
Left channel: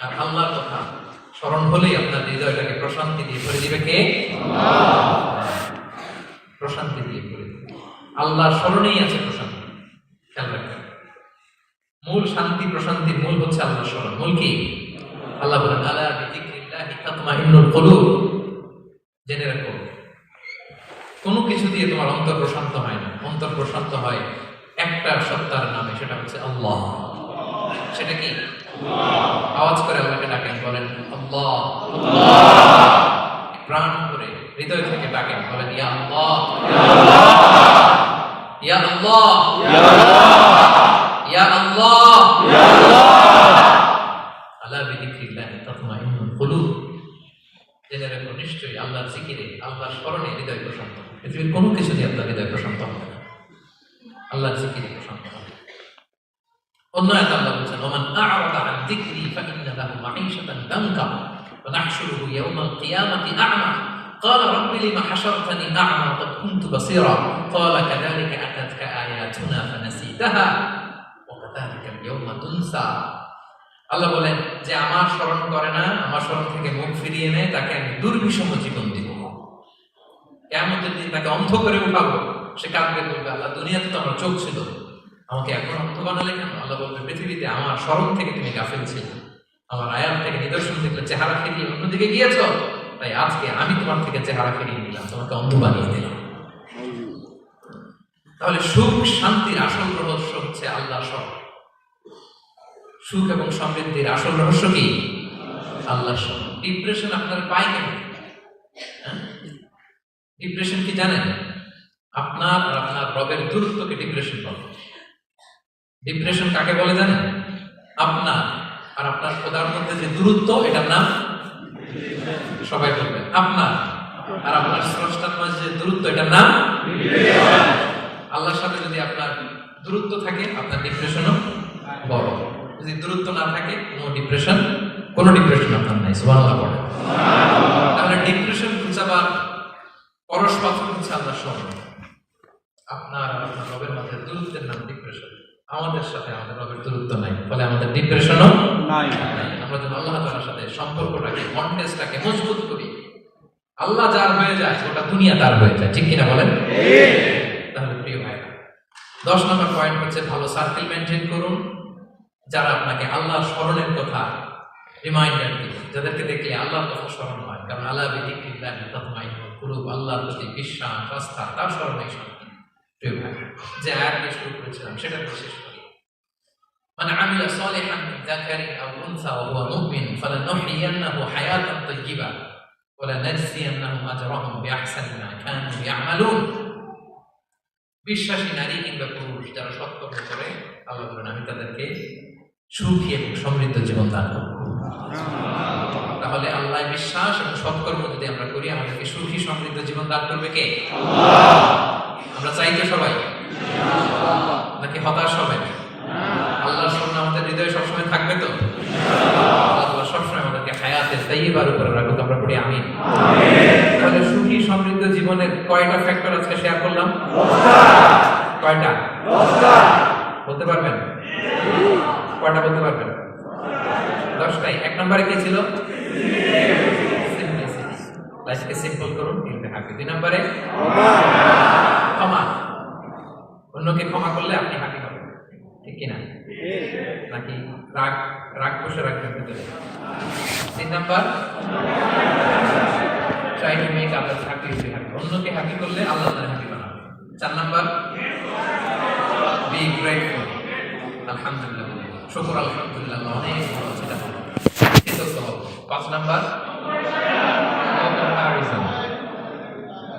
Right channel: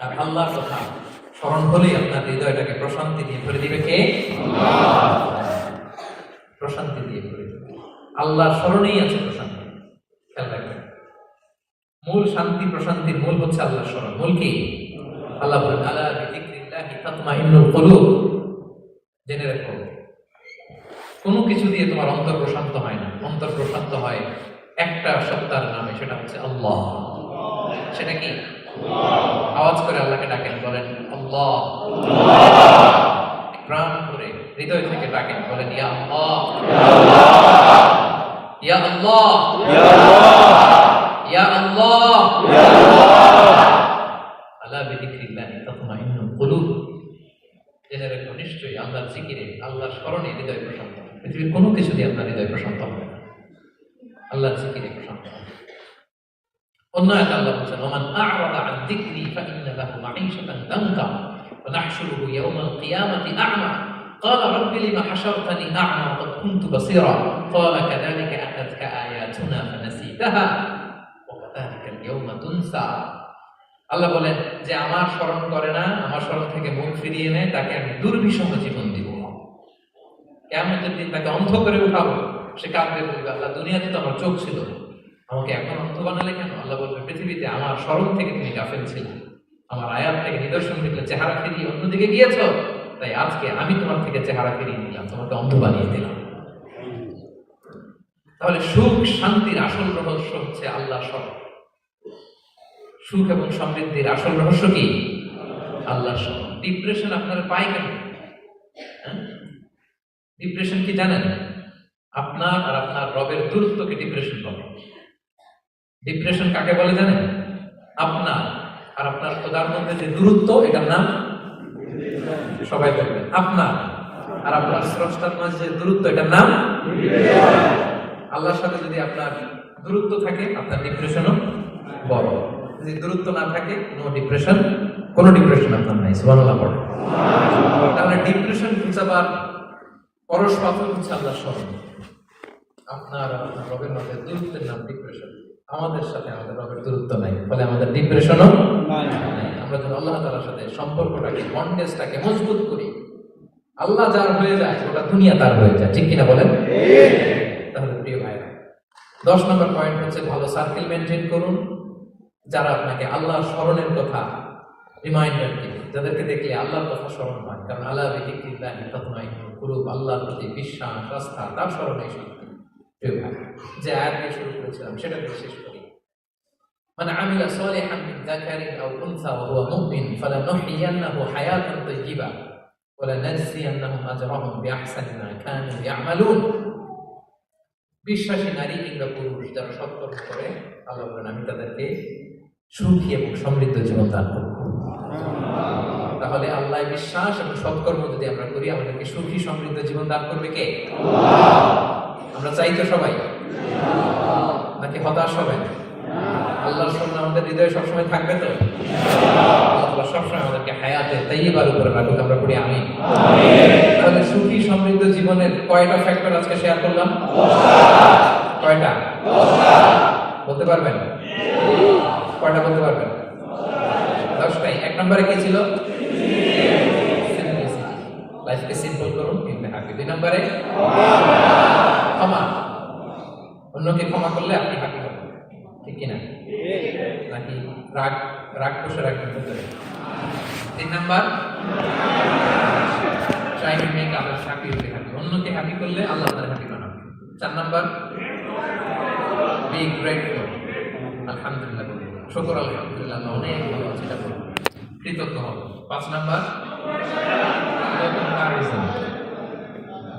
আর আল্লাহর কথা স্মরণ হলেই আপনার হৃদয়টাকে প্রশান্তি দিয়ে ভরে দিবে কে? আল্লাহ। প্রশান্তি দিয়ে ভরে দিবে। আল্লাহর স্মরণেই আছে প্রশান্তি। খেয়াল রাখবেন, মূল শান্তি প্রশান্তির মূল হচ্ছে আল্লাহর স্মরণ। মূল কি? আল্লাহ বলেন আলা বিযিকরিল্লাহি তাতমাইন্নুল কুলুব। জেনে রাখো, কোনো কিছু দিয়ে তোমার অন্তর প্রশান্ত হয় না, অন্তর প্রশান্ত হয় একটা সত্তার নামে, সেটা হচ্ছে আল্লাহ। সেটা কি? আওয়াজ করে আল্লাহকে ডাকেন, বলেন আল্লাহ। প্রাণ করে হৃদয় থেকে ডাকেন, বলেন ইয়া আল্লাহ, ইয়া আল্লাহ, ইয়া আল্লাহ, ইয়া আল্লাহ, ইয়া আল্লাহ। আলা বিযিকরিল্লাহি তাতমাইন্নুল কুলুব। জেনে রাখো, নিশ্চয়ই আল্লাহর জিকিরে, আল্লাহর স্মরণে হৃদয় প্রশান্ত হয়। পৃথিবীর কোনো কিছু দিয়ে আপনার হৃদয় প্রশান্ত হবে না, আল্লাহর জিকিরে প্রশান্ত হবে। অন্য আয়াতে আল্লাহ বলেছেন ওমান আ'রাদা আন যিকরি ফাইন্না লাহু মাঈশাতান দানকা ওয়া নাহশুরুহু ইয়াওমাল কিয়ামাতি আ'মা قال رب لما حشرتني أعمى وقد كنت بصيرا قال كذلك أتتك آياتنا فنسيتها وكذلك اليوم تنسى। আল্লাহ বলেন যে আমার স্মরণ করে না, আমার স্মরণ থেকে মুখ ফিরিয়ে নেয়, তাকে আমি দুর্বিষহ জীবন দিব। কিয়ামতের দিন তাকে অন্ধ করে উঠাবো, সে কাঁদবে, বলবে আল্লাহ দুনিয়াতে তো আমার চোখ ছিল, আমাকে এখন অন্ধ বানালে কেন? আল্লাহ বলবে পৃথিবীতে আমার স্মরণ থেকে তুমি গাফেল ছিলে, আমার আয়াত থেকে নিদর্শন থেকে চেহারা ফিরিয়ে অন্যদিকে গিয়েছ, তাই আজকে আমি তোমার থেকে চেহারা ফিরিয়ে নিলাম, তোমাকে অন্ধ বানিয়ে দিলাম। তাহলে সুখ শান্তির আসল রহস্য হচ্ছে আল্লাহ স্মরণ। সুখ এবং সমৃদ্ধির আসল রহস্য কি? আল্লাহ স্মরণ। ডিপ্রেশন আপনার পায় কেন? ডিপ্রেশন কি জানেন? আপনার আর আপনার রবের দূরত্বকে ডিপ্রেশন বলে। ডিপ্রেশন কাকে বলে জানেন? আপনার আর আপনার খোদার মধ্যে যে দূরত্ব, এটার নাম সবাই বলবেন। আপনার আর আপনার স্রষ্টার মাঝে যে দূরত্ব, এটার নাম। আল্লাহর সাথে যদি আপনার দূরত্ব থাকে, আপনার ডিপ্রেশনও বড়। যদি দূরত্ব না থাকে, কোনো ডিপ্রেশন আপনার নাই। সুবহানাল্লাহ পড়ে। তাহলে ডিপ্রেশন ঘুচাবার পরশ পাথর হচ্ছে আল্লাহ স্মরণ। আপনার আর আপনার রবের মধ্যে দূরত্বের নাম ডিপ্রেশন। আমাদের সাথে আমাদের রবের দূরত্ব নাই, ফলে আমাদের ডিপ্রেশনও নাই। আমরা যদি আল্লাহ তাআলার সাথে সম্পর্কটাকে, বন্ডেজটাকে মজবুত করি, আল্লাহ যার হয়ে যায়, গোটা দুনিয়া তার হয়ে যায়। ঠিক কিনা বলেন? তাহলে প্রিয় ভাইরা, 10 নম্বর পয়েন্ট হচ্ছে ভালো সার্কেল মেনটেন করুন, যারা আপনাকে আল্লাহ স্মরণের কথা রিমাইন্ডার দিবে, যাদেরকে দেখলে আল্লাহর কথা স্মরণ হয়। কারণ আলা বিযিকরিল্লাহি তাতমাইন্নুল কুলুব, আল্লাহর প্রতি বিশ্বাস, আস্থা, তার স্মরণেই শান্তি। প্রিয় ভাই, যে আয়াত দিয়ে শুরু করেছিলাম সেটা শেষ করি। মান আমিলা সালিহান মিন যাকারিন আও উনসা ওয়া হুয়া মুমিন ফালানুহইয়ান্নাহু হায়াতান তাইয়্যিবা ওয়া লানাজজিয়ান্নাহুম আজরাহুম বিআহসানি মা কানু ইয়ামালুন। বিশ্বাসী নারী কিংবা পুরুষ যারা সৎকর্ম করে, আল্লাহ বলেন আমি তাদেরকে সুখী এবং সমৃদ্ধ জীবন দান করব। তাহলে আল্লাহ বিশ্বাস এবং সৎকর্ম যদি আমরা করি, আমাদেরকে সুখী সমৃদ্ধ জীবন দান করবে কে? আমরা চাই তো সবাই, নাকি হতাশ হবেন? আল্লাহর স্মরণ আমাদের হৃদয়ে সবসময় থাকবে তো? আল্লাহ সবসময় আমাদেরকে হায়াতে তাইয়্যিবার উপরে রাখুক, আমরা পড়ি আমিন। তাহলে সুখী সমৃদ্ধ জীবনের কয়টা ফ্যাক্টর আজকে শেয়ার করলাম? কয়টা বলতে পারবেন? কয়টা বলতে পারবেন? 10টাই। 1 নম্বরে কি ছিল? লাইফকে সিম্পল করুন, ইউ বি হ্যাপি। 2 নম্বরে ক্ষমা। অন্যকে ক্ষমা করলে আপনি হ্যাপি হবেন। ঠিক কিনা? নাকি রাগ বসে রাখবেন ভিতরে? 3 number try to make others happy, you be happy. অন্যকে হ্যাপি করলে আল্লাহ আপনাকে হ্যাপি বানাবে। 4 নাম্বার বি গ্রেটফুল, আলহামদুলিল্লাহ বলুন, শুকর আলহামদুলিল্লাহ, আল্লাহ অনেক ভালো আছে, এটা বলুন, কৃতজ্ঞ হব। 5 নাম্বার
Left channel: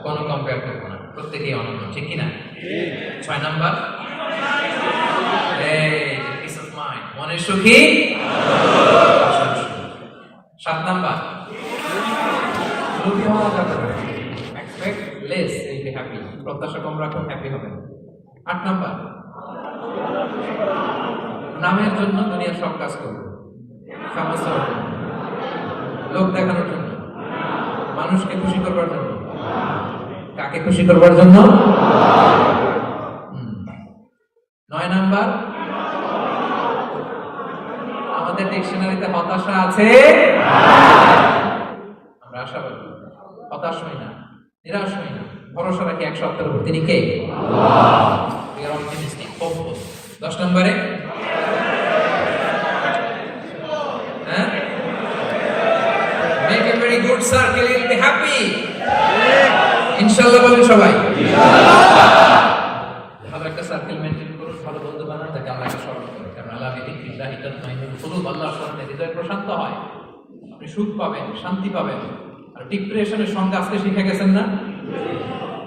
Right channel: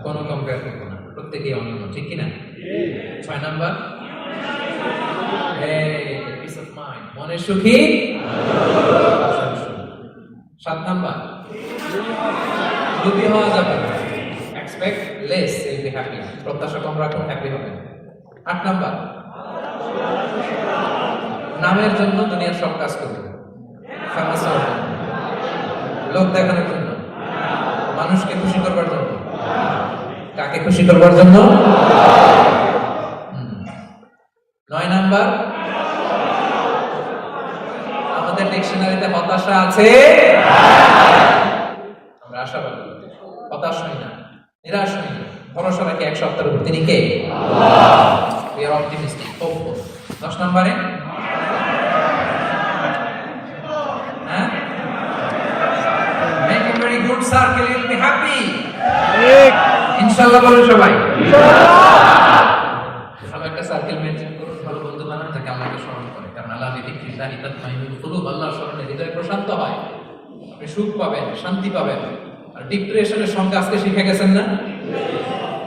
কোনো কম্পেয়ার করবো না, প্রত্যেকেই অনন্য। ঠিক কিনা? 6 নাম্বার পিস অফ মাইন্ড, মনের সুখী। 7 নাম্বার লোভী হওয়া যাবে না, expect less, will be happy, প্রত্যাশা কম রাখুন, হ্যাপি হবেন। 8 নাম্বার নামের জন্য দুনিয়ার সব কাজ করবে, ফেমাস হবে, লোক দেখানোর জন্য, মানুষকে খুশি করবার জন্য। কাকে খুশি করবার জন্য? 9 নাম্বার আমাদের ডিকশনারিতে হতাশা আছে, আমরা আশাবাদী, হতাশ হই না, নিরাশ হই না, ভরসা রাখি এক সত্তার উপর, তিনি কে? আল্লাহ। We are optimistic, hopeful. 10 নম্বরে make a very good circle, you'll be happy. ইনশাআল্লাহ বলুন সবাই। ভালো একটা সার্কেল মেনটেন করুন, ভালো বন্ধু বানান, যাকে আল্লাহকে স্মরণ করে। কারণ আল্লাহ বিযিকরিল্লাহি তাতমাইন্নুল কুলুব, আল্লাহর স্মরণে হৃদয় প্রশান্ত হয়, আপনি সুখ পাবেন, শান্তি পাবেন। আর ডিপ্রেশনের সংজ্ঞা আজকে শিখে গেছেন না?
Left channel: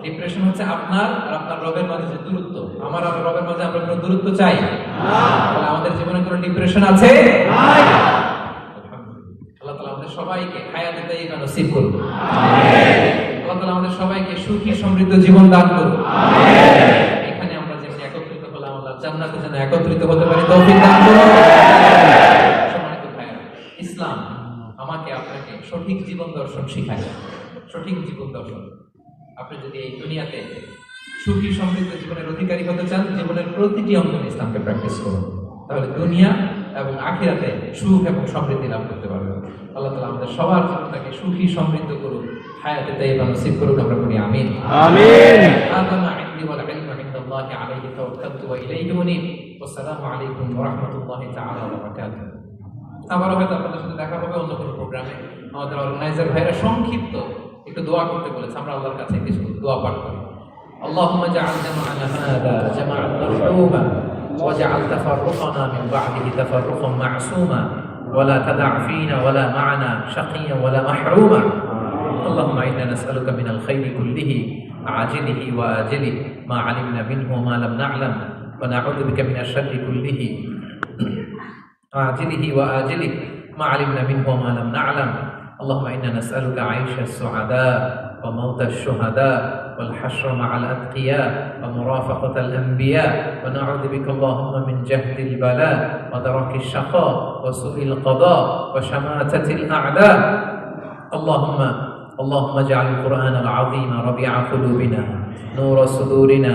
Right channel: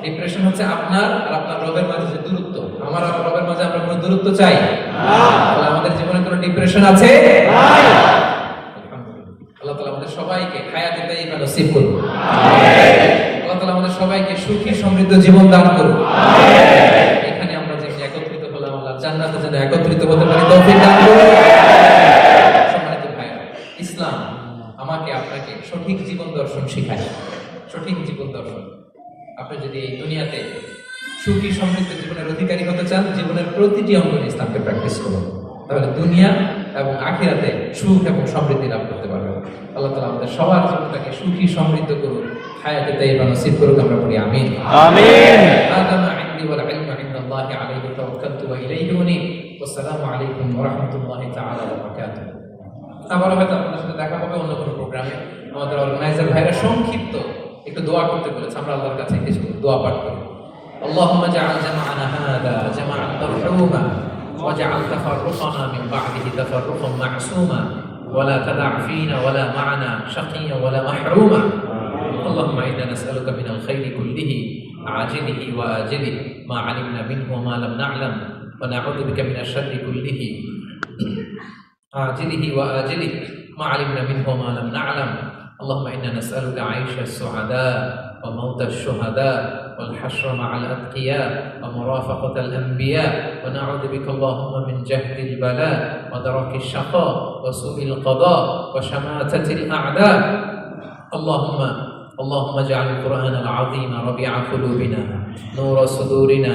ডিপ্রেশন হচ্ছে আপনার আর আপনার রবের মাঝে যে দূরত্ব। আমার আর রবের মাঝে আমরা কোনো দূরত্ব চাই না। তাহলে আমাদের জীবনে কোনো ডিপ্রেশন আছে? আল্লাহ তাআলা আমাদের সবাইকে হায়াতে তাইয়্যিবা নসিব করুন। আল্লাহ তাআলা আমাদের সবাইকে সুখী সমৃদ্ধ জীবন দান করুন। এখানে আমরা যে একত্রিত হলাম, আল্লাহ জান্নাতে যেন একত্রিত হতে পারি, তৌফিক দান করুন। সম্মানিত ভাইরা, ইসলাম আমাকে আপনাকে সঠিক জীবন দর্শন শেখায়। সঠিক জীবন দর্শন। আপনি যদি এই দুনিয়াতে সুখী সমৃদ্ধ জীবনের অধিকারী হতে চান, জীবনের প্রতিটি অঙ্গনে ইসলামকে প্র্যাকটিস করুন, তাহলে দুনিয়া এবং আখিরাতে সুখ এবং সমৃদ্ধি লাভ করতে পারবেন। আল্লাহ তাআলা আমাদের সবার জীবনটাকে সুখী সমৃদ্ধ করুন, হায়াতে তাইয়্যিবা নসিব করুন, আমরা বলি আমিন। আমিন। হাযা মা ইনদি ওয়াল ইলমু ইনদাল্লাহি আলাইহি তাওয়াক্কালতু ওয়া ইলাইহি উনীব। ওয়াসসালামু আলাইকুম ওয়া রাহমাতুল্লাহি তাআলা ওয়া বারাকাতুহু। আবার হয়তো আপনাদের সাথে দেখা হবে অন্য কোনো প্রোগ্রামে। আমাদের অর্গানাইজার ভাইরা সংক্ষিপ্ত একটু দোয়া করতে বলেছে, আমরা আল্লাহর কাছে কিছু দোয়া পাঠ করি। اللهم اجعل جمعنا هذا جمعا مرحوما واجعل تفرقنا من بعده تفرقا معصوما ولا تدع فينا ولا معنا شقيا ولا محروما. اللهم انا نسالك من الخير كله عاجله واجله ما علمنا منه وما لم نعلم ونعوذ بك من الشر كله عاجله واجله ما علمنا منه وما لم نعلم. اللهم انا نسالك عيش السعداء وموت الشهداء والحشر مع الأتقياء ومرافقة الأنبياء ونعوذ بك اللهم من جهد البلاء ودرك الشقاء وسوء القضاء وشماتة الأعداء. اللهم اجعل القرآن العظيم ربيع قلوبنا نور صدورنا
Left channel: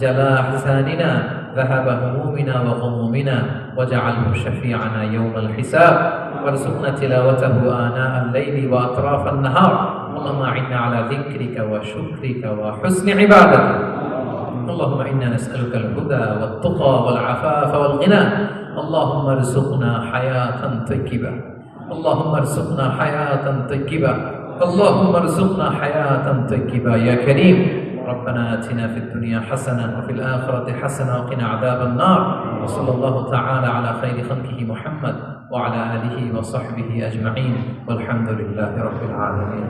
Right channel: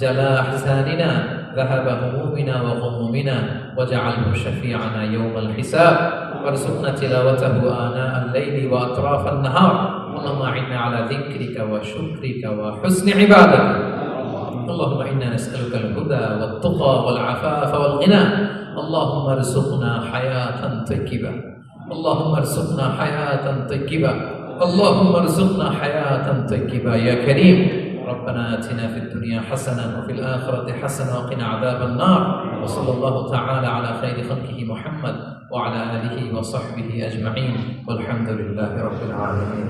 جلاء أحزاننا ذهب همومنا وغمومنا واجعله شفيعنا يوم الحساب وارزقنا تلاوته آناء الليل وأطراف النهار. اللهم أعنا على ذكرك وشكرك وحسن عبادتك. اللهم إنا نسألك الهدى والتقى والعفاف والغنى. اللهم ارزقنا حياة طيبة. اللهم ارزقنا حياة طيبة. اللهم ارزقنا حياة طيبة يا كريم. ربنا آتنا في الدنيا حسنة وفي الآخرة حسنة وقنا عذاب النار. وصلى الله تعالى على خير خلقه محمد وعلى آله وصحبه أجمعين والحمد لله رب العالمين.